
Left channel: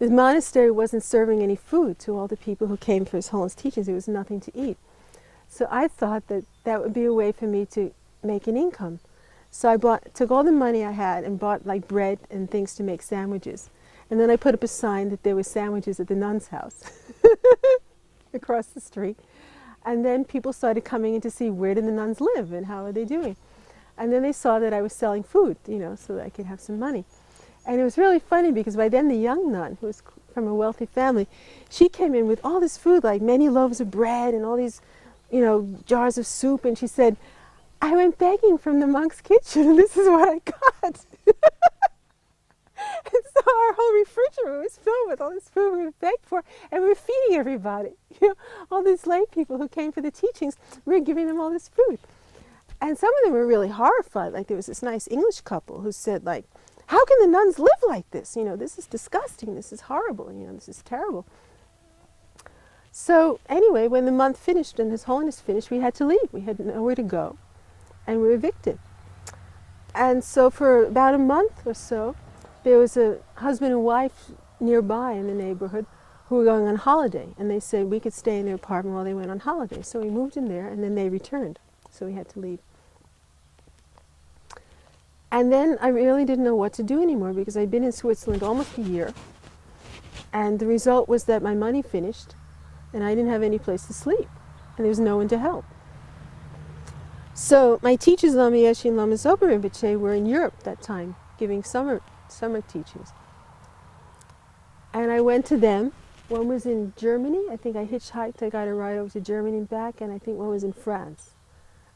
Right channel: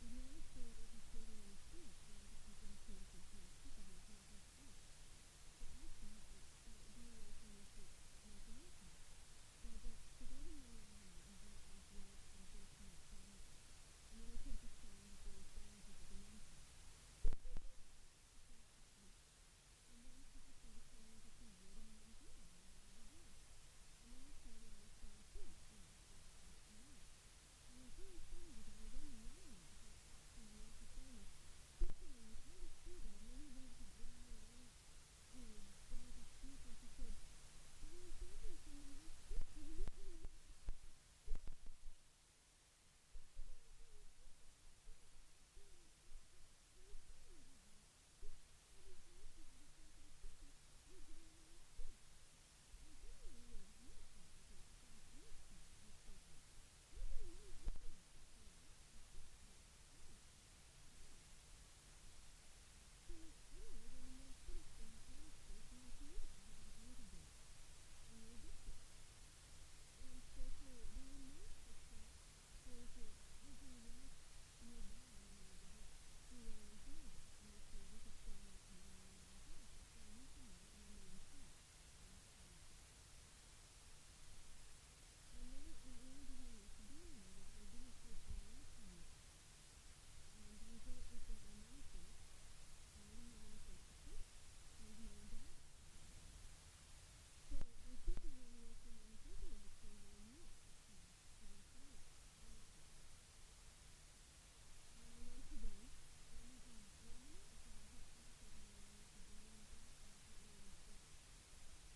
the monastery wasn't serving any food to all the people who came for His Holiness teachings. There was nothing to eat. So I thought that that would be a way for me to make an income. So I took all the money I had and bought like bread and things to make sandwiches. And then I put up a sign that there were sandwiches at the nun's house across the street. And then people started coming in to see where did the nuns live and how are they doing. And then they saw that I was selling food, you know, so that I could have some money. And it was really funny because by then the young nun, who was from a wealthy family, she came in with all this food, like many loaves of bread and all these, you know, jars of soup. And she said, I went begging from the monk's kitchen and this is what I got. our whole refrigerator was filled with all this food we begged for, and we were feeding everybody. You know, all these lay people who came for the teachings, we were giving them all this food. And some of them were really horrified. Like there was this nice English couple who said, like, how can the nuns live like this? You know, this is disgusting. This is horrible. You know, this is terrible. So anyway, when the month finished and His Holiness finished, we had to leave. We had nowhere to go, and we were evicted. And so for about a month or so, there was a husband and wife nearby in the neighborhood who were going on holiday, and they said we could stay in their apartment while they went on holiday. So we moved in there, and then they returned. So we had to leave. And then I really didn't know what to do anymore because I'd been in Switzerland almost a year, and the result was that my money finished, and I didn't have any place to sleep, and there was no one to help. So my teachers, Lama Yeshe and Lama Zopa Rinpoche, were in Europe that time, giving summer teachings. And I went to them. One was in Germany. I think I hitchhiked. I got a ride over to Germany and back, and I think one was in France.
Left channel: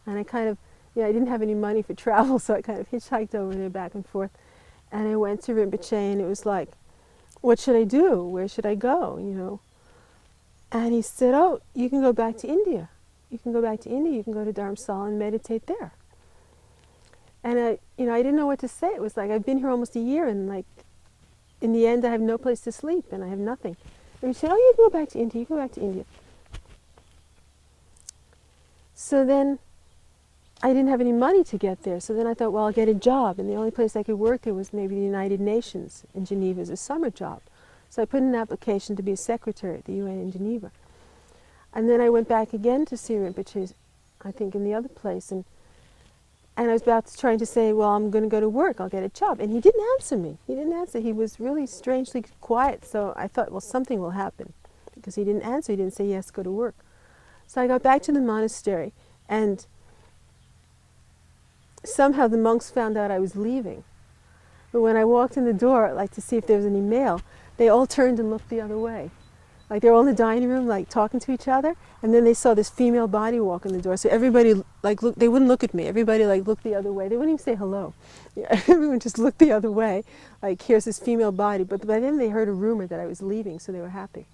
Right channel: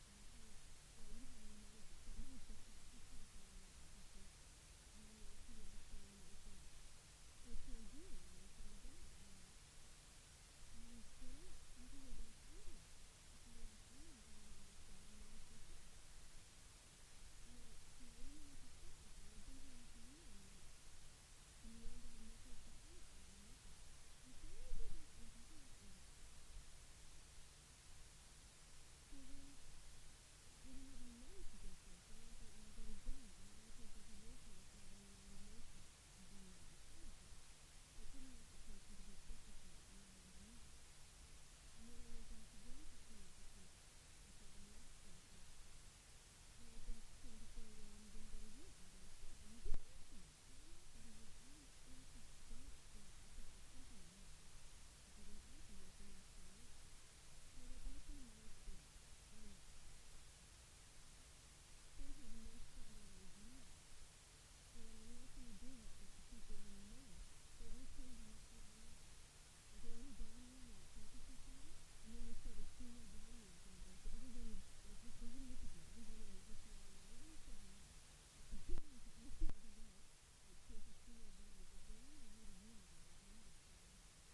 And I kind of, I didn't have any money for travel, so I kind of hitchhiked over there back and forth. And I went to Rinpoche, and it was like, what should I do? Where should I go, you know? And he said, oh, you can go back to India. You can go back to India. You can go to Dharamsala and meditate there. And I didn't know what to say. It was like, I've been here almost a year, and like, in the end, I have no place to sleep, and I have nothing. And he said, oh, you can go back to India. You can go back to India. So then, I didn't have any money to get there. So then I thought, well, I'll get a job. And the only place I could work there was maybe the United Nations in Geneva as a summer job. So I put in an application to be a secretary at the UN in Geneva. And then I went back again to see Rinpoche, I think in the other place. And I was trying to say, well, I'm going to go to work. I'll get a job. And he didn't answer me. He didn't answer. He was really strangely quiet. So I thought, well, something will happen. Because he didn't answer. He didn't say, yes, go to work. So I got back to the monastery. And somehow the monks found out I was leaving. But when I walked in the door, like to see if there was any mail, they all turned and looked the other way. Like they were all in the dining room, like talking to each other, and then they saw this female body walk in the door. So everybody, like, they wouldn't look at me. Everybody, like, looked the other way. They wouldn't even say hello. Everyone just looked the other way, like, here's this female body. But by then they heard a rumor that I was leaving, so they were happy.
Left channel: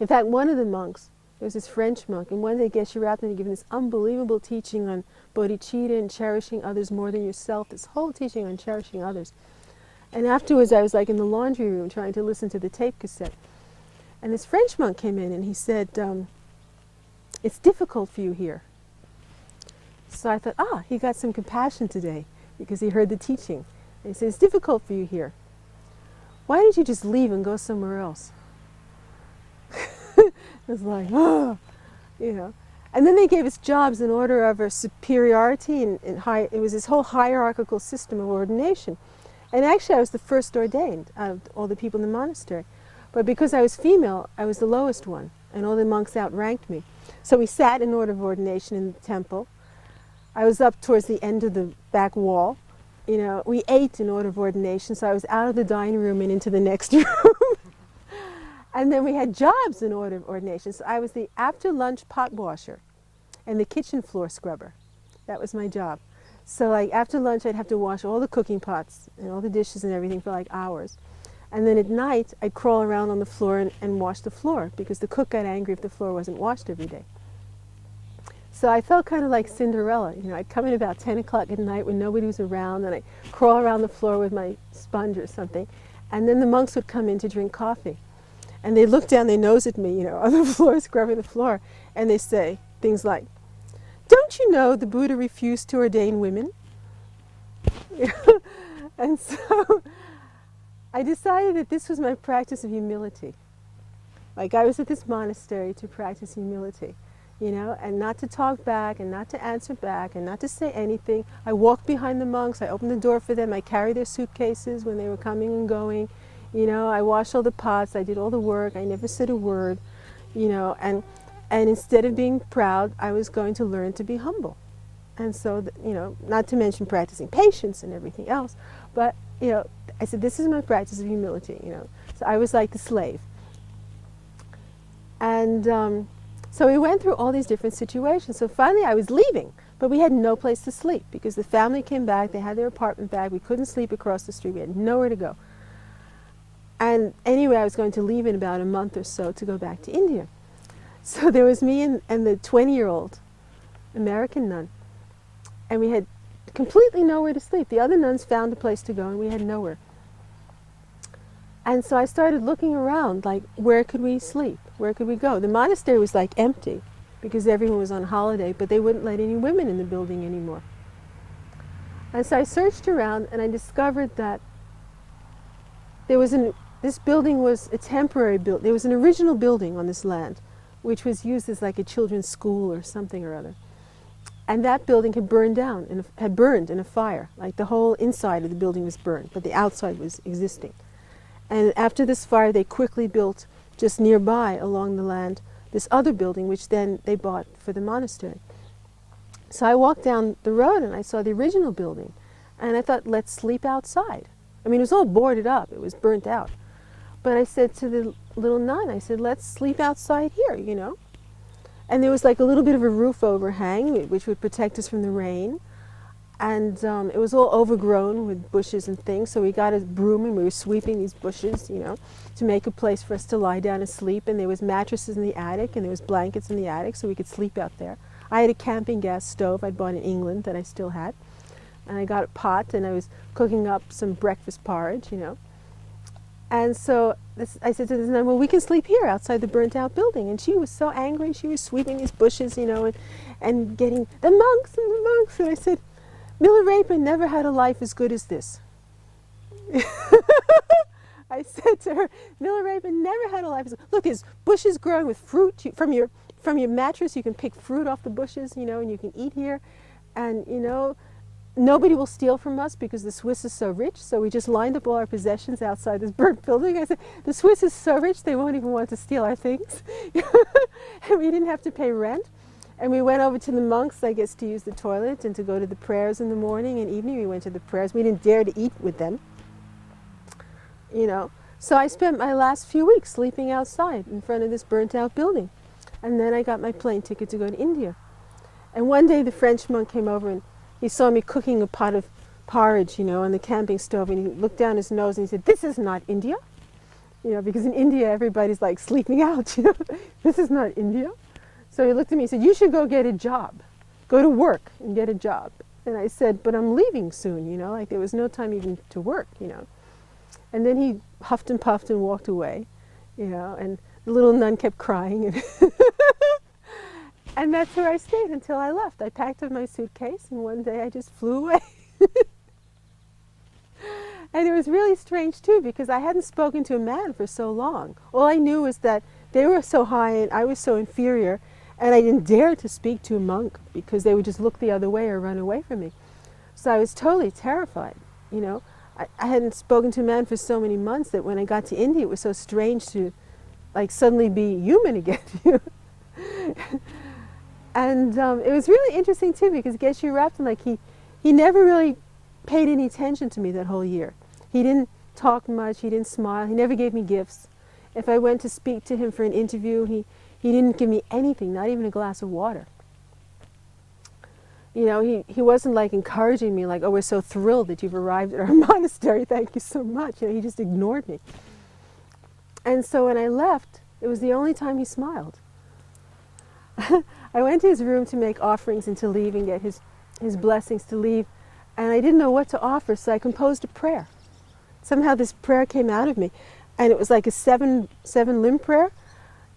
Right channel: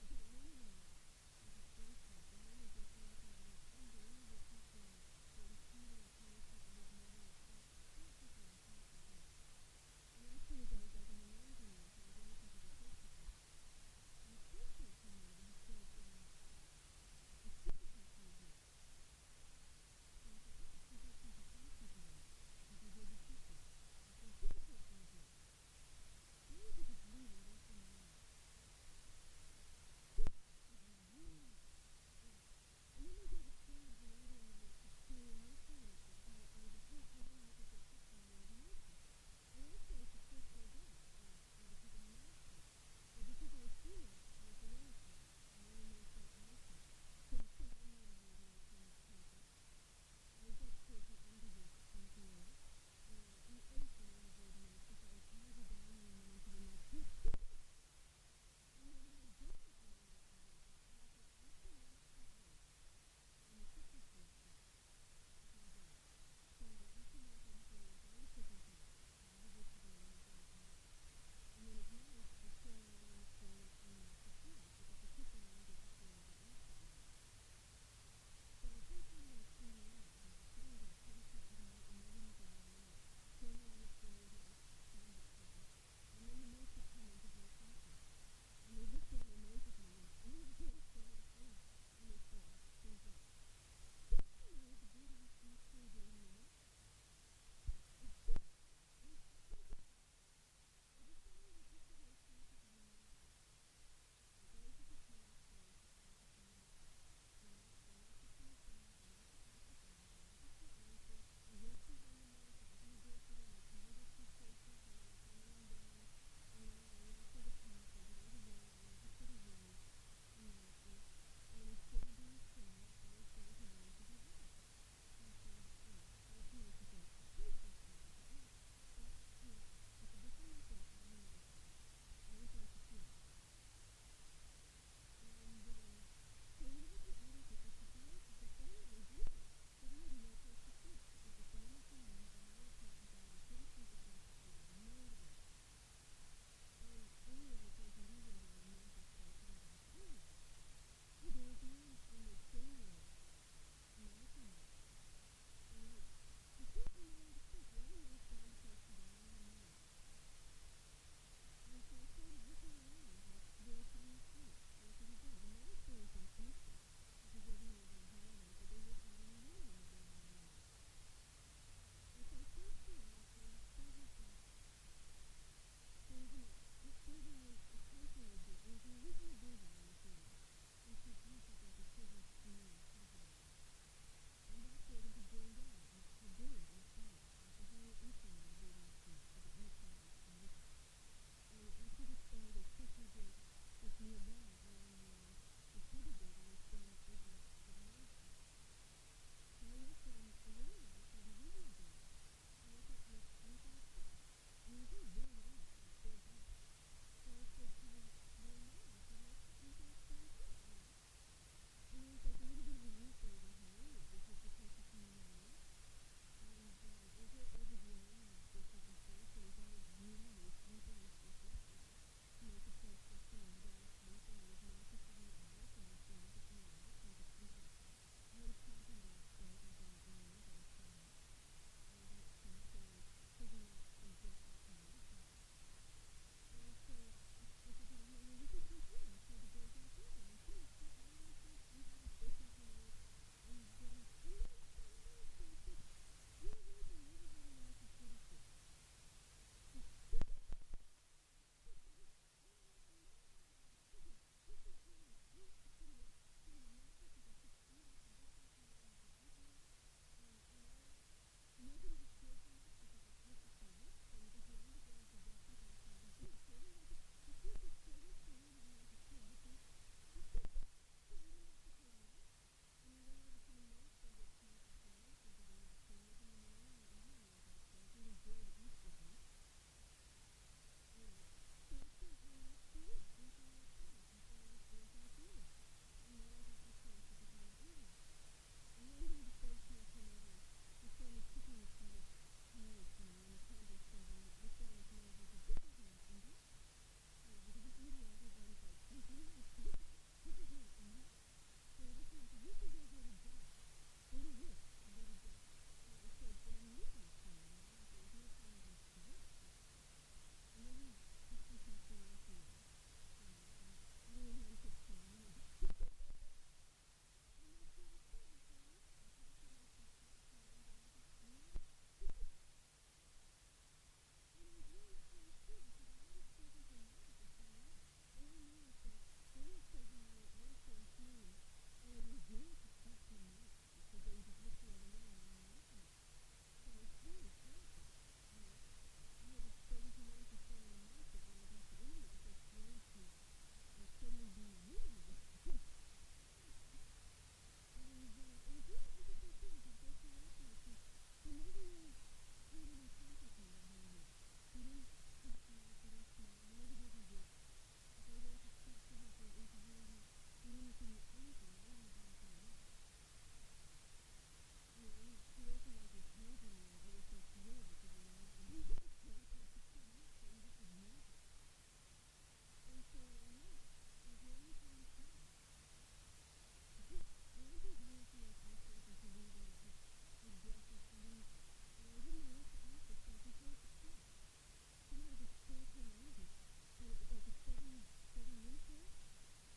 In fact, one of the monks, there was this French monk, and one day Geshe Rabten given this unbelievable teaching on bodhicitta and cherishing others more than yourself, this whole teaching on cherishing others. And afterwards I was like in the laundry room trying to listen to the tape cassette. And this French monk came in and he said, it's difficult for you here. So I thought, he got some compassion today because he heard the teaching. And he said, it's difficult for you here. Why didn't you just leave and go somewhere else? It was like, you know. And then they gave us jobs in order of our superiority, and it was this whole hierarchical system of ordination. And actually I was the first ordained out of all the people in the monastery. But because I was female, I was the lowest one, and all the monks outranked me. So we sat in order of ordination in the temple. I was up towards the end of the back wall. You know, we ate in order of ordination, so I was out of the dining room and into the next room. And then we had jobs in order of ordination. So I was the after-lunch pot washer and the kitchen floor scrubber. That was my job. So like after lunch, I'd have to wash all the cooking pots and all the dishes and everything for like hours. And then at night, I'd crawl around on the floor and wash the floor because the cook got angry if the floor wasn't washed every day. So I felt kind of like Cinderella. You know, I'd come in about 10 o'clock at night when nobody was around, and I'd crawl around the floor with my sponge or something. And then the monks would come in to drink coffee. And they'd look down their nose at me, you know, on the floor, scrubbing the floor, and they say things like, don't you know the Buddha refused to ordain women? And so I decided that this was my practice of humility. Like I was at this monastery to practice humility, you know, and not to talk back and not to answer back and not to say anything. I walked behind the monks, I opened the door for them, I carried their suitcases when they were coming and going. You know, I washed all the pots, I did all the work, I never said a word, you know, and instead of being proud, I was going to learn to be humble. And so, you know, not to mention practicing patience and everything else, but, you know, I said, this is my practice of humility, you know. So I was like the slave. And so we went through all these different situations. So finally I was leaving, but we had no place to sleep because the family came back, they had their apartment back, we couldn't sleep across the street, we had nowhere to go. And anyway, I was going to leave in about a month or so to go back to India. So there was me and the 20-year-old American nun. And we had completely nowhere to sleep. The other nuns found a place to go and we had nowhere. And so I started looking around, like, where could we sleep? Where could we go? The monastery was like empty because everyone was on holiday, but they wouldn't let any women in the building anymore. And so I searched around and I discovered that there was this building was a temporary building. There was an original building on this land, which was used as like a children's school or something or other. And that building had burned down, had burned in a fire. Like the whole inside of the building was burned, but the outside was existing. And after this fire, they quickly built just nearby along the land this other building, which then they bought for the monastery. So I walked down the road and I saw the original building. And I thought, let's sleep outside. I mean, it was all boarded up. It was burnt out. But I said to the little nun, I said, let's sleep outside here, you know. And there was like a little bit of a roof overhang, which would protect us from the rain. And it was all overgrown with bushes and things, so we got a broom and we were sweeping these bushes, you know, to make a place for us to lie down and sleep. And there was mattresses in the attic and there was blankets in the attic so we could sleep out there. I had a camping gas stove I'd bought in England that I still had. And I got a pot and I was cooking up some breakfast porridge, you know. And so I said to this nun, well, we can sleep here outside the burnt out building. And she was so angry. She was sweeping these bushes, you know, and getting the monks and the monks. And I said, Miller Rapin never had a life as good as this. I said to her, Miller Rapin never had a life as good. Look, there's bushes growing with fruit. From your mattress, you can pick fruit off the bushes, you know, and you can eat here. And, you know, nobody will steal from us because the Swiss is so rich. So we just lined up all our possessions outside this burnt building. I said, the Swiss is so rich, they won't even want to steal our things. And we didn't have to pay rent. And we went over to the monks, I guess, to use the toilet and to go to the prayers in the morning and evening. We went to the prayers. We didn't dare to eat with them, you know. So I spent my last few weeks sleeping outside in front of this burnt-out building. And then I got my plane ticket to go to India. And one day the French monk came over and he saw me cooking a pot of porridge, you know, on the camping stove. And he looked down his nose and he said, this is not India. You know, because in India everybody's like sleeping out, you know. This is not India. So he looked at me and said, you should go get a job. Go to work and get a job. And I said, but I'm leaving soon, you know, like there was no time even to work, you know. And then he huffed and puffed and walked away, you know, and the little nun kept crying. And that's where I stayed until I left. I packed up my suitcase and one day I just flew away. And it was really strange too because I hadn't spoken to a man for so long. All I knew was that they were so high and I was so inferior. And I didn't dare to speak to a monk because they would just look the other way or run away from me. So I was totally terrified, you know. I hadn't spoken to a man for so many months that when I got to India, it was so strange to, like, suddenly be human again. And it was really interesting, too, because Geshe Rapton, like, he never really paid any attention to me that whole year. He didn't talk much. He didn't smile. He never gave me gifts. If I went to speak to him for an interview, he didn't give me anything, not even a glass of water. You know, he wasn't like encouraging me like, oh, we're so thrilled that you've arrived at our monastery, thank you so much. You know, he just ignored me. And so when I left, it was the only time he smiled. I went to his room to make offerings and to leave and get his blessings to leave. And I didn't know what to offer, so I composed a prayer. Somehow this prayer came out of me. And it was like a seven limb prayer.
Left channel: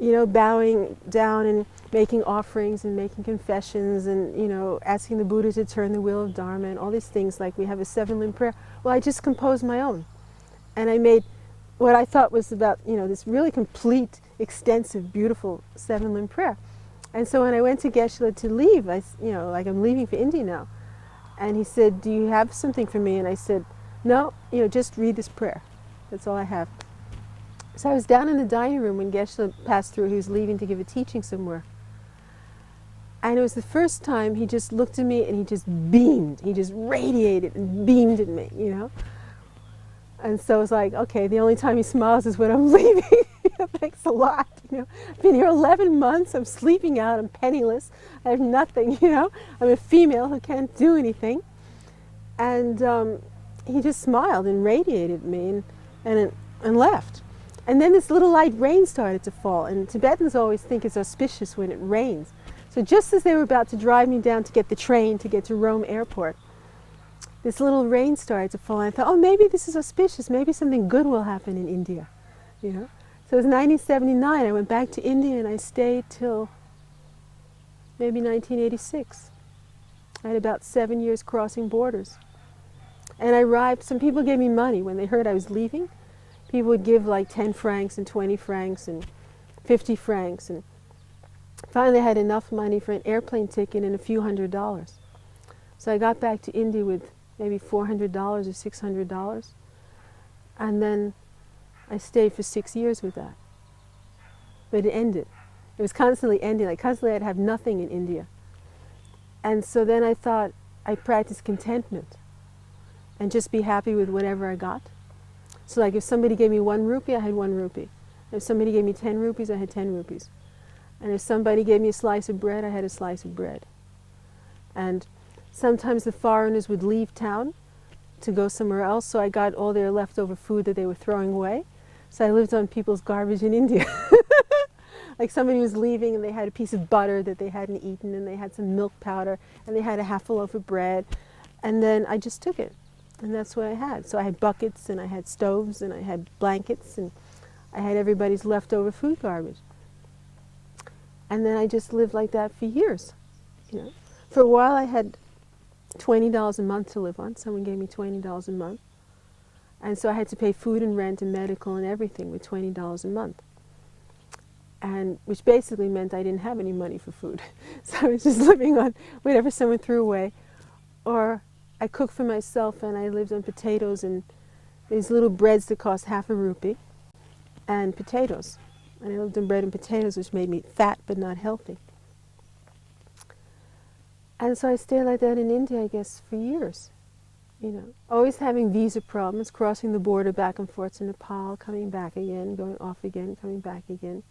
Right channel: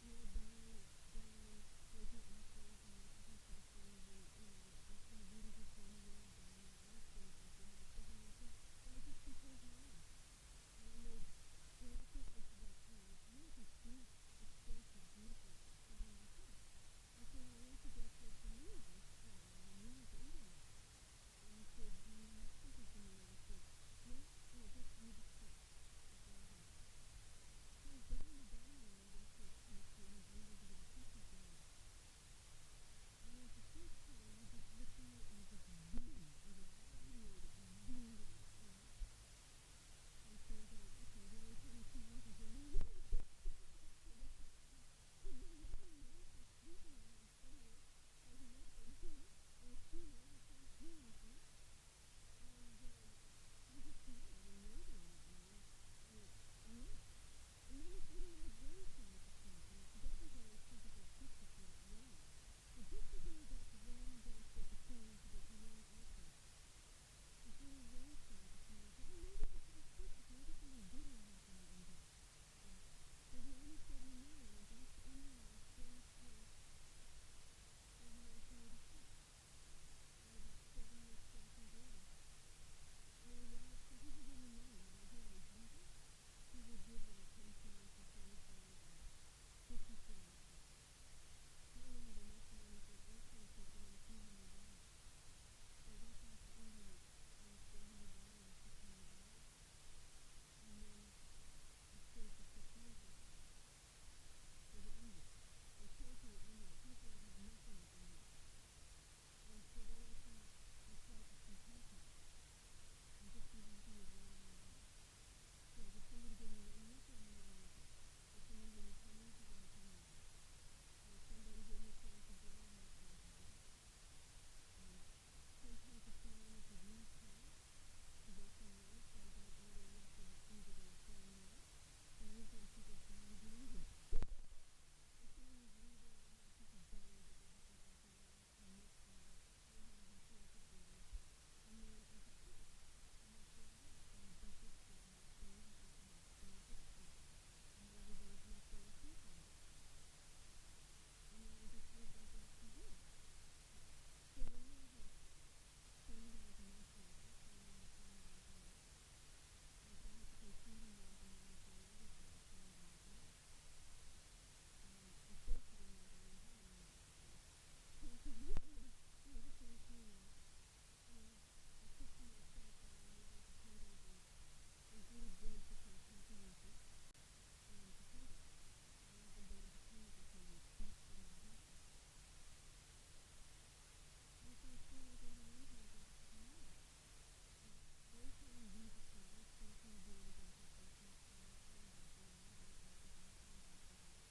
You know, bowing down and making offerings and making confessions and, you know, asking the Buddha to turn the wheel of Dharma and all these things, like we have a 7-limb prayer. Well, I just composed my own. And I made what I thought was about, you know, this really complete, extensive, beautiful 7-limb prayer. And so when I went to Geshe to leave, you know, like I'm leaving for India now. And he said, do you have something for me? And I said, no, you know, just read this prayer. That's all I have. So I was down in the dining room when Geshe passed through. He was leaving to give a teaching somewhere. And it was the first time he just looked at me and he just beamed. He just radiated and beamed at me, you know. And so I was like, okay, the only time he smiles is when I'm leaving. Thanks a lot. You know, I've been here 11 months. I'm sleeping out. I'm penniless. I have nothing, you know. I'm a female who can't do anything. And he just smiled and radiated at me. And and left. And then this little light rain started to fall, and Tibetans always think it's auspicious when it rains. So just as they were about to drive me down to get the train to get to Rome airport, this little rain started to fall, and I thought, oh, maybe this is auspicious, maybe something good will happen in India, you know. So it was 1979, I went back to India and I stayed till maybe 1986. I had about 7 years crossing borders. And I arrived, some people gave me money when they heard I was leaving. People would give like 10 francs and 20 francs and 50 francs. And finally I had enough money for an airplane ticket and a few $100s. So I got back to India with maybe $400 or $600. And then I stayed for 6 years with that. But it ended. It was constantly ending. Like constantly I'd have nothing in India. And so then I thought I'd practice contentment and just be happy with whatever I got. So like if somebody gave me 1 rupee, I had 1 rupee. If somebody gave me 10 rupees, I had 10 rupees. And if somebody gave me a slice of bread, I had a slice of bread. And sometimes the foreigners would leave town to go somewhere else, so I got all their leftover food that they were throwing away. So I lived on people's garbage in India. Like somebody was leaving and they had a piece of butter that they hadn't eaten, and they had some milk powder, and they had a half a loaf of bread, and then I just took it. And that's what I had. So I had buckets, and I had stoves, and I had blankets, and I had everybody's leftover food garbage. And then I just lived like that for years. You know, for a while I had $20 a month to live on. Someone gave me $20 a month. And so I had to pay food and rent and medical and everything with $20 a month. And which basically meant I didn't have any money for food. So I was just living on whatever someone threw away. Or I cooked for myself, and I lived on potatoes and these little breads that cost half a rupee, and potatoes. And I lived on bread and potatoes, which made me fat but not healthy. And so I stayed like that in India, I guess, for years. You know, always having visa problems, crossing the border back and forth to Nepal, coming back again, going off again, coming back again.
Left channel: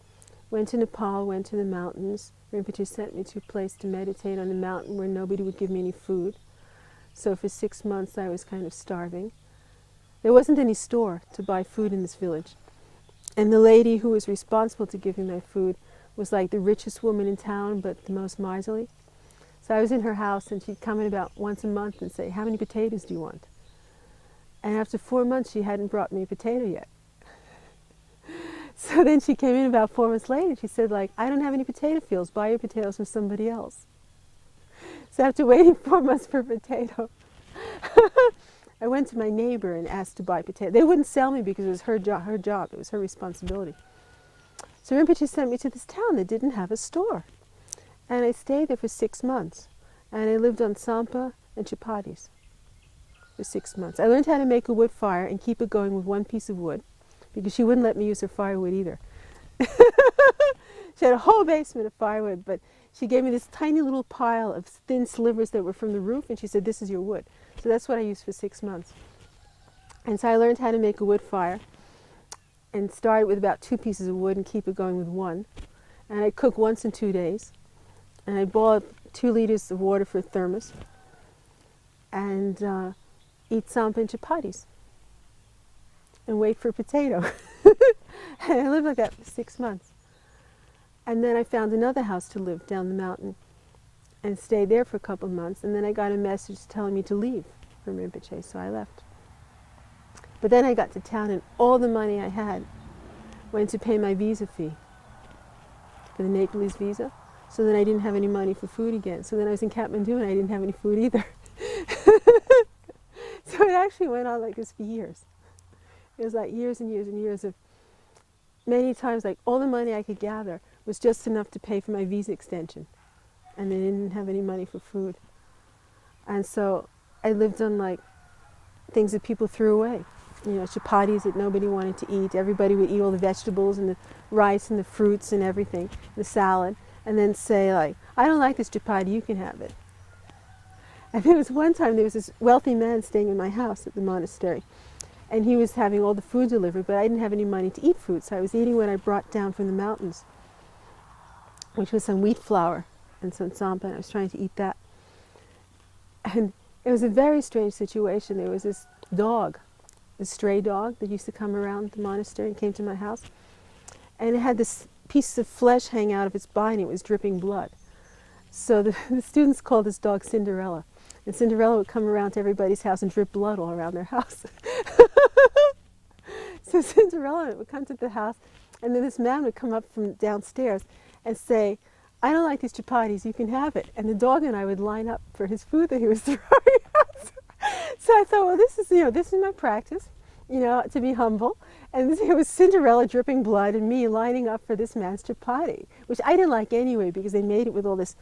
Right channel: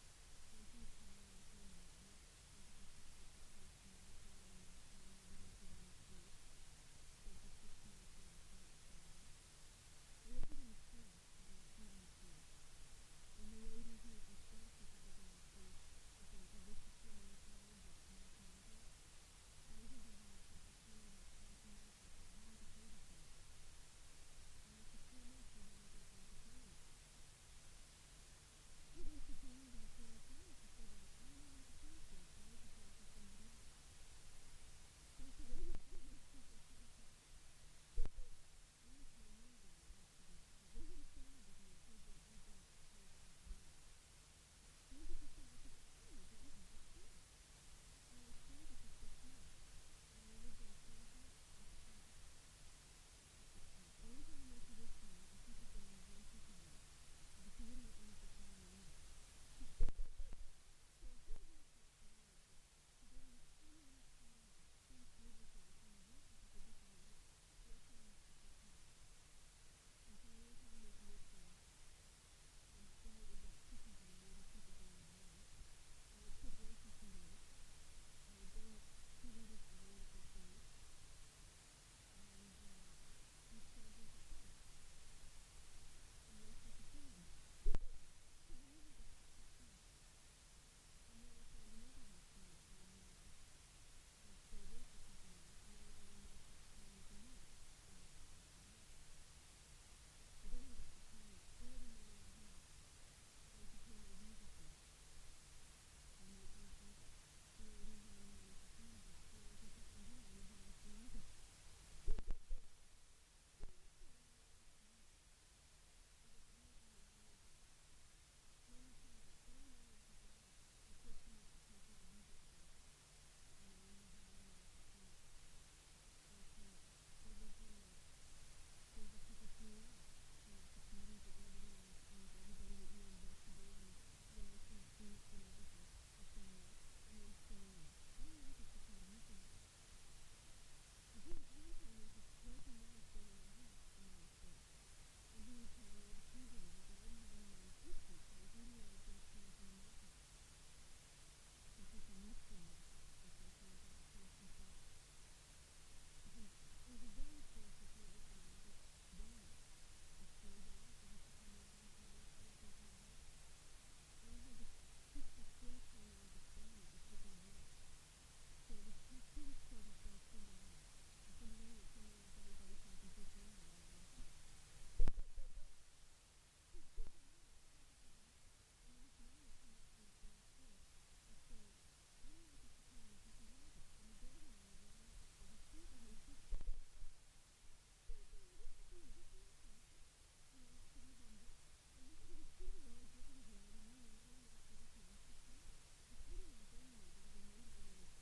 Went to Nepal, went to the mountains. Rinpoche sent me to a place to meditate on a mountain where nobody would give me any food. So for 6 months I was kind of starving. There wasn't any store to buy food in this village. And the lady who was responsible to give me my food was like the richest woman in town, but the most miserly. So I was in her house, and she'd come in about once a month and say, how many potatoes do you want? And after 4 months, she hadn't brought me a potato yet. So then she came in about 4 months later. She said, like, I don't have any potato fields. Buy your potatoes from somebody else. So after waiting 4 months for a potato, I went to my neighbor and asked to buy potatoes. They wouldn't sell me because it was her job. It was her responsibility. So Rinpoche sent me to this town that didn't have a store. And I stayed there for 6 months. And I lived on sampa and chapatis for 6 months. I learned how to make a wood fire and keep it going with 1 piece of wood, because she wouldn't let me use her firewood either. She had a whole basement of firewood, but she gave me this tiny little pile of thin slivers that were from the roof, and she said, this is your wood. So that's what I used for 6 months. And so I learned how to make a wood fire and started with about 2 pieces of wood and keep it going with 1. And I cook once in 2 days. And I boil 2 liters of water for a thermos and eat sampa and chapatis and wait for a potato. And I lived like that for 6 months. And then I found another house to live down the mountain and stayed there for a couple of months. And then I got a message telling me to leave from Rinpoche, so I left. But then I got to town, and all the money I had went to pay my visa fee for the Nepalese visa. So then I didn't have any money for food again. So then I was in Kathmandu and I didn't have any food either. So it actually went on like this for years. It was like years and years and years of, many times, like all the money I could gather was just enough to pay for my visa extension. And then I didn't have any money for food. And so I lived on like things that people threw away. You know, chapatis that nobody wanted to eat. Everybody would eat all the vegetables and the rice and the fruits and everything, the salad. And then say, like, I don't like this chapati, you can have it. And there was one time, there was this wealthy man staying in my house at the monastery. And he was having all the food delivered, but I didn't have any money to eat food. So I was eating what I brought down from the mountains, which was some wheat flour and some sampa, and I was trying to eat that. And it was a very strange situation. There was this dog stray dog that used to come around the monastery and came to my house. And it had this piece of flesh hang out of its body, and it was dripping blood. So the students called this dog Cinderella. And Cinderella would come around to everybody's house and drip blood all around their house. So Cinderella would come to the house, and then this man would come up from downstairs and say, "I don't like these chapatis, you can have it." And the dog and I would line up for his food that he was throwing out. So I thought, well, this is my practice, to be humble. And it was Cinderella dripping blood and me lining up for this man's chapati, which I didn't like anyway because they made it with all this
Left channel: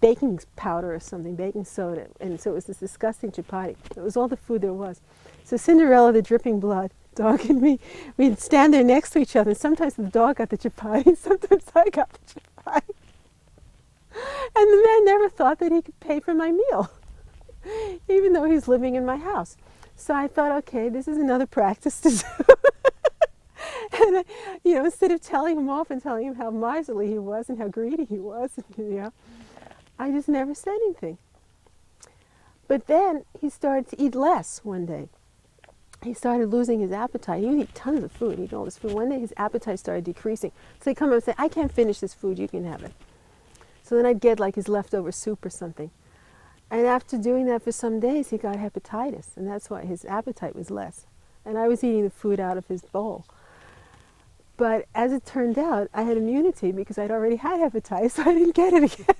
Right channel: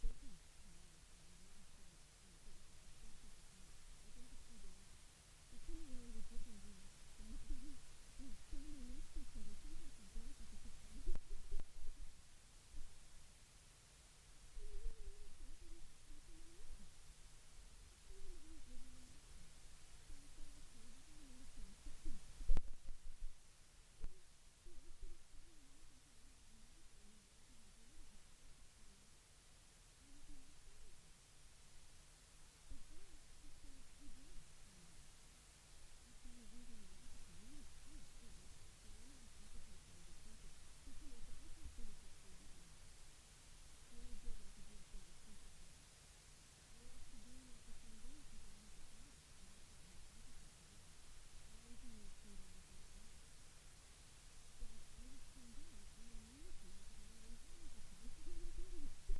baking powder or something, baking soda. And so it was this disgusting chapati. It was all the food there was. So Cinderella, the dripping blood, dog and me, we'd stand there next to each other. And sometimes the dog got the chapati, sometimes I got the chapati. And the man never thought that he could pay for my meal, even though he's living in my house. So I thought, okay, this is another practice to do. And instead of telling him off and telling him how miserly he was and how greedy he was, I just never said anything. But then he started to eat less one day. He started losing his appetite. He would eat tons of food, eat all this food. One day his appetite started decreasing. So he'd come up and say, "I can't finish this food, you can have it." So then I'd get like his leftover soup or something. And after doing that for some days, he got hepatitis, and that's why his appetite was less. And I was eating the food out of his bowl. But as it turned out, I had immunity because I'd already had hepatitis, so I didn't get it again.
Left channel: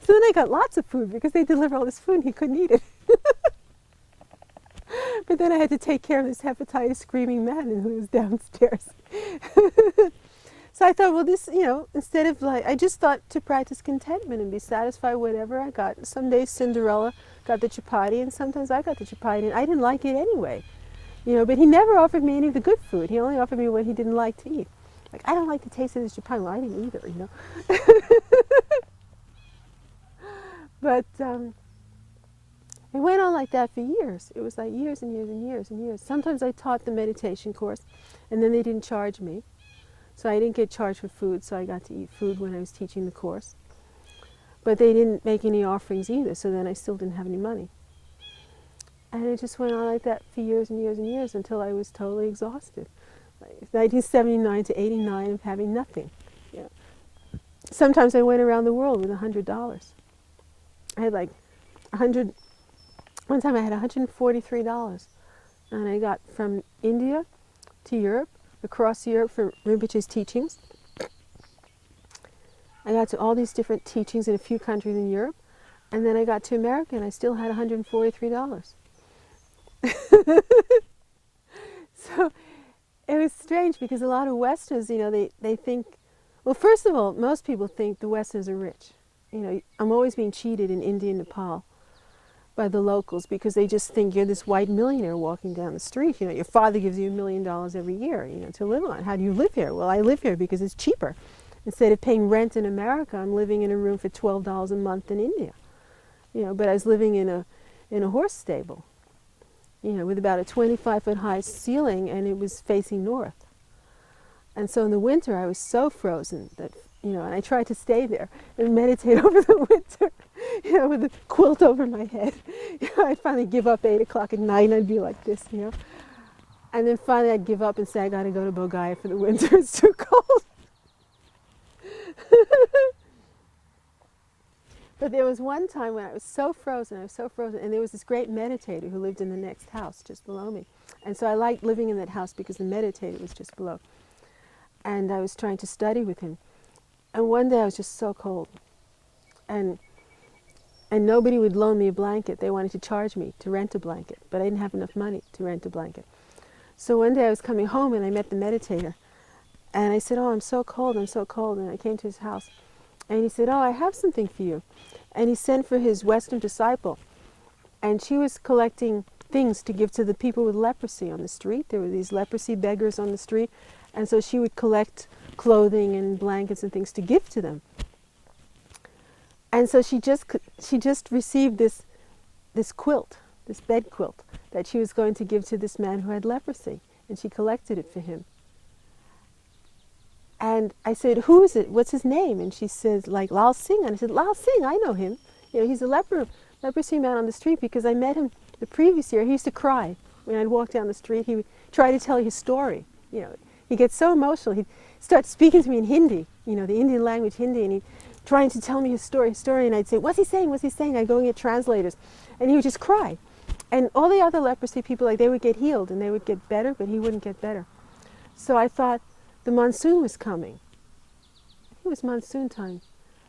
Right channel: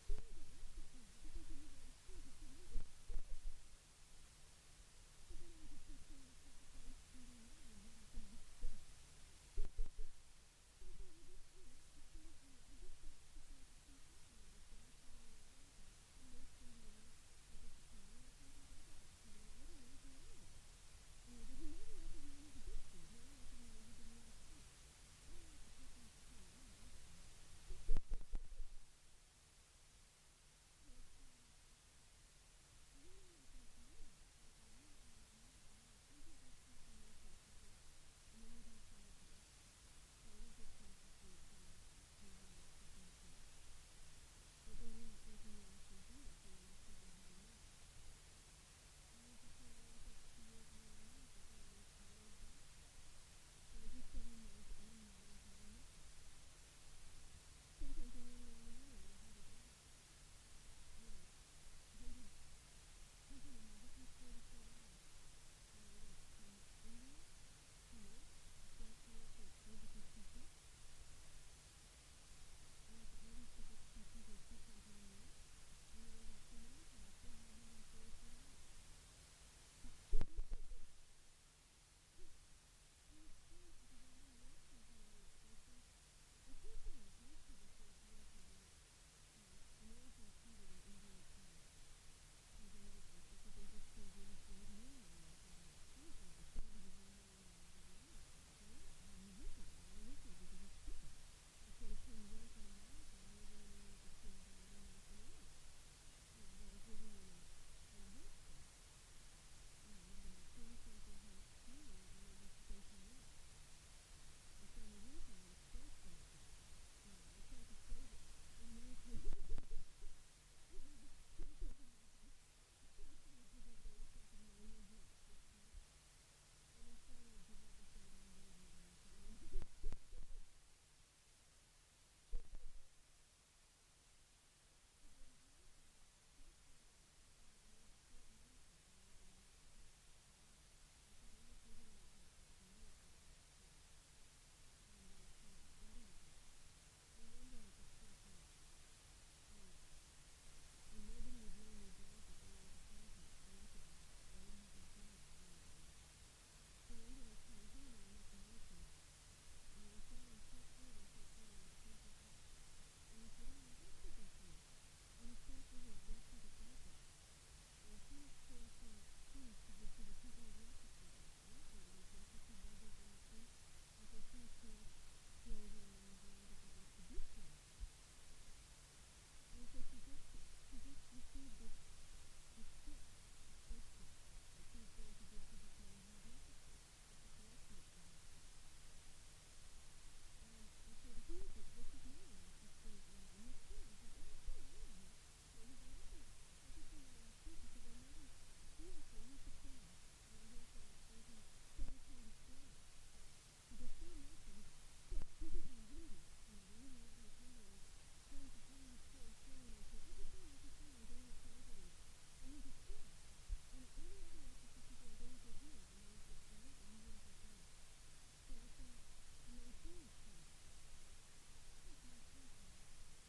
So then I got lots of food because they delivered all this food and he couldn't eat it. But then I had to take care of this hepatitis screaming man who was downstairs. So I thought, well, this, instead of I just thought to practice contentment and be satisfied with whatever I got. Some days Cinderella got the chapati and sometimes I got the chapati and I didn't like it anyway. But he never offered me any of the good food. He only offered me what he didn't like to eat. Like, I don't like the taste of this chapati. Well, I didn't either, But it went on like that for years. It was like years and years and years and years. Sometimes I taught the meditation course, and then they didn't charge me. So I didn't get charged for food, so I got to eat food when I was teaching the course. But they didn't make any offerings either, so then I still didn't have any money. And it just went on like that for years and years and years until I was totally exhausted. 1979 to 89 of having nothing. Sometimes I went around the world with $100. I had like one time I had $143. And I got from India to Europe, across Europe for Rinpoche's teachings. I got to all these different teachings in a few countries in Europe. And then I got to America and I still had $143. So it was strange because a lot of Westerners, they think, well, first of all, most people think the Westerners are rich. I'm always being cheated in India and Nepal by the locals because they just think you're this white millionaire walking down the street. Your father gives you $1 million every year, to live on. How do you live here? Well, I live here because it's cheaper. Instead of paying rent in America, I'm living in a room for $12 a month in India. But I was living in a horse stable, with about a 25-foot high ceiling, and it was facing north. And so in the winter, I was so frozen that, and I tried to stay there and meditate over the winter, with a quilt over my head. I'd finally give up 8 o'clock at night, and I'd be like this, And then finally I'd give up and say, I got to go to Bodhgaya for the winter. It's too cold. But there was one time when I was so frozen, and there was this great meditator who lived in the next house just below me. And so I liked living in that house because the meditator was just below. And I was trying to study with him. And one day I was just so cold. And nobody would loan me a blanket. They wanted to charge me to rent a blanket, but I didn't have enough money to rent a blanket. So one day I was coming home and I met the meditator. And I said, "Oh, I'm so cold. And I came to his house. And he said, "Oh, I have something for you." And he sent for his Western disciple. And she was collecting things to give to the people with leprosy on the street. There were these leprosy beggars on the street. And so she would collect clothing and blankets and things to give to them. And so she just received this quilt, this bed quilt, that she was going to give to this man who had leprosy. And she collected it for him. And I said, "Who is it? What's his name?" And she says, like, "Lal Singh." And I said, "Lal Singh, I know him. He's a leprosy man on the street because I met him the previous year. He used to cry When I'd walk down the street, he would try to tell his story. You know, he gets so emotional. He'd start speaking to me in Hindi, you know, the Indian language, Hindi, and he'd trying to tell me his story, and I'd say, what's he saying, what's he saying? I'd go and get translators, and he would just cry. And all the other leprosy people, like, they would get healed, and they would get better, but he wouldn't get better. So I thought the monsoon was coming. It was monsoon time.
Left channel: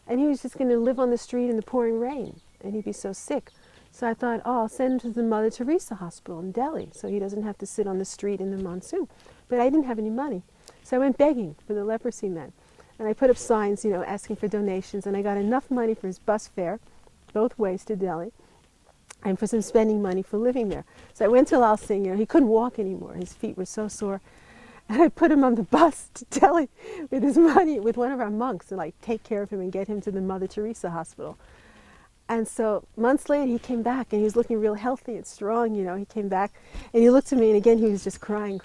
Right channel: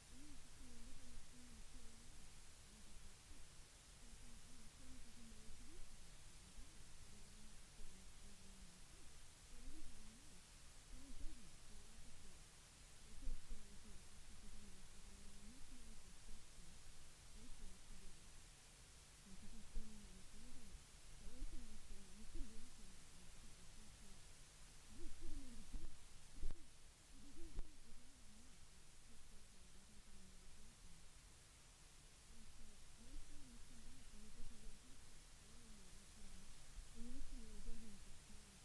And he was just going to live on the street in the pouring rain, and he'd be so sick. So I thought, oh, I'll send him to the Mother Teresa Hospital in Delhi, so he doesn't have to sit on the street in the monsoon. But I didn't have any money. So I went begging for the leprosy man. And I put up signs, you know, asking for donations, and I got enough money for his bus fare, both ways to Delhi, and for some spending money for living there. So I went to Lal Singh, you know, he couldn't walk anymore. His feet were so sore. And I put him on the bus to Delhi with his money, with one of our monks, to like take care of him and get him to the Mother Teresa Hospital. And so months later he came back, and he was looking real healthy and strong, you know. He came back and he looked at me, and again he was just crying.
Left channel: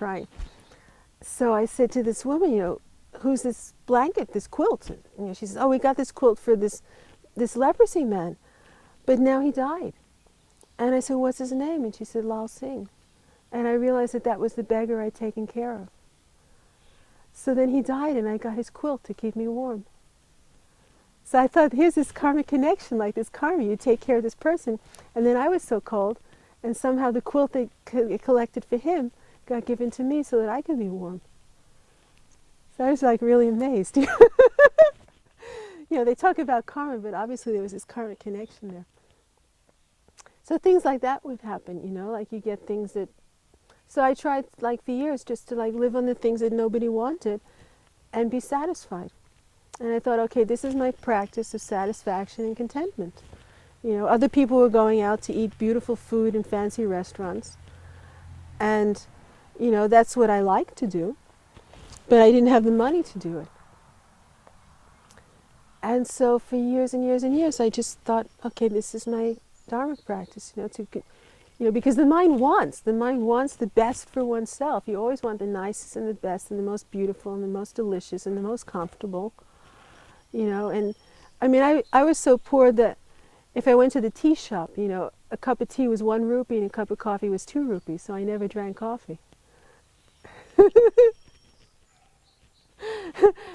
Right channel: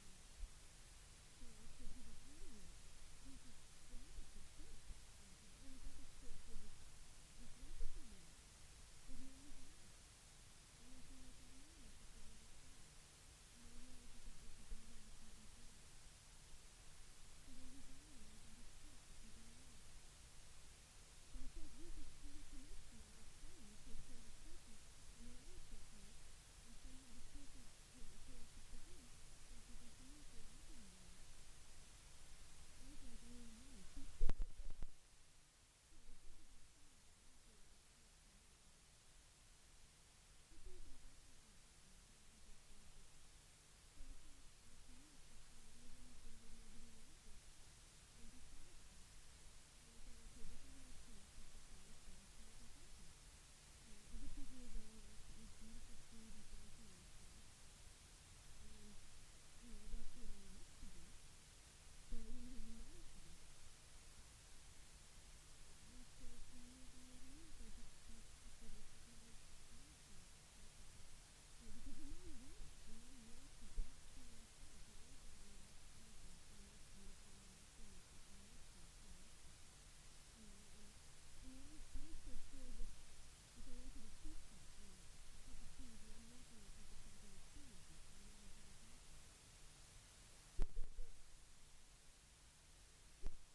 So I said to this woman, you know, who's this blanket, this quilt? And, you know, she says, oh, we got this quilt for this leprosy man, but now he died. And I said, what's his name? And she said, Lal Singh. And I realized that that was the beggar I'd taken care of. So then he died, and I got his quilt to keep me warm. So I thought, here's this karmic connection, like this karma. You take care of this person, and then I was so cold, and somehow the quilt they collected for him got given to me so that I could be warm. So I was like really amazed. You know, they talk about karma, but obviously there was this karmic connection there. So things like that would happen, you know, like you get things that... So I tried, like, for years just to, like, live on the things that nobody wanted and be satisfied. And I thought, okay, this is my practice of satisfaction and contentment. You know, other people were going out to eat beautiful food in fancy restaurants. And, you know, that's what I like to do. But I didn't have the money to do it. And so for years and years and years, I just thought, okay, this is my Dharma practice, you know, because the mind wants the best for oneself. You always want the nicest and the best and the most beautiful and the most delicious and the most comfortable, you know. And I mean, I was so poor that if I went to the tea shop, you know, a cup of tea was 1 rupee and a cup of coffee was 2 rupees, so I never drank coffee.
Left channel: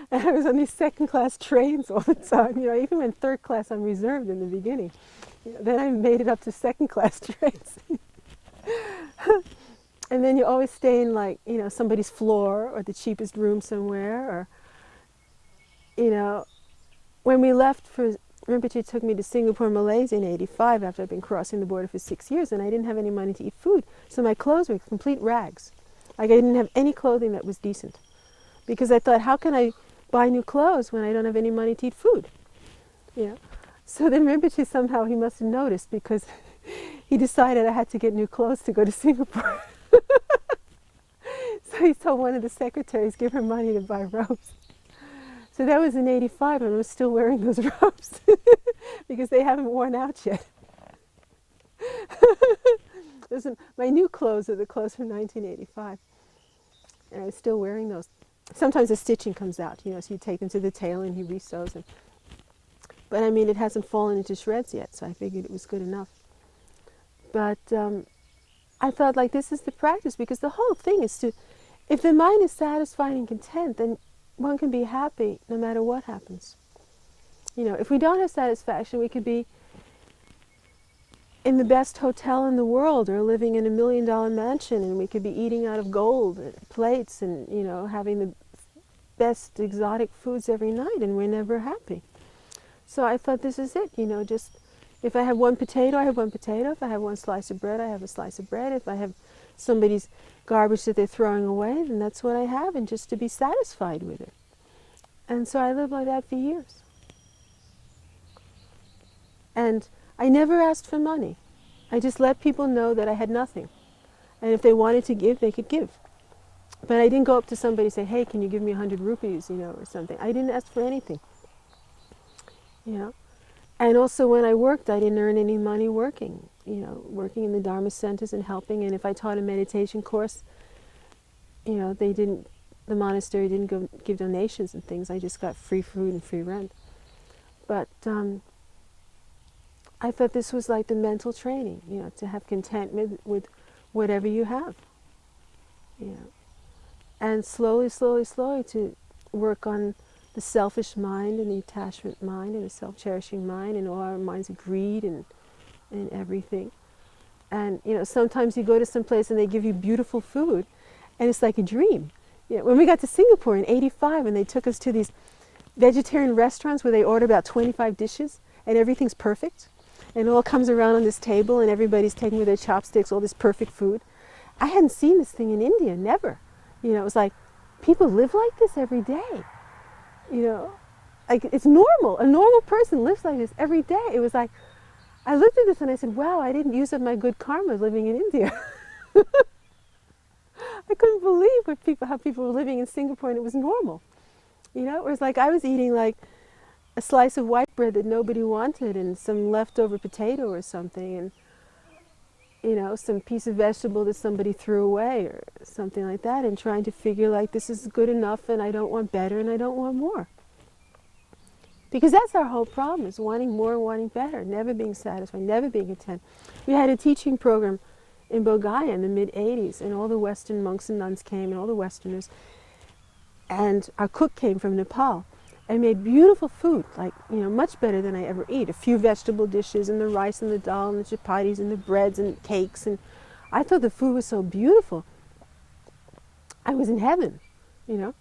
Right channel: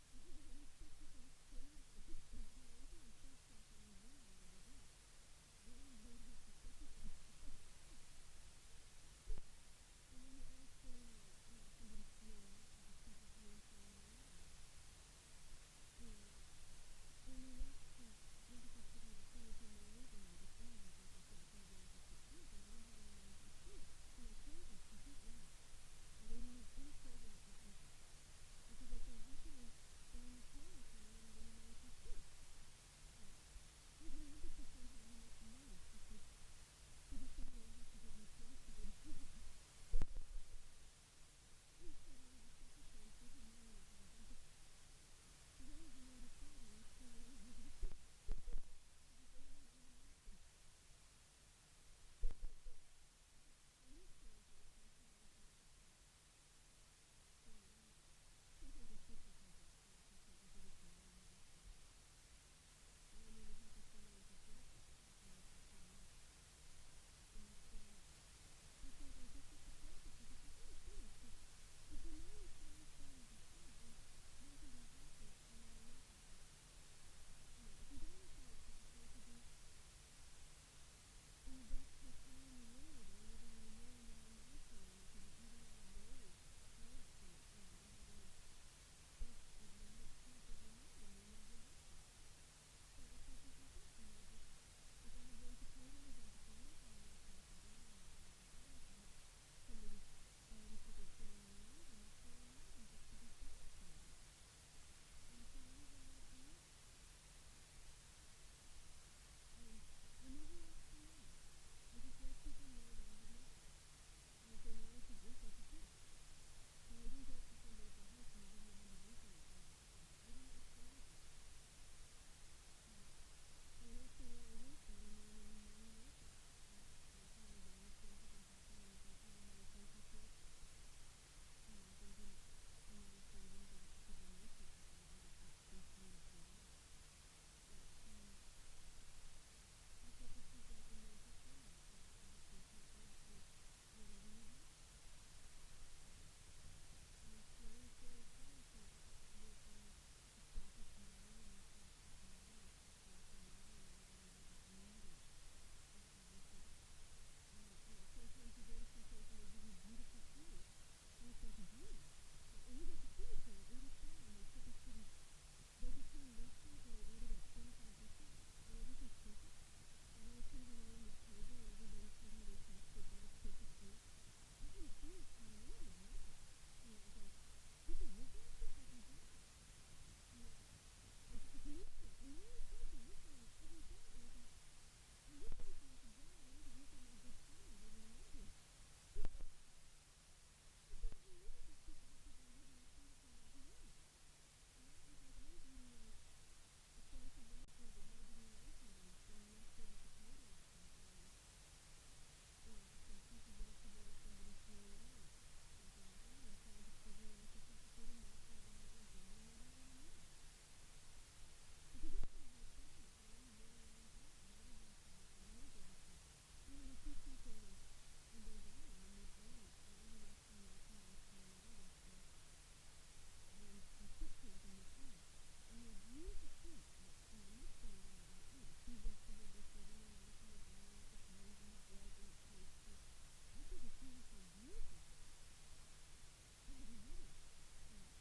And I was on these second-class trains all the time, you know. I even went third class on reserved in the beginning. You know, then I made it up to second-class trains. And then you always stay in, like, you know, somebody's floor or the cheapest room somewhere, or, you know, when we left for, Rinpoche took me to Singapore, Malaysia in '85 after I'd been crossing the border for 6 years, and I didn't have any money to eat food. So my clothes were complete rags. Like, I didn't have any clothing that was decent. Because I thought, how can I buy new clothes when I don't have any money to eat food? You know? So then Rinpoche somehow, he must have noticed, because he decided I had to get new clothes to go to Singapore. So he told one of the secretaries, give her money to buy robes. So that was in '85, and I was still wearing those robes because they haven't worn out yet. My new clothes are the clothes from 1985, and I was still wearing those. Sometimes the stitching comes out, you know, so you take them to the tailor and he resews them. But I mean, it hasn't fallen into shreds yet, so I figured it was good enough. But I thought, like, this is the practice, because the whole thing is to, if the mind is satisfied and content, then one can be happy no matter what happens. You know, if we don't have satisfaction, we could be in the best hotel in the world or living in $1 million mansion, and we could be eating out of gold plates and, you know, having the best exotic foods every night, and we're never happy. So I thought, this is it, you know, just if I have 1 potato, I have 1 potato. If I have 1 slice of bread, I have a slice of bread. If I have somebody's garbage that they're throwing away, then that's what I have, and just to be satisfied with it. And so I lived like that for years. And I never asked for money. I just let people know that I had nothing. And if they wanted to give, they could give. But I didn't go up to somebody and say, hey, can you give me 100 rupees, you know, or something. I didn't ask for anything, you know. And also when I worked, I didn't earn any money working, you know, working in the Dharma centers and helping. And if I taught a meditation course, you know, the monastery didn't give donations and things. I just got free food and free rent. But I thought this was like the mental training, you know, to have contentment with whatever you have, you know. And slowly, slowly, slowly to work on the selfish mind and the attachment mind and the self-cherishing mind and all our minds of greed and everything. And, you know, sometimes you go to some place and they give you beautiful food and it's like a dream. You know, when we got to Singapore in '85 and they took us to these vegetarian restaurants where they order about 25 dishes and everything's perfect and it all comes around on this table and everybody's taking with their chopsticks all this perfect food. I hadn't seen this thing in India, never. You know, it was like, people live like this every day. You know, like it's normal. A normal person lives like this every day. It was like, I looked at this and I said, wow, I didn't use up my good karma living in India. I couldn't believe how people were living in Singapore and it was normal. You know, it was like I was eating like a slice of white bread that nobody wanted and some leftover potato or something and, you know, some piece of vegetable that somebody threw away or something like that, and trying to figure like this is good enough and I don't want better and I don't want more. Because that's our whole problem, is wanting more and wanting better, never being satisfied, never being content. We had a teaching program in Bodh in the mid-'80s and all the Western monks and nuns came and all the Westerners, and our cook came from Nepal and made beautiful food, like, you know, much better than I ever eat. A few vegetable dishes and the rice and the dal and the chapatis and the breads and cakes, and I thought the food was so beautiful. I was in heaven, you know.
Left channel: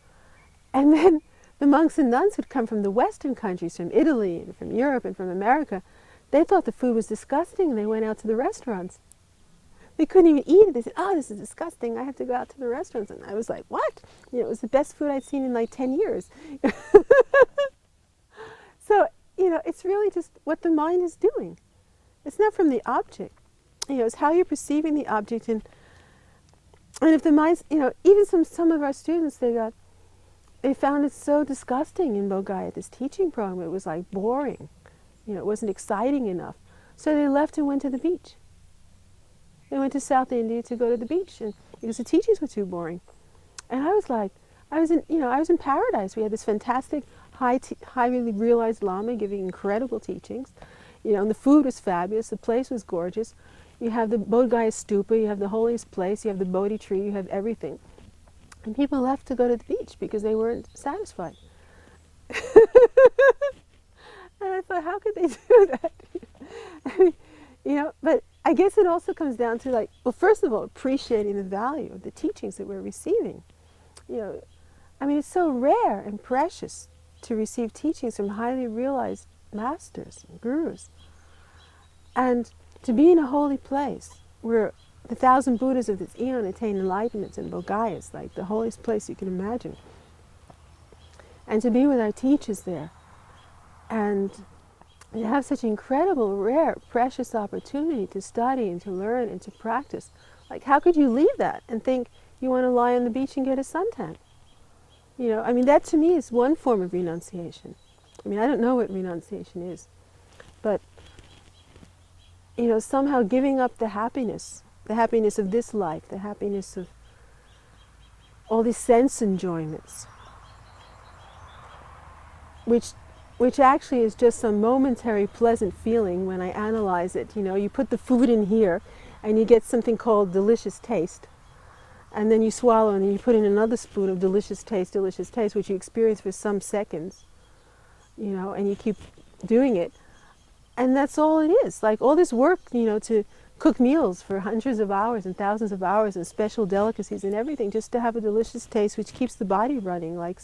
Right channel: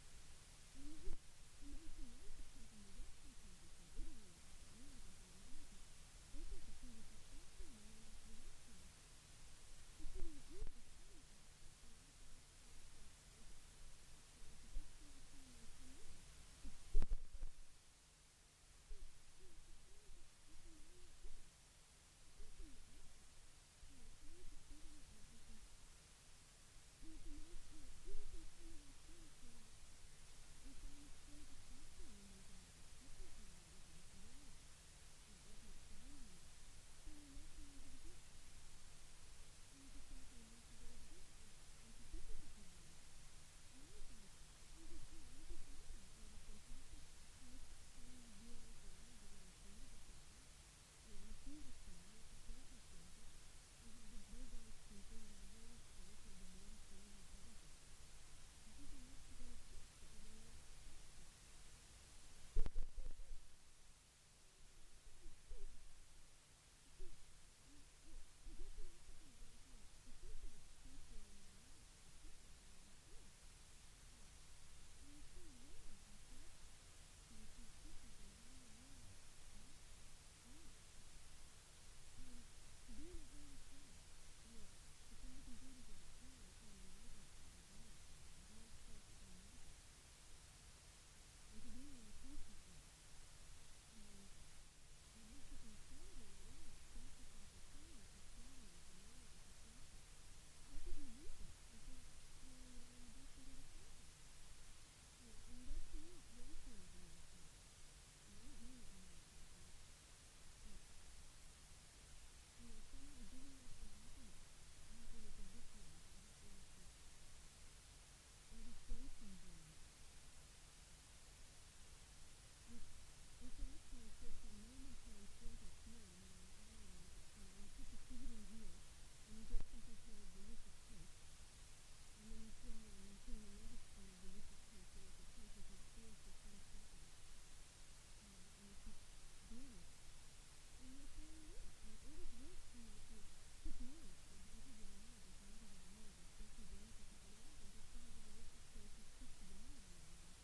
And then the monks and nuns who'd come from the Western countries, from Italy and from Europe and from America, they thought the food was disgusting and they went out to the restaurants. They couldn't even eat it. They said, oh, this is disgusting. I have to go out to the restaurants. And I was like, what? You know, it was the best food I'd seen in like 10 years. So, you know, it's really just what the mind is doing. It's not from the object. You know, it's how you're perceiving the object. And if the mind's, you know, even some of our students, they found it so disgusting in Bodh at this teaching program. It was like boring. You know, it wasn't exciting enough. So they left and went to the beach. They went to South India to go to the beach, and because the teachings were too boring. And I was like, I was in paradise. We had this fantastic, highly realized Lama giving incredible teachings. You know, and the food was fabulous. The place was gorgeous. You have the Bodh Gaya Stupa. You have the holiest place. You have the Bodhi tree. You have everything. And people left to go to the beach because they weren't satisfied. And I thought, how could they do that? I mean, you know, but I guess it also comes down to, like, well, first of all, appreciating the value of the teachings that we're receiving. You know, I mean, it's so rare and precious to receive teachings from highly realized masters and gurus. And to be in a holy place where the 1,000 Buddhas of this eon attain enlightenment and Bodh Gaya is like the holiest place you can imagine. And to be with our teachers there and you have such incredible, rare, precious opportunity to study and to learn and to practice. Like, how could you leave that and think you want to lie on the beach and get a suntan? You know, I mean, that to me is one form of renunciation. I mean, I don't know what renunciation is, but, you know, somehow giving up the happiness of this life, the happiness of all these sense enjoyments, which actually is just some momentary pleasant feeling when I analyze it. You know, you put the food in here and you get something called delicious taste. And then you swallow and you put in another spoon of delicious taste, which you experience for some seconds. You know, and you keep doing it. And that's all it is. Like all this work, you know, to cook meals for hundreds of hours and thousands of hours and special delicacies and everything just to have a delicious taste which keeps the body running like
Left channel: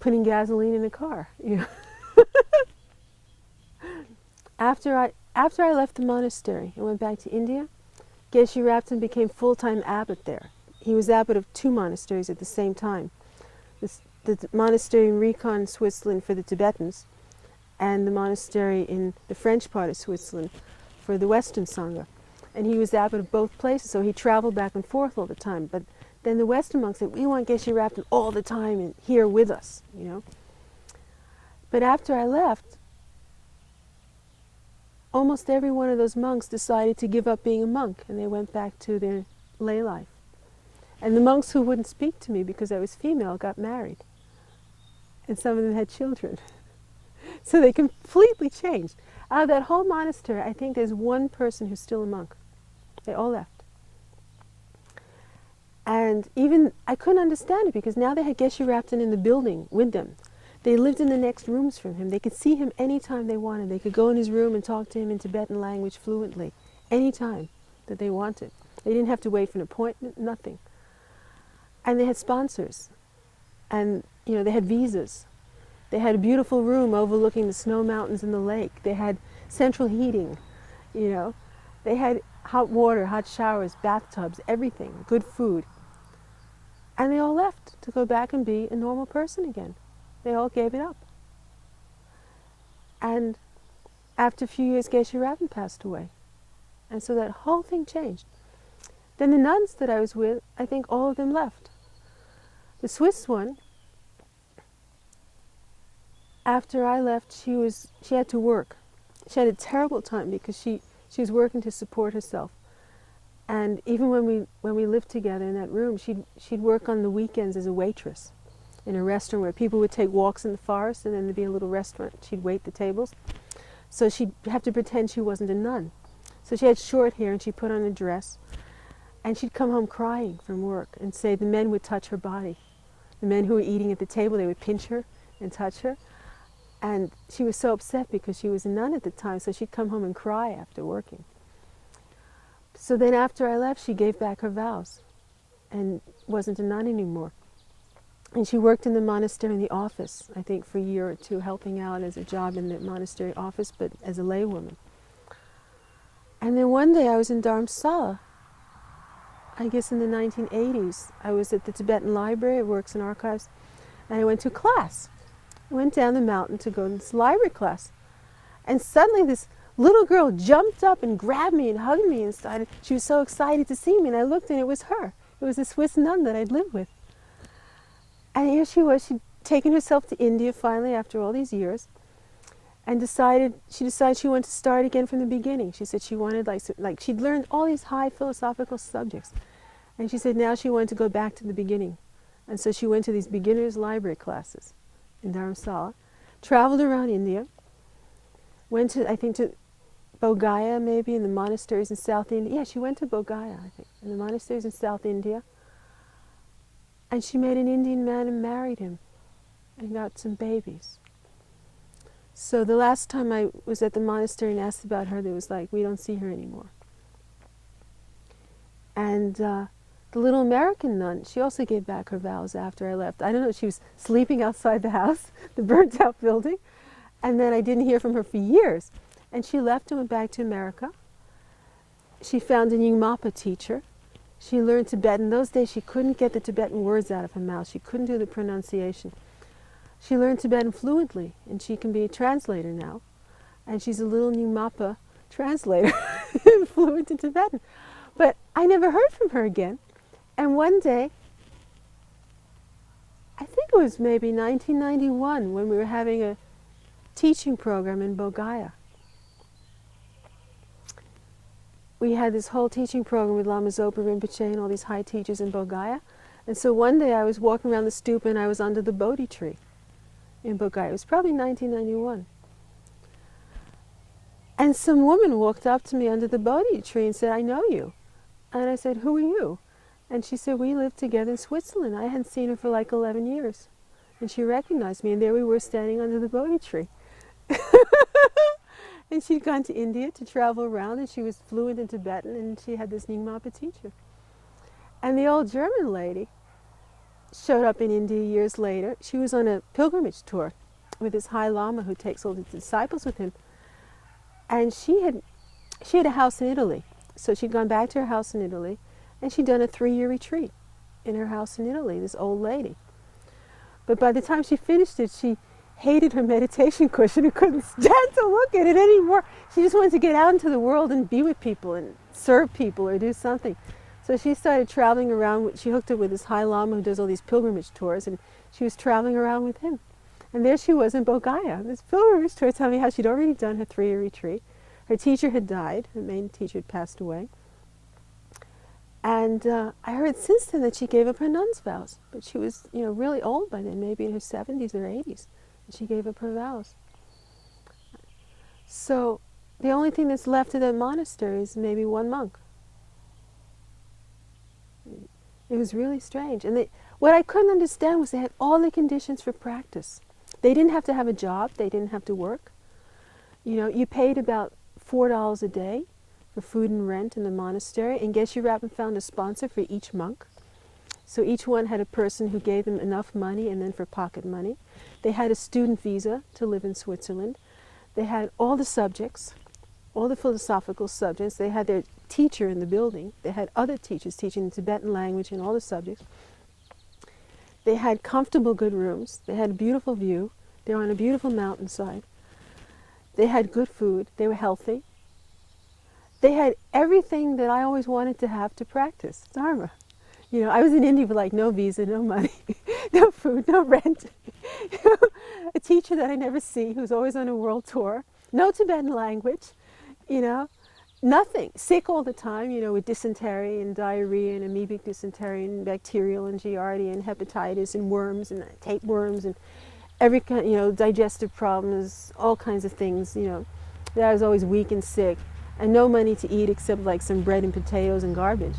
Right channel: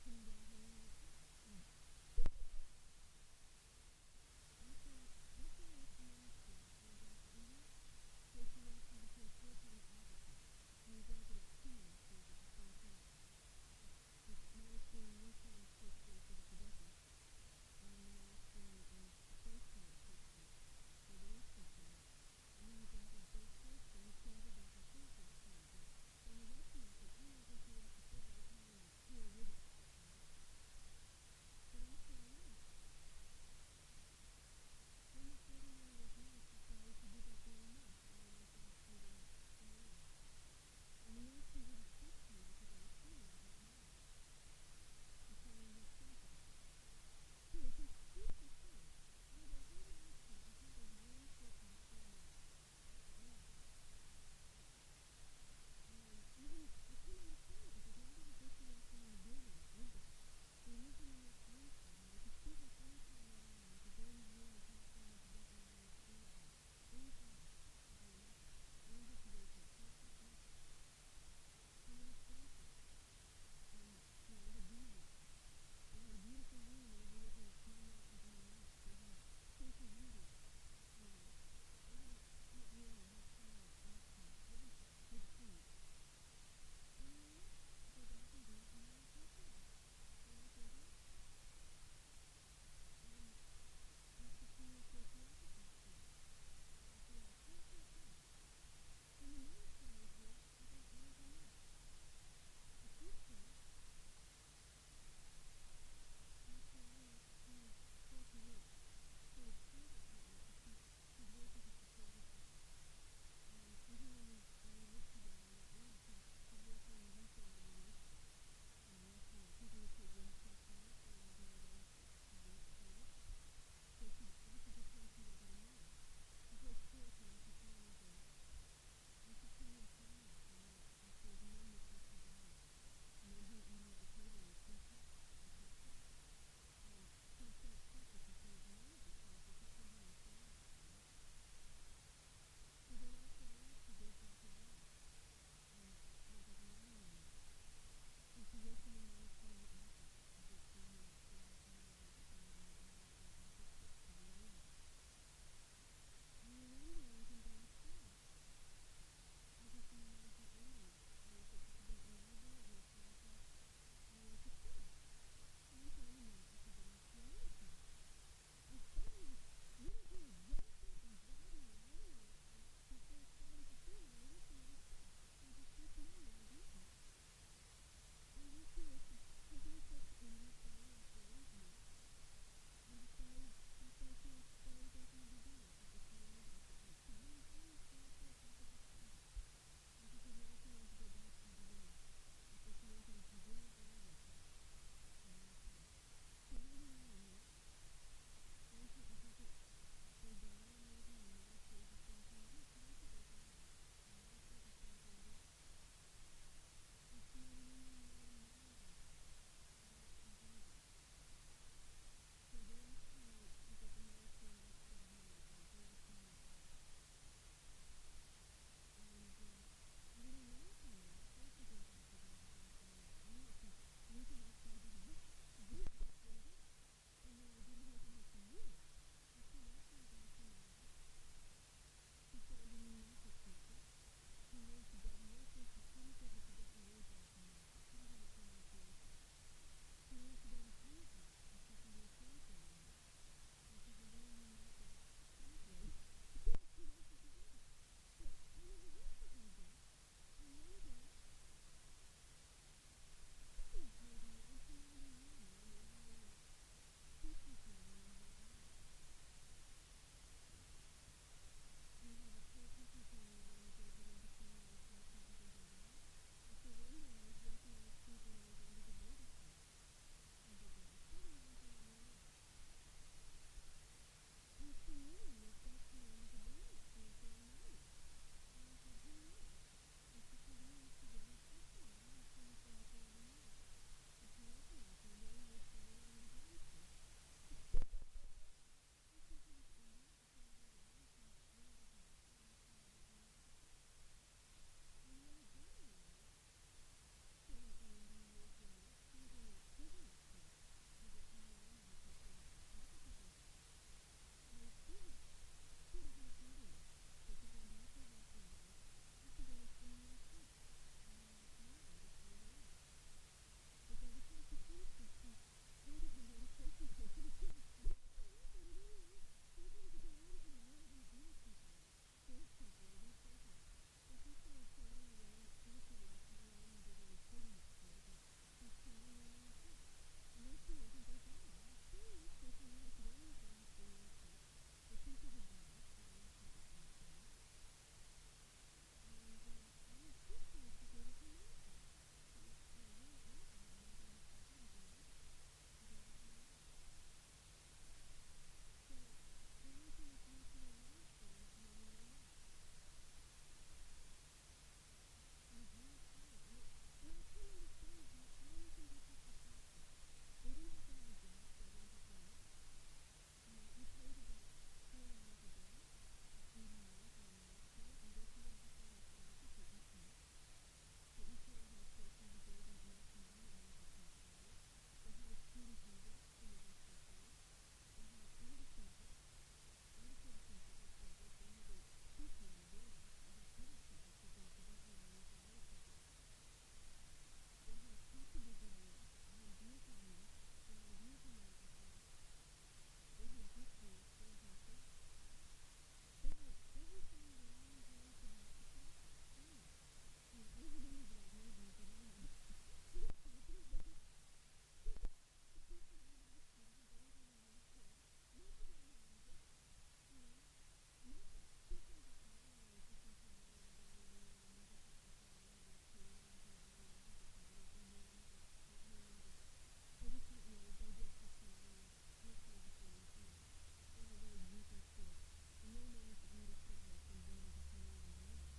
putting gasoline in a car, you know. After I left the monastery and went back to India, Geshe Rapton became full-time abbot there. He was abbot of 2 monasteries at the same time. The monastery in Recon, Switzerland for the Tibetans, and the monastery in the French part of Switzerland for the Western Sangha. And he was abbot of both places, so he traveled back and forth all the time. But then the Western monks said, we want Geshe Rapton all the time and here with us, you know. But after I left, almost every one of those monks decided to give up being a monk, and they went back to their lay life. And the monks who wouldn't speak to me because I was female got married. And some of them had children. So they completely changed. Out of that whole monastery, I think there's one person who's still a monk. They all left. And even, I couldn't understand it because now they had Geshe Rabten in the building with them. They lived in the next rooms from him. They could see him anytime they wanted. They could go in his room and talk to him in Tibetan language fluently, anytime that they wanted. They didn't have to wait for an appointment, nothing. And they had sponsors. And, they had visas. They had a beautiful room overlooking the snow mountains and the lake. They had central heating, They had hot water, hot showers, bathtubs, everything, good food. And they all left to go back and be a normal person again. They all gave it up. And after a few years, Geshe Rabten passed away. And so that whole thing changed. Then the nuns that I was with, I think all of them left. The Swiss one, after I left, she had to work. She had a terrible time because she was working to support herself. And even when we lived together in that room, she'd work on the weekends as a waitress in a restaurant where people would take walks in the forest, and then there'd be a little restaurant. She'd wait the tables. So she'd have to pretend she wasn't a nun. So she had short hair and she put on a dress. And she'd come home crying from work and say the men would touch her body. The men who were eating at the table, they would pinch her and touch her. And she was so upset because she was a nun at the time, so she'd come home and cry after working. So then after I left, she gave back her vows and wasn't a nun anymore. And she worked in the monastery in the office, I think for a year or two, helping out as a job in the monastery office, but as a laywoman. And then one day I was in Dharamsala, I guess in the 1980s. I was at the Tibetan Library, it works in archives, and I went to class. I went down the mountain to go to this library class. And suddenly this little girl jumped up and grabbed me and hugged me and she was so excited to see me, and I looked and it was her. It was a Swiss nun that I'd lived with. And here she was, she'd taken herself to India finally after all these years, and she decided she wanted to start again from the beginning. She said she wanted, like she'd learned all these high philosophical subjects, and she said now she wanted to go back to the beginning. And so she went to these beginners' library classes in Dharamsala, traveled around India, went to, I think, to Bodh maybe, in the monasteries in South India. Yeah, she went to Bodh I think, in the monasteries in South India. And she met an Indian man and married him and got some babies. So the last time I was at the monastery and asked about her, they was like, we don't see her anymore. And the little American nun, she also gave back her vows after I left. I don't know, she was sleeping outside the house, the burnt out building, and then I didn't hear from her for years. And she left and went back to America. She found a Nyingmapa teacher. She learned Tibetan. In those days she couldn't get the Tibetan words out of her mouth. She couldn't do the pronunciation. She learned Tibetan fluently, and she can be a translator now. And she's a little Nyingmapa translator, fluent in Tibetan. But I never heard from her again. And one day, I think it was maybe 1991, when we were having a teaching program in Bodh we had this whole teaching program with Lama Zopa Rinpoche and all these high teachers in Bodh. And so one day I was walking around the stupa and I was under the Bodhi tree in Bodh. It was probably 1991. And some woman walked up to me under the Bodhi tree and said, I know you. And I said, who are you? And she said, we lived together in Switzerland. I hadn't seen her for like 11 years. And she recognized me, and there we were standing under the Bodhi tree. And she'd gone to India to travel around, and she was fluent in Tibetan, and she had this Nyingmapa teacher. And the old German lady showed up in India years later. She was on a pilgrimage tour with this High Lama who takes all the disciples with him. And she had a house in Italy. So she'd gone back to her house in Italy, and she'd done a 3-year retreat in her house in Italy, this old lady. But by the time she finished it, she hated her meditation cushion and couldn't stand to look at it anymore. She just wanted to get out into the world and be with people and serve people or do something. So she started traveling around. She hooked up with this High Lama who does all these pilgrimage tours, and she was traveling around with him. And there she was in Bodh, this pilgrimage tour, telling me how she'd already done her 3-year retreat. Her teacher had died. Her main teacher had passed away. And I heard since then that she gave up her nun's vows. But she was, really old by then, maybe in her 70s or 80s. And she gave up her vows. So the only thing that's left of that monastery is maybe one monk. It was really strange. And what I couldn't understand was they had all the conditions for practice. They didn't have to have a job. They didn't have to work. You know, you paid about $4 a day for food and rent in the monastery, and Geshe-Rabben found a sponsor for each monk. So each one had a person who gave them enough money and then for pocket money. They had a student visa to live in Switzerland. They had all the subjects, all the philosophical subjects. They had their teacher in the building. They had other teachers teaching the Tibetan language and all the subjects. They had comfortable, good rooms. They had a beautiful view. They were on a beautiful mountainside. They had good food. They were healthy. They had everything that I always wanted to have to practice Dharma. You know, I was in India with like no visa, no money, no food, no rent. You know, a teacher that I never see who's always on a world tour. No Tibetan language, you know, nothing. Sick all the time, you know, with dysentery and diarrhea and amoebic dysentery and bacterial and giardia and hepatitis and worms and tapeworms and every kind, you know, digestive problems, all kinds of things, you know. That I was always weak and sick and no money to eat except like some bread and potatoes and garbage.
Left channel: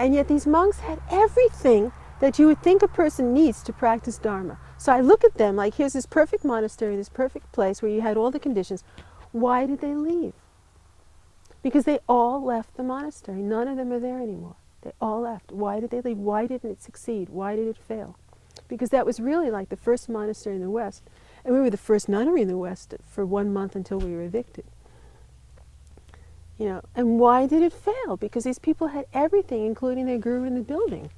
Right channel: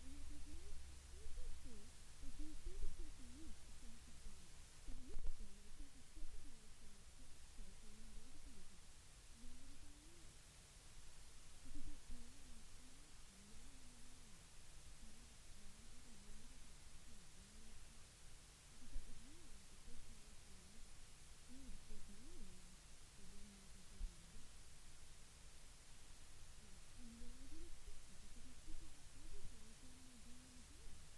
And yet these monks had everything that you would think a person needs to practice Dharma. So I look at them like, here's this perfect monastery, this perfect place where you had all the conditions. Why did they leave? Because they all left the monastery. None of them are there anymore. They all left. Why did they leave? Why didn't it succeed? Why did it fail? Because that was really like the first monastery in the West. And we were the first nunnery in the West for 1 month until we were evicted. You know, and why did it fail? Because these people had everything, including their guru in the building.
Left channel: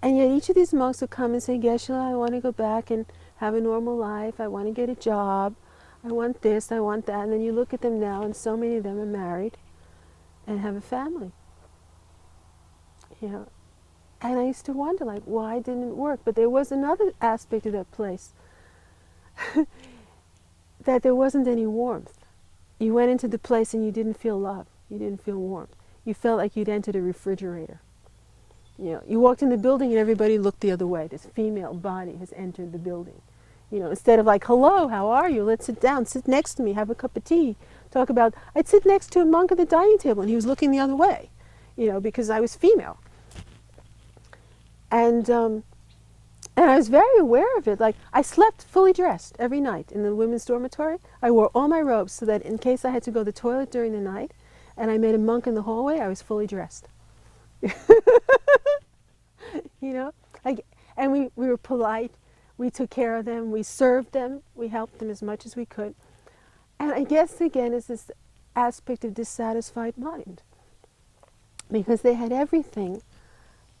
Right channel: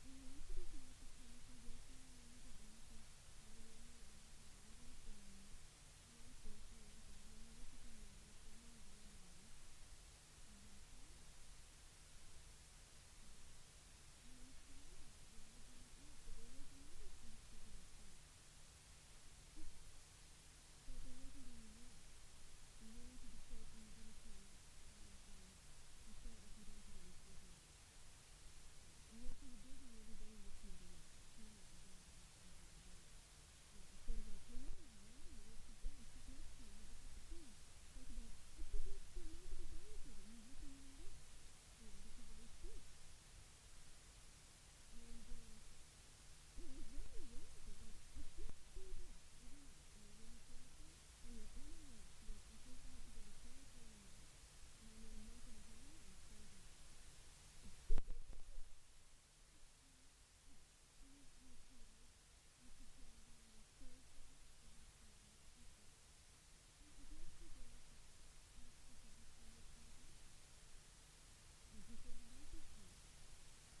And yet each of these monks would come and say, Geshe-la, I want to go back and have a normal life. I want to get a job. I want this, I want that. And then you look at them now, and so many of them are married and have a family. You know, and I used to wonder, like, why didn't it work? But there was another aspect of that place, that there wasn't any warmth. You went into the place and you didn't feel love. You didn't feel warmth. You felt like you'd entered a refrigerator. You know, you walked in the building and everybody looked the other way. This female body has entered the building. You know, instead of like, hello, how are you? Let's sit down, sit next to me, have a cup of tea. Talk about, I'd sit next to a monk at the dining table and he was looking the other way, you know, because I was female. And I was very aware of it. Like, I slept fully dressed every night in the women's dormitory. I wore all my robes so that in case I had to go to the toilet during the night and I met a monk in the hallway, I was fully dressed. You know? And we were polite. We took care of them. We served them. We helped them as much as we could. And I guess, again, it's this aspect of dissatisfied mind. Because they had everything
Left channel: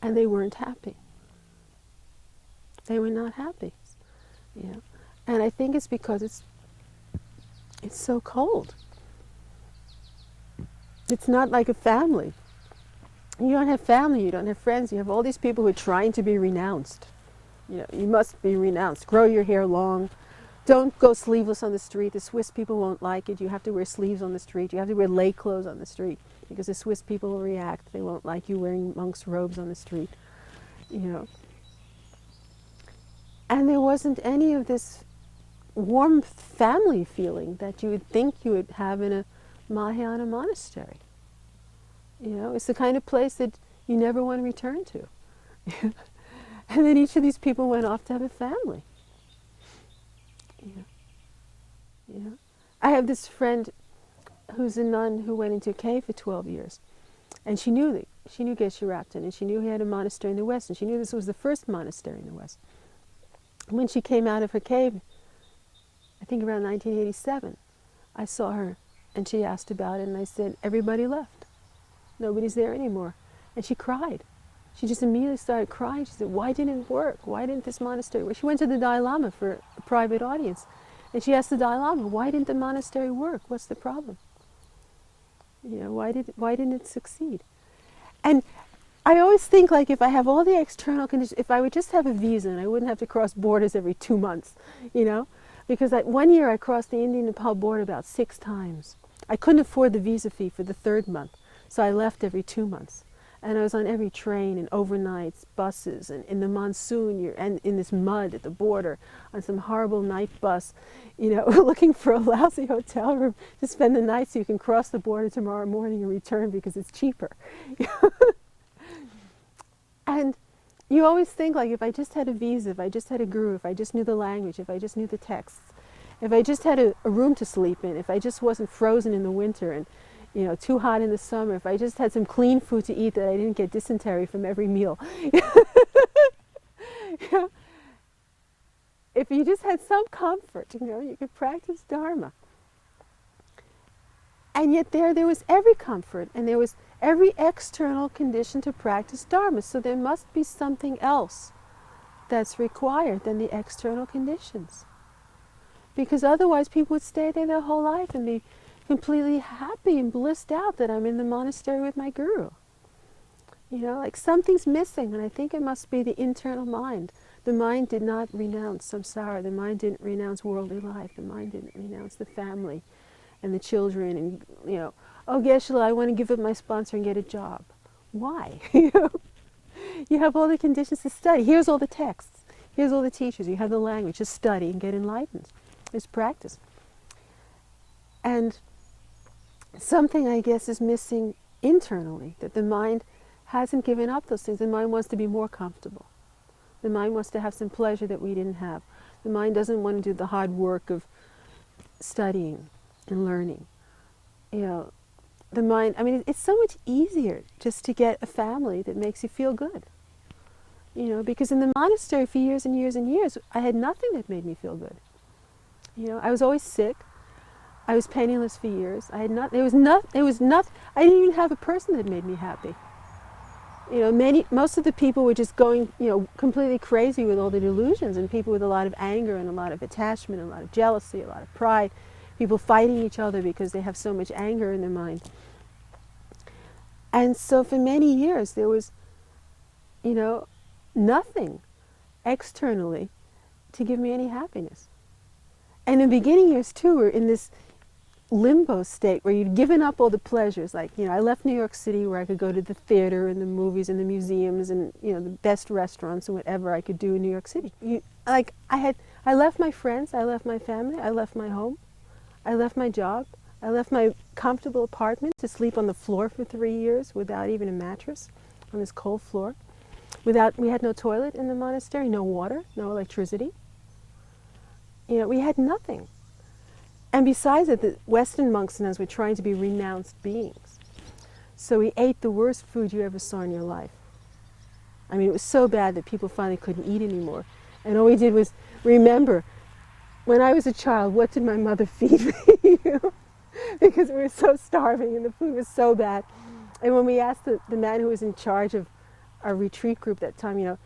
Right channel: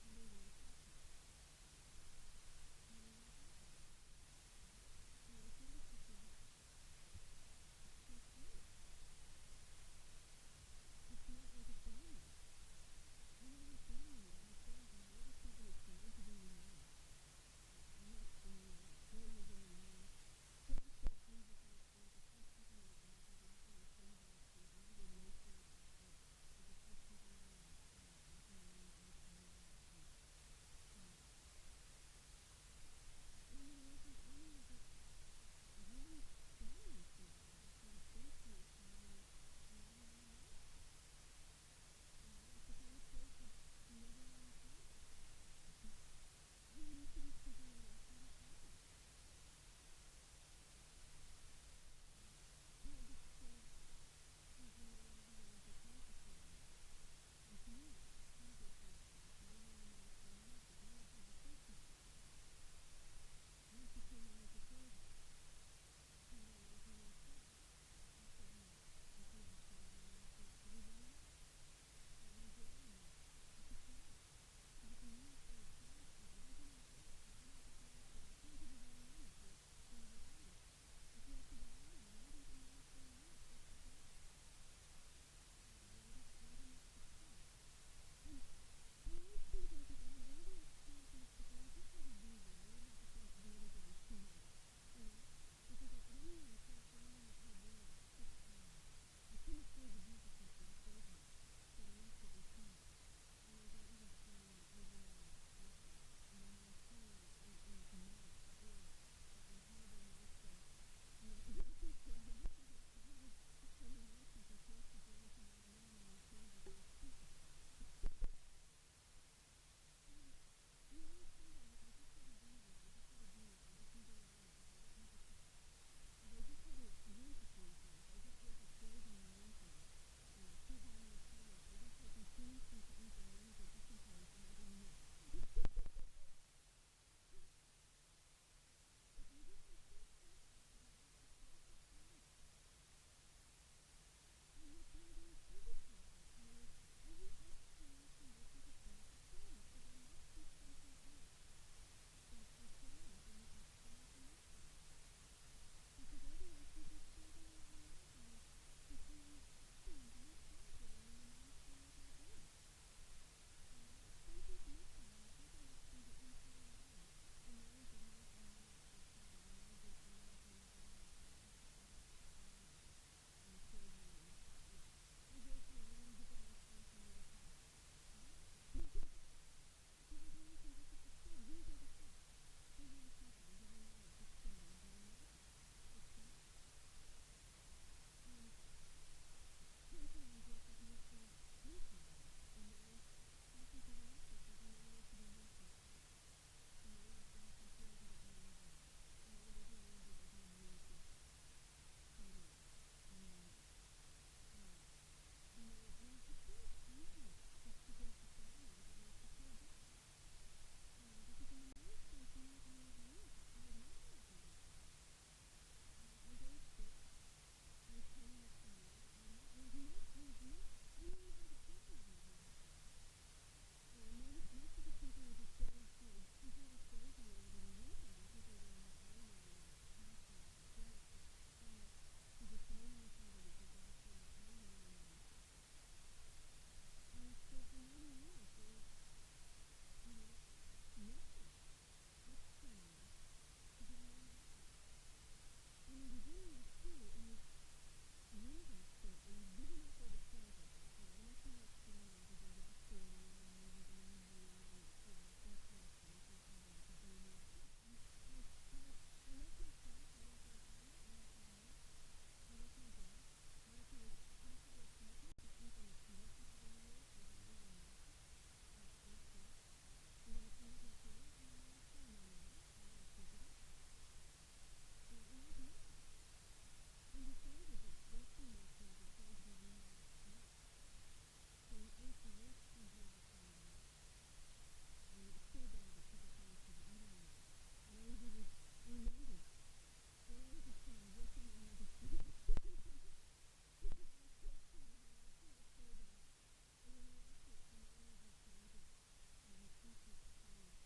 and they weren't happy. They were not happy, you know. And I think it's because it's so cold. It's not like a family. You don't have family, you don't have friends, you have all these people who are trying to be renounced. You know, you must be renounced. Grow your hair long. Don't go sleeveless on the street. The Swiss people won't like it. You have to wear sleeves on the street. You have to wear lay clothes on the street because the Swiss people will react. They won't like you wearing monks' robes on the street, you know. And there wasn't any of this warm family feeling that you would think you would have in a Mahayana monastery. You know, it's the kind of place that you never want to return to. And then each of these people went off to have a family. You know? I have this friend who's a nun who went into a cave for 12 years. And she knew Geshe-Rabben, and she knew he had a monastery in the West, and she knew this was the first monastery in the West. When she came out of her cave, I think around 1987, I saw her and she asked about it and I said, everybody left. Nobody's there anymore. And she cried. She just immediately started crying. She said, why didn't it work? Why didn't this monastery work? She went to the Dalai Lama for a private audience. And she asked the Dalai Lama, why didn't the monastery work? What's the problem? You know, why didn't it succeed? And I always think, like, if I have all the external conditions, if I would just have a visa and I wouldn't have to cross borders every 2 months, you know? Because 1 year I crossed the Indian-Nepal border about 6 times. I couldn't afford the visa fee for the 3rd month, so I left every 2 months. And I was on every train and overnights, buses, and in the monsoon, and in this mud at the border, on some horrible night bus, you know, looking for a lousy hotel room to spend the night so you can cross the border tomorrow morning and return because it's cheaper. And you always think, like, if I just had a visa, if I just had a guru, if I just knew the language, if I just knew the texts, if I just had a room to sleep in, if I just wasn't frozen in the winter and, you know, too hot in the summer, if I just had some clean food to eat that I didn't get dysentery from every meal. You know, if you just had some comfort, you know, you could practice Dharma. And yet there was every comfort, and there was every external condition to practice Dharma. So there must be something else that's required than the external conditions. Because otherwise people would stay there their whole life and be completely happy and blissed out that I'm in the monastery with my guru. You know, like something's missing, and I think it must be the internal mind. The mind did not renounce samsara. The mind didn't renounce worldly life. The mind didn't renounce the family and the children and, you know, oh, Geshe-la, I want to give up my sponsor and get a job. Why? You know, you have all the conditions to study. Here's all the texts. Here's all the teachers. You have the language. Just study and get enlightened. Just practice. And something, I guess, is missing internally, that the mind hasn't given up those things. The mind wants to be more comfortable. The mind wants to have some pleasure that we didn't have. The mind doesn't want to do the hard work of studying and learning. You know, the mind, I mean, it's so much easier just to get a family that makes you feel good. You know, because in the monastery for years and years and years, I had nothing that made me feel good. You know, I was always sick. I was penniless for years. I had not. There was not. I didn't even have a person that made me happy. You know, most of the people were just going, you know, completely crazy with all the delusions, and people with a lot of anger and a lot of attachment, and a lot of jealousy, a lot of pride. People fighting each other because they have so much anger in their mind. And so for many years there was, you know, nothing externally to give me any happiness. And in the beginning years too, we're in this limbo state where you'd given up all the pleasures. Like, you know, I left New York City where I could go to the theater and the movies and the museums and, you know, the best restaurants and whatever I could do in New York City. I left my friends, I left my family, I left my home, I left my job, I left my comfortable apartment to sleep on the floor for 3 years without even a mattress on this cold floor. We had no toilet in the monastery, no water, no electricity. You know, we had nothing. And besides it, the Western monks and us were trying to be renounced beings. So we ate the worst food you ever saw in your life. I mean, it was so bad that people finally couldn't eat anymore. And all we did was remember, when I was a child, what did my mother feed me? You know? Because we were so starving and the food was so bad. And when we asked the man who was in charge of our retreat group that time, you know,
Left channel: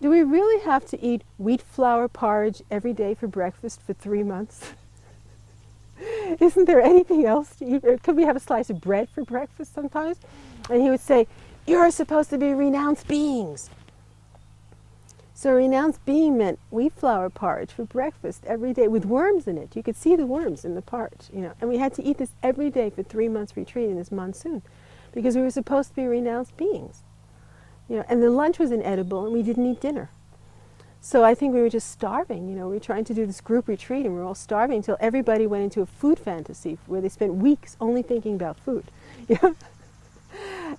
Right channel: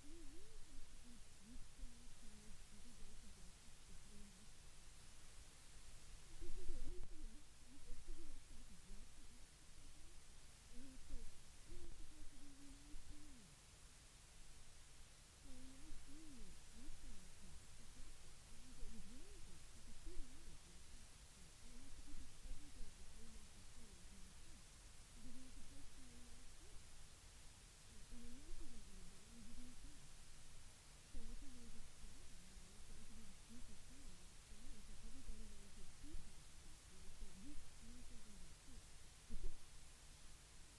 do we really have to eat wheat flour porridge every day for breakfast for 3 months? Isn't there anything else to eat? Or could we have a slice of bread for breakfast sometimes? And he would say, you're supposed to be renounced beings. So renounced being meant wheat flour porridge for breakfast every day with worms in it. You could see the worms in the porridge, you know. And we had to eat this every day for 3 months retreat in this monsoon because we were supposed to be renounced beings. You know, and the lunch was inedible and we didn't eat dinner. So I think we were just starving, you know. We were trying to do this group retreat and we were all starving until everybody went into a food fantasy where they spent weeks only thinking about food. You know?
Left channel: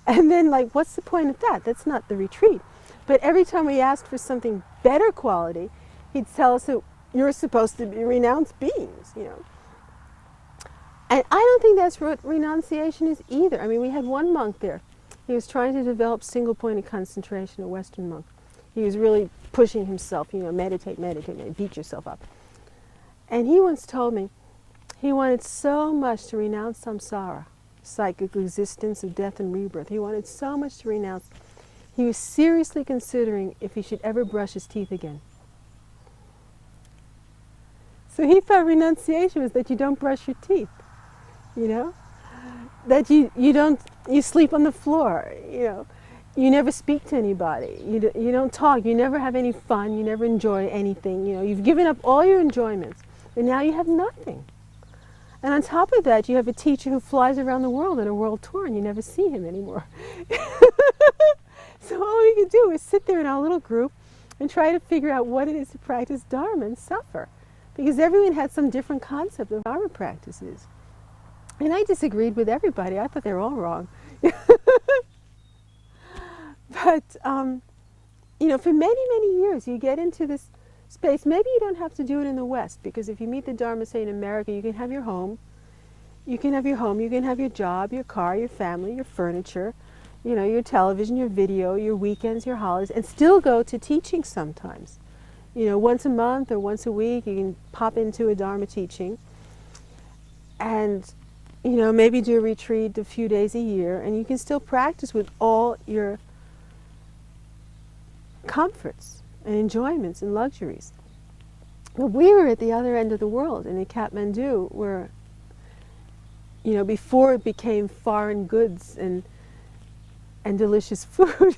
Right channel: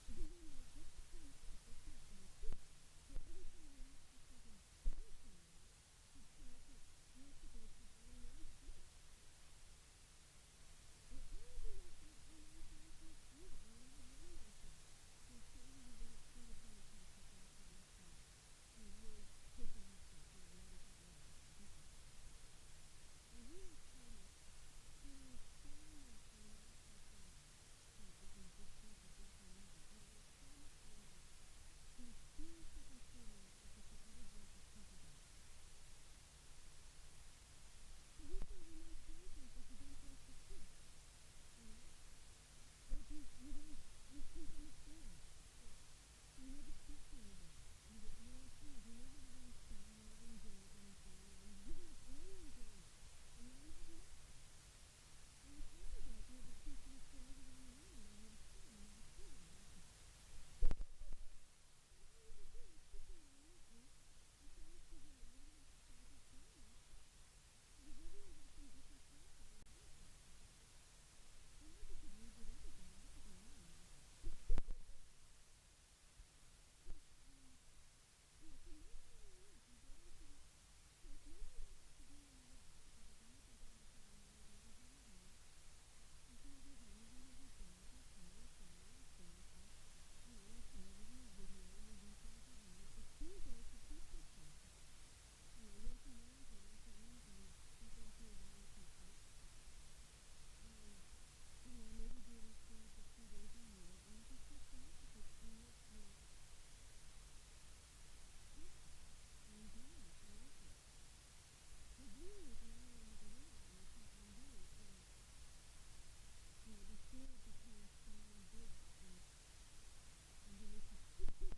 And then, like, what's the point of that? That's not the retreat. But every time we asked for something better quality, he'd tell us that you're supposed to be renounced beings, you know. And I don't think that's what renunciation is either. I mean, we had one monk there. He was trying to develop single-pointed concentration, a Western monk. He was really pushing himself, you know, meditate, beat yourself up. And he once told me he wanted so much to renounce samsara, psychic existence of death and rebirth. He wanted so much to renounce. He was seriously considering if he should ever brush his teeth again. So he thought renunciation was that you don't brush your teeth, you know? That you sleep on the floor, you know? You never speak to anybody, you don't talk, you never have any fun, you never enjoy anything, you know? You've given up all your enjoyments, and now you have nothing. And on top of that, you have a teacher who flies around the world on a world tour, and you never see him anymore. So all we could do is sit there in our little group and try to figure out what it is to practice Dharma and suffer. Because everyone had some different concept of Dharma practices. And I disagreed with everybody. I thought they were all wrong. But, you know, for many, many years, you get into this space. Maybe you don't have to do it in the West, because if you meet the Dharma, say in America, you can have your home. You can have your home, you can have your job, your car, your family, your furniture, you know, your television, your video, your weekends, your holidays, and still go to teaching sometimes. You know, once a month or once a week, you can pop into a Dharma teaching and, you know, maybe do a retreat a few days a year, and you can still practice with all your comforts and enjoyments and luxuries. But we were at the other end of the world, and in Kathmandu, where, you know, before it became foreign goods and delicious food,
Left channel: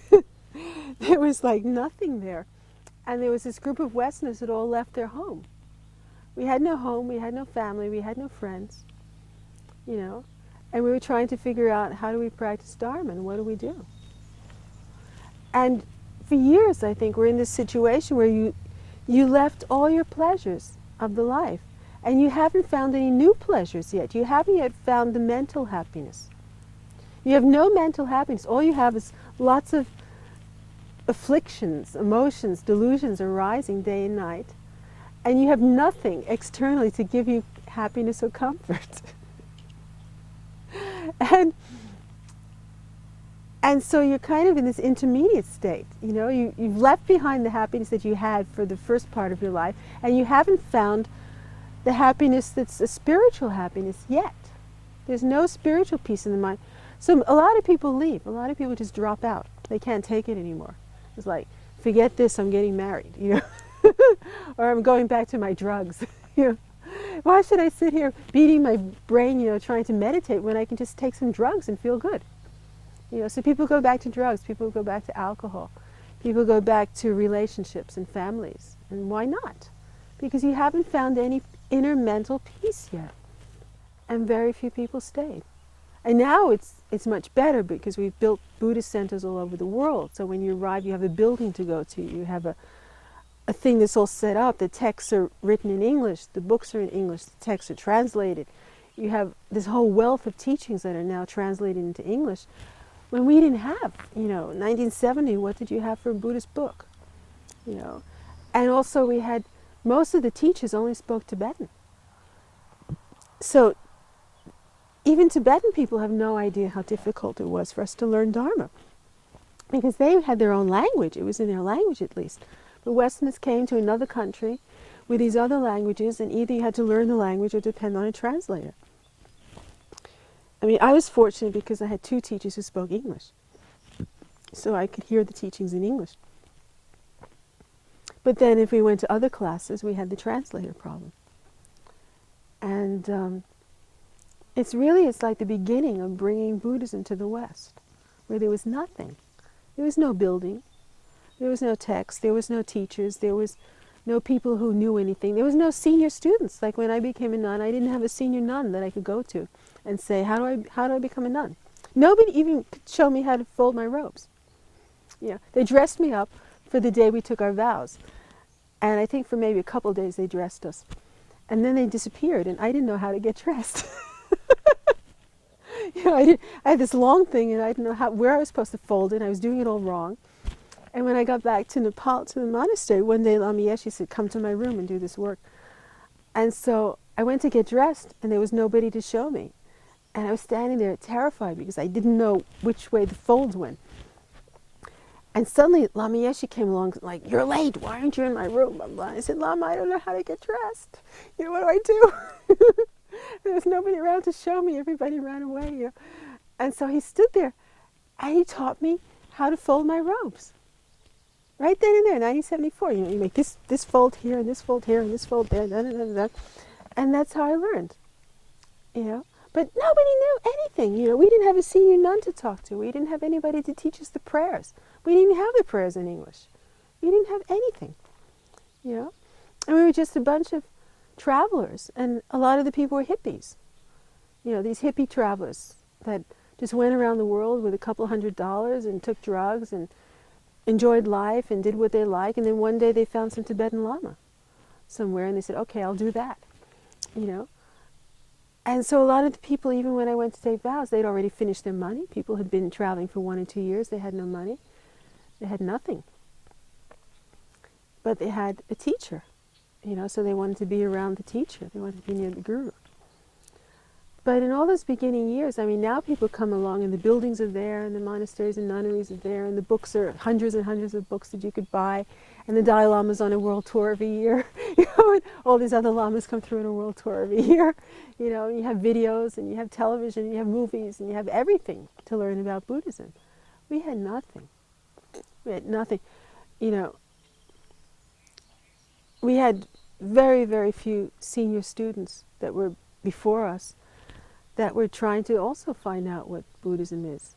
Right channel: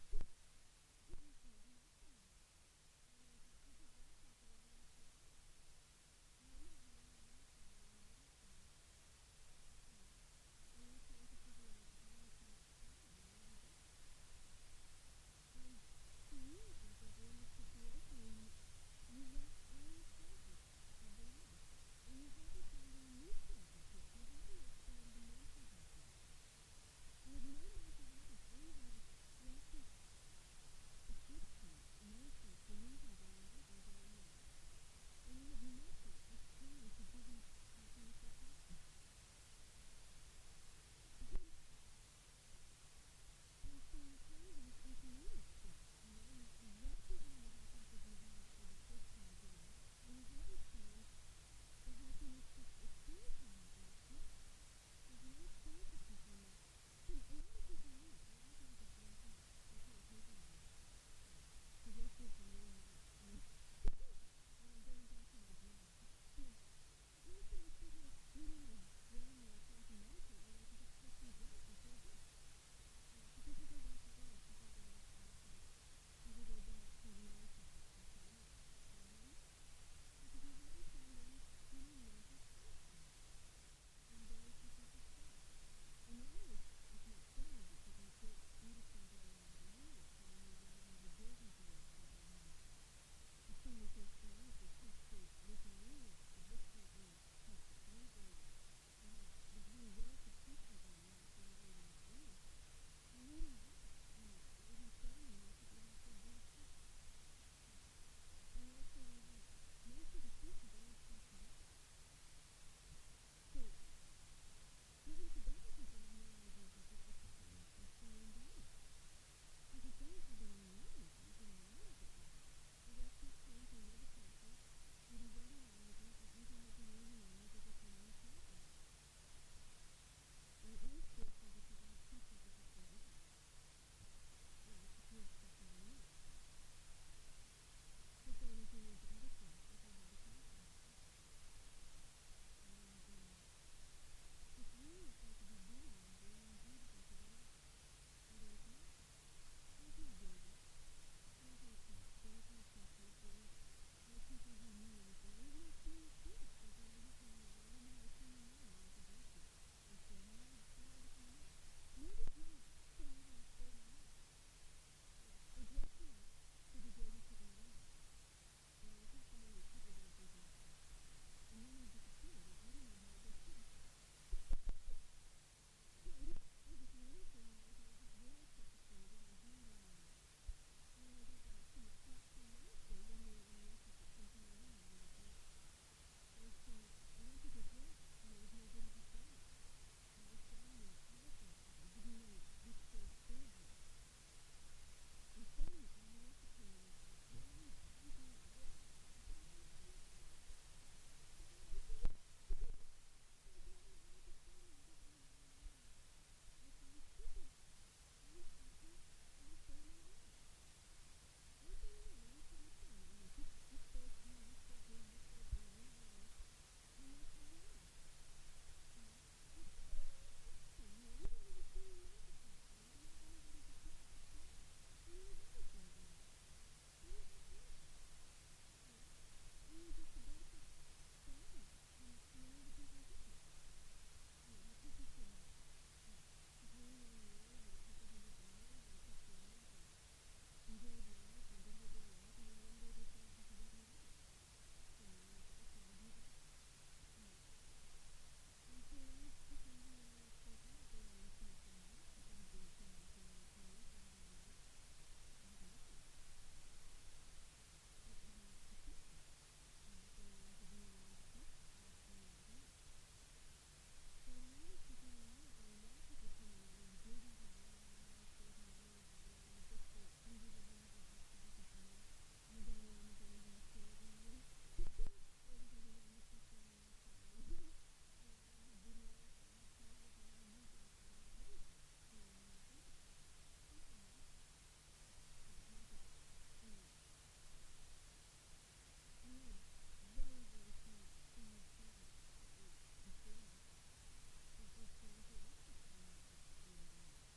there was like nothing there. And there was this group of Westerners that all left their home. We had no home, we had no family, we had no friends, you know, and we were trying to figure out, how do we practice Dharma and what do we do? And for years, I think, we're in this situation where you left all your pleasures of the life, and you haven't found any new pleasures yet. You haven't yet found the mental happiness. You have no mental happiness. All you have is lots of afflictions, emotions, delusions arising day and night, and you have nothing externally to give you happiness or comfort. And so you're kind of in this intermediate state. You know, you've left behind the happiness that you had for the first part of your life, and you haven't found the happiness that's a spiritual happiness yet. There's no spiritual peace in the mind. So a lot of people leave. A lot of people just drop out. They can't take it anymore. It's like, forget this, I'm getting married, you know, or I'm going back to my drugs. You know, why should I sit here beating my brain, you know, trying to meditate when I can just take some drugs and feel good? You know, so people go back to drugs, people go back to alcohol, people go back to relationships and families. And why not? Because you haven't found any inner mental peace yet. And very few people stayed. And now it's much better, because we've built Buddhist centers all over the world. So when you arrive, you have a building to go to. You have a thing that's all set up. The texts are written in English. The books are in English. The texts are translated. You have this whole wealth of teachings that are now translated into English. When we didn't have, you know, 1970, what did you have for a Buddhist book? You know, and also we had, most of the teachers only spoke Tibetan. So even Tibetan people have no idea how difficult it was for us to learn Dharma, because they had their own language. It was in their language, at least. But Westerners came to another country with these other languages, and either you had to learn the language or depend on a translator. I mean, I was fortunate because I had two teachers who spoke English, so I could hear the teachings in English. But then if we went to other classes, we had the translator problem. And it's like the beginning of bringing Buddhism to the West, where there was nothing. There was no building, there was no text, there was no teachers, there was no people who knew anything. There was no senior students. Like when I became a nun, I didn't have a senior nun that I could go to and say, how do I become a nun? Nobody even could show me how to fold my robes. You know, they dressed me up for the day we took our vows. And I think for maybe a couple of days they dressed us. And then they disappeared, and I didn't know how to get dressed. You know, I had this long thing, and I didn't know where I was supposed to fold it. I was doing it all wrong. And when I got back to Nepal, to the monastery, one day Lama Yeshe said, come to my room and do this work. And so I went to get dressed, and there was nobody to show me. And I was standing there terrified because I didn't know which way the folds went. And suddenly Lama Yeshe came along, like, you're late, why aren't you in my room? Blah, blah. I said, Lama, I don't know how to get dressed. You know, what do I do? There was nobody around to show me. Everybody ran away. You know? And so he stood there, and he taught me how to fold my robes. Right then and there, 1974. You know, you make this fold here, and this fold here, and this fold there, da, da, da, da. And that's how I learned. You know, but nobody knew anything. You know, we didn't have a senior nun to talk to. We didn't have anybody to teach us the prayers. We didn't even have the prayers in English. We didn't have anything. You know, and we were just a bunch of travelers, and a lot of the people were hippies. You know, these hippie travelers that just went around the world with a couple $100 and took drugs and enjoyed life and did what they like, and then one day they found some Tibetan Lama somewhere, and they said, okay, I'll do that. You know, and so a lot of the people, even when I went to take vows, they'd already finished their money. People had been traveling for 1 or 2 years. They had no money. They had nothing. But they had a teacher, so they wanted to be around the teacher. They wanted to be near the guru. But in all those beginning years, I mean, now people come along and the buildings are there and the monasteries and nunneries are there and the books are hundreds and hundreds of books that you could buy, and the Dalai Lama's on a world tour every year, and all these other lamas come through on a world tour every year, and you have videos and you have television and you have movies and you have everything to learn about Buddhism. We had nothing. We had nothing. We had very, very few senior students that were before us that were trying to also find out what Buddhism is.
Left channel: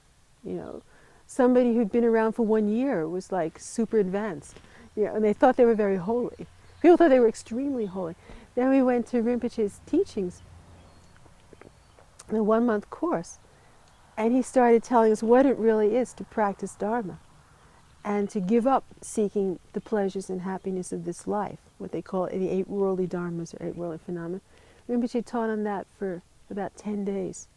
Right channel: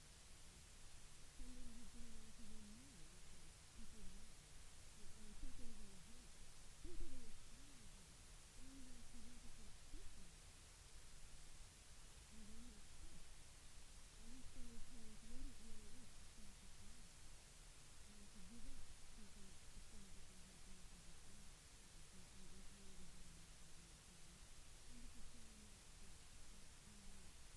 Somebody who'd been around for 1 year was like super advanced, and they thought they were very holy. People thought they were extremely holy. Then we went to Rinpoche's teachings, the 1-month course, and he started telling us what it really is to practice Dharma and to give up seeking the pleasures and happiness of this life, what they call the 8 worldly dharmas or 8 worldly phenomena. Rinpoche taught on that for about 10 days.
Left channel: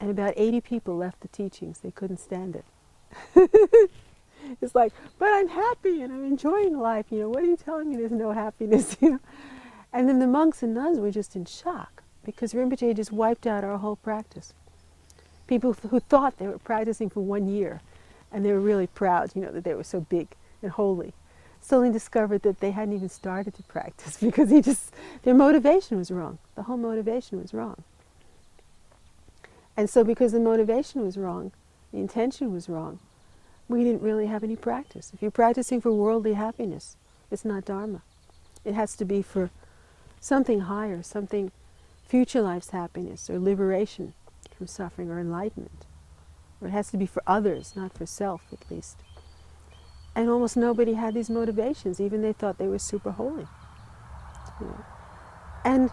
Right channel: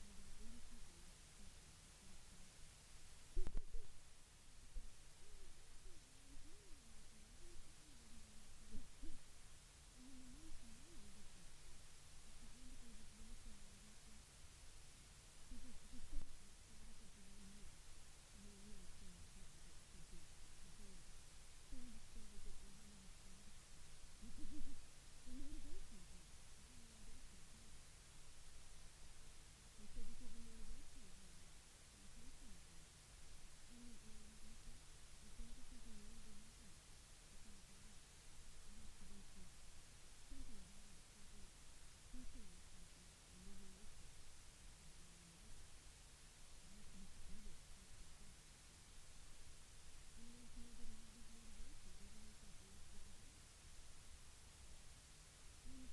And about 80 people left the teachings. They couldn't stand it. It's like, but I'm happy and I'm enjoying life. What are you telling me there's no happiness? And then the monks and nuns were just in shock because Rinpoche just wiped out our whole practice. People who thought they were practicing for 1 year and they were really proud, that they were so big and holy, suddenly discovered that they hadn't even started to practice because their motivation was wrong. The whole motivation was wrong. And so because the motivation was wrong, the intention was wrong, we didn't really have any practice. If you're practicing for worldly happiness, it's not Dharma. It has to be for something higher, something future life's happiness or liberation from suffering or enlightenment. Or it has to be for others, not for self at least. And almost nobody had these motivations, even they thought they were super holy. And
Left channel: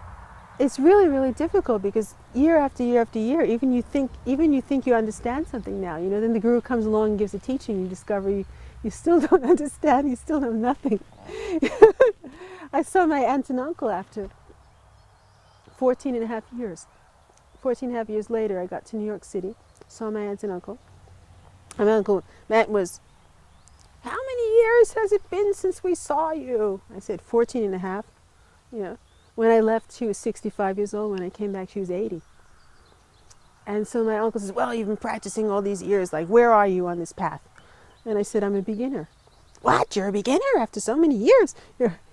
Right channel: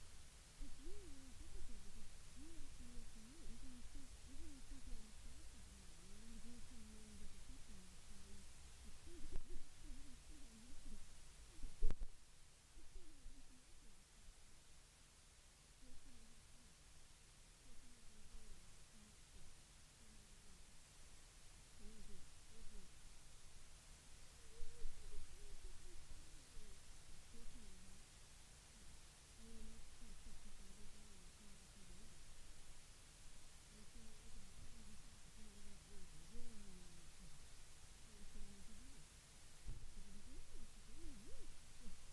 it's really, really difficult because year after year after year, even you think you understand something now, then the guru comes along and gives a teaching, you discover you still don't understand, you still know nothing. I saw my aunt and uncle after 14 and a half years. 14 and a half years later, I got to New York City, saw my aunt and uncle. And my uncle, Matt, was, "How many years has it been since we saw you?" I said, 14 and a half. When I left, she was 65 years old. When I came back, she was 80. And so my uncle says, "Well, you've been practicing all these years. Like, where are you on this path?" And I said, "I'm a beginner." "What? You're a beginner after so many years?"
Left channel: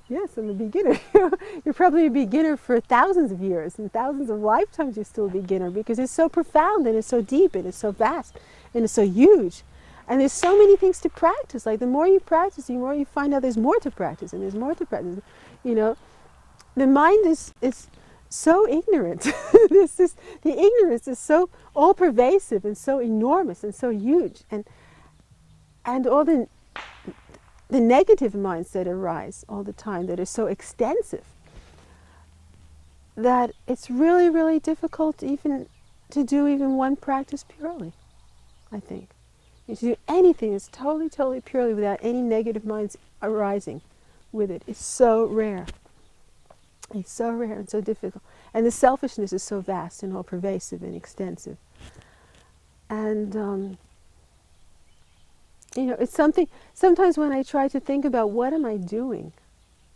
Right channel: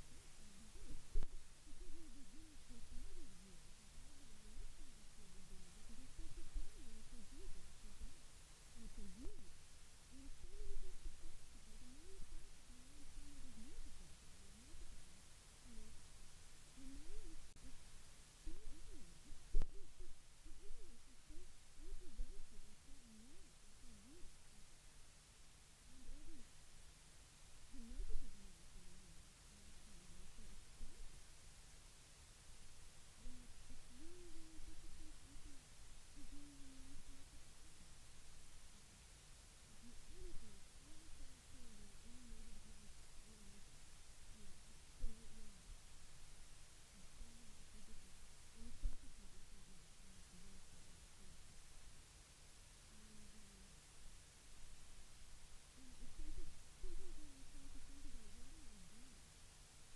Yes, I'm a beginner. You're probably a beginner for thousands of years and thousands of lifetimes. You're still a beginner because it's so profound and it's so deep and it's so vast and it's so huge. And there's so many things to practice. Like the more you practice, the more you find out there's more to practice and there's more to practice. The mind is so ignorant. The ignorance is so all-pervasive and so enormous and so huge. And all the negative minds that arise all the time that are so extensive that it's really, really difficult even to do even one practice purely, I think. You to do anything that's totally, totally purely without any negative minds arising with it. It's so rare. It's so rare and so difficult. And the selfishness is so vast and all pervasive and extensive. And, it's something, sometimes when I try to think about what am I doing,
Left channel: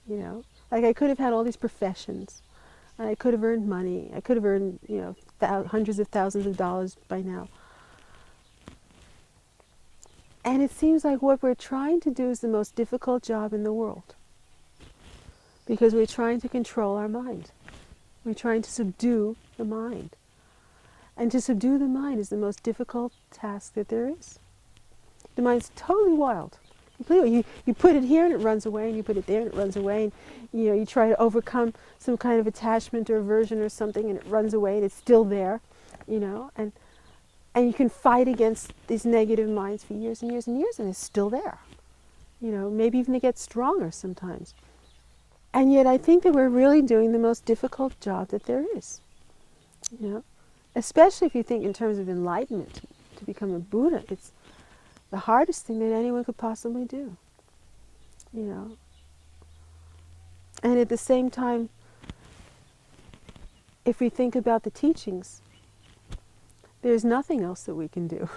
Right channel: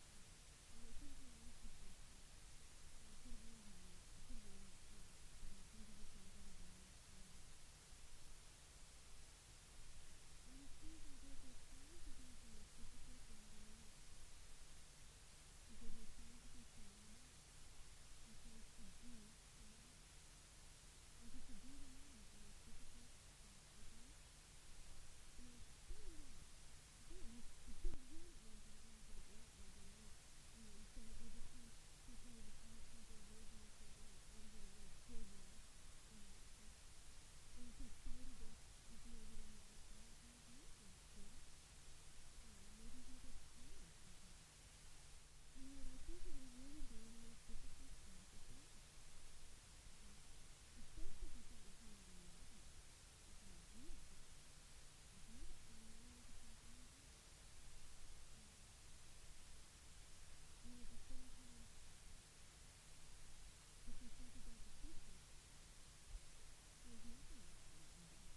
like I could have had all these professions, and I could have earned money, I could have earned, hundreds of thousands of dollars by now. And it seems like what we're trying to do is the most difficult job in the world. Because we're trying to control our mind. We're trying to subdue the mind. And to subdue the mind is the most difficult task that there is. The mind's totally wild. Completely. You put it here and it runs away, and you put it there and it runs away, and you try to overcome some kind of attachment or aversion or something, and it runs away and it's still there, and you can fight against these negative minds for years and years and years, and it's still there. Maybe even they get stronger sometimes. And yet I think that we're really doing the most difficult job that there is. Especially if you think in terms of enlightenment, to become a Buddha, it's the hardest thing that anyone could possibly do. And at the same time, if we think about the teachings, there's nothing else that we can do.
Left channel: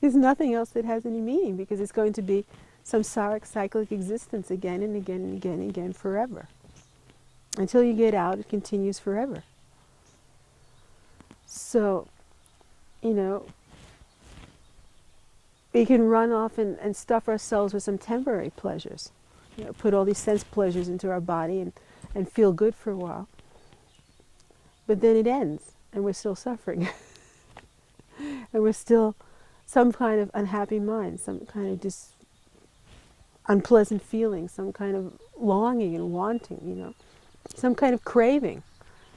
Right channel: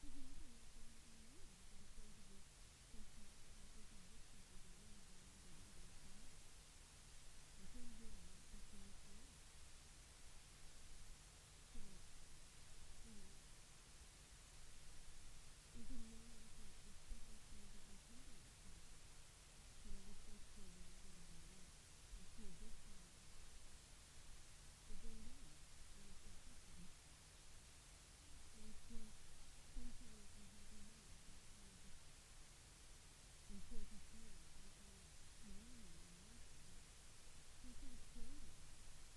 There's nothing else that has any meaning, because it's going to be samsaric cyclic existence again and again and again and again forever. Until you get out, it continues forever. So, we can run off and stuff ourselves with some temporary pleasures. Put all these sense pleasures into our body and feel good for a while. But then it ends, and we're still suffering. And we're still some kind of unhappy mind, some kind of unpleasant feeling, some kind of longing and wanting, some kind of craving.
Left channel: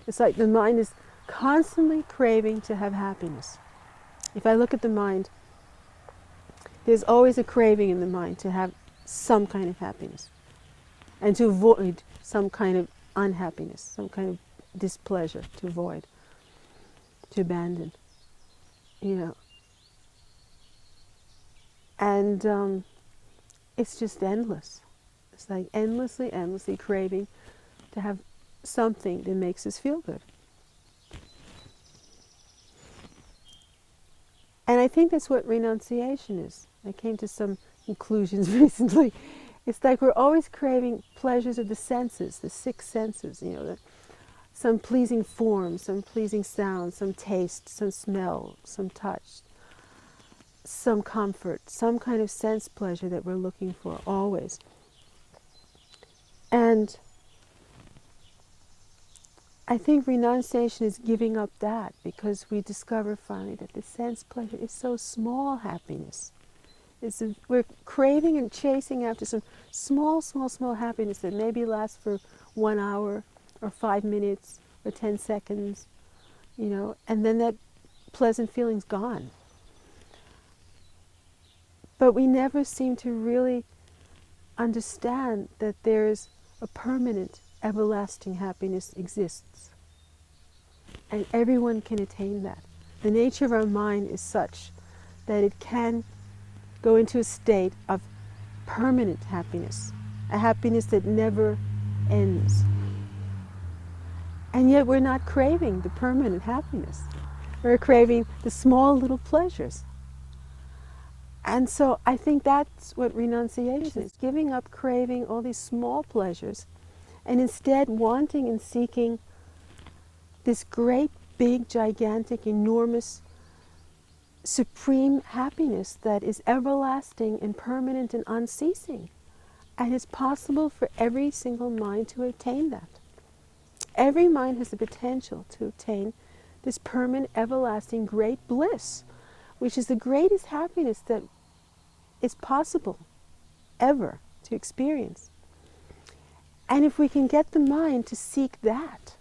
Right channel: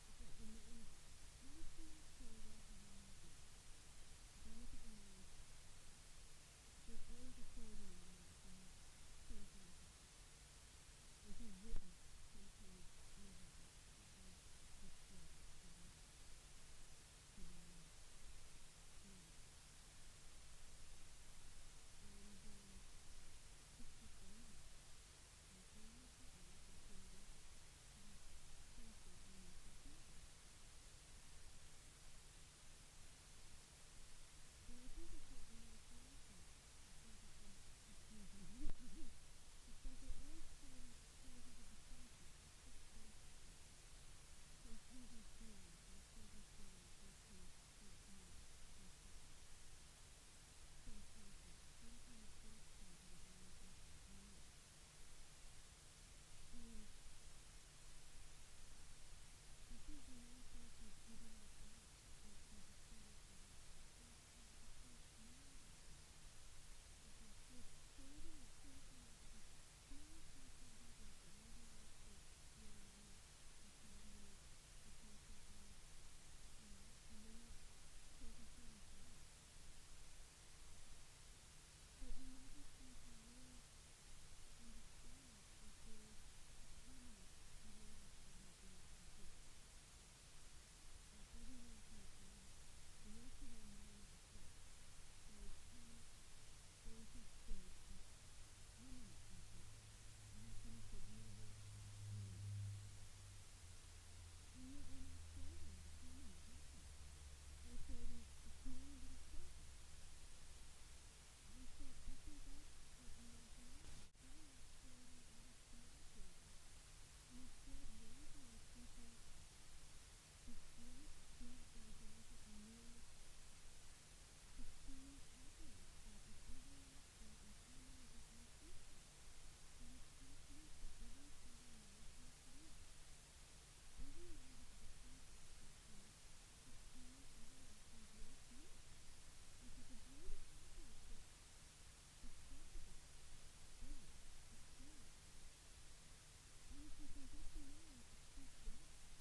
It's like the mind is constantly craving to have happiness. If I look at the mind, there's always a craving in the mind to have some kind of happiness and to avoid some kind of unhappiness, some kind of displeasure, to avoid, to abandon, And it's just endless. It's like endlessly craving to have something that makes us feel good. And I think that's what renunciation is. I came to some conclusions recently. It's like we're always craving pleasures of the senses, the six senses, some pleasing form, some pleasing sound, some taste, some smell, some touch, some comfort, some kind of sense pleasure that we're looking for always. And I think renunciation is giving up that, because we discover finally that the sense pleasure is so small happiness. We're craving and chasing after some small happiness that maybe lasts for 1 hour or 5 minutes or 10 seconds, and then that pleasant feeling's gone. But we never seem to really understand that there's a permanent, everlasting happiness exists. And everyone can attain that. The nature of our mind is such that it can go into a state of permanent happiness, a happiness that never ends. And yet we're not craving the permanent happiness. We're craving the small little pleasures. And so I think that's what renunciation is, giving up craving all these small pleasures and instead wanting and seeking this great, big, gigantic, enormous, supreme happiness that is everlasting and permanent and unceasing. And it's possible for every single mind to attain that. Every mind has the potential to attain this permanent, everlasting, great bliss, which is the greatest happiness that is possible ever to experience. And if we can get the mind to seek that,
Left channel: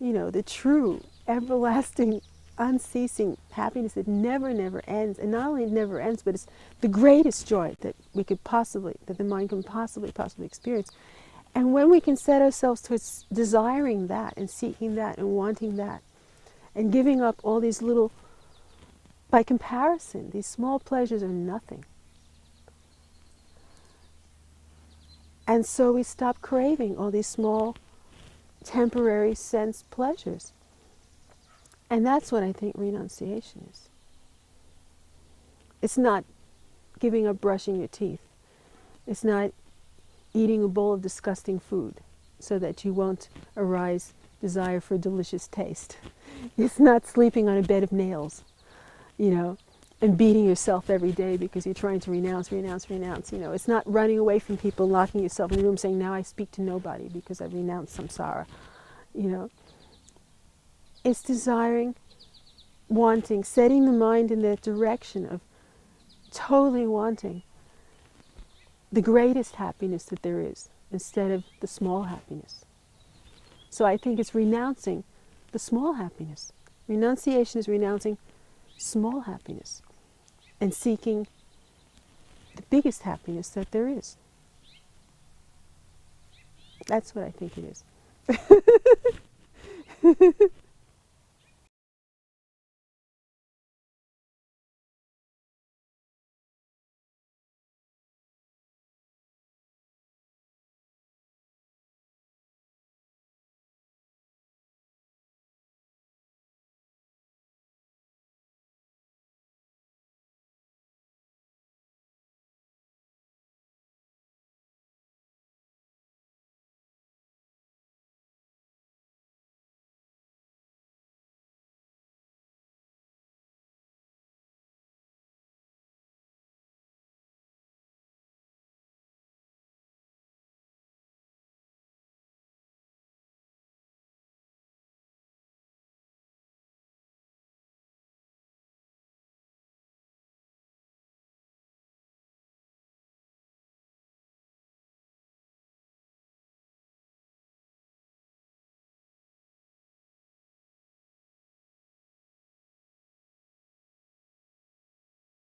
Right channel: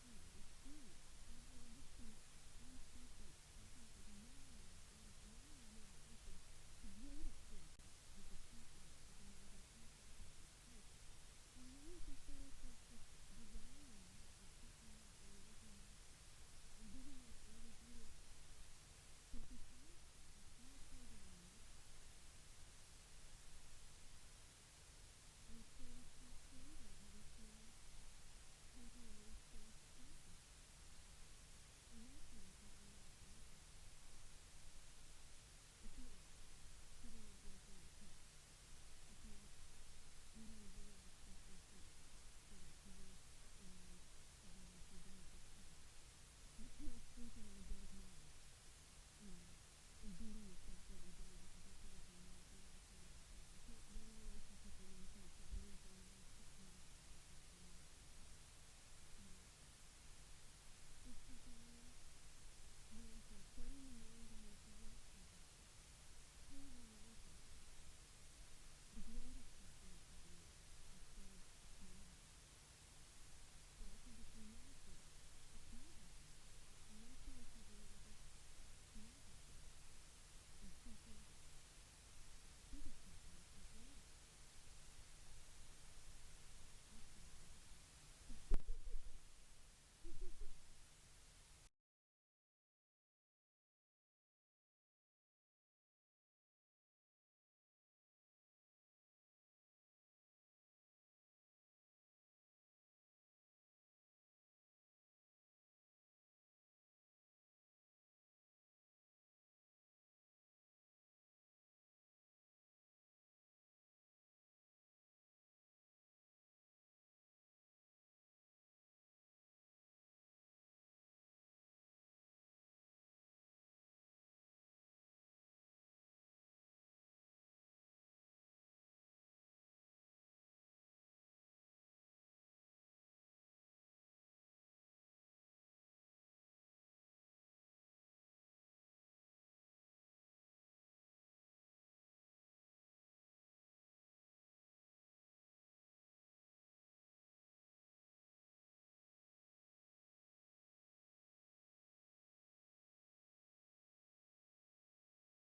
the true, everlasting, unceasing happiness that never ends, and not only never ends, but it's the greatest joy that the mind can possibly experience. And when we can set ourselves towards desiring that and seeking that and wanting that and giving up all these little, by comparison, these small pleasures are nothing. And so we stop craving all these small, temporary sense pleasures. And that's what I think renunciation is. It's not giving up brushing your teeth. It's not eating a bowl of disgusting food so that you won't arise desire for delicious taste. It's not sleeping on a bed of nails, and beating yourself every day because you're trying to renounce. It's not running away from people, locking yourself in a room saying, now I speak to nobody because I've renounced samsara. It's desiring, wanting, setting the mind in that direction of totally wanting the greatest happiness that there is instead of the small happiness. So I think it's renouncing the small happiness. Renunciation is renouncing small happiness and seeking the biggest happiness that there is. That's what I think it is.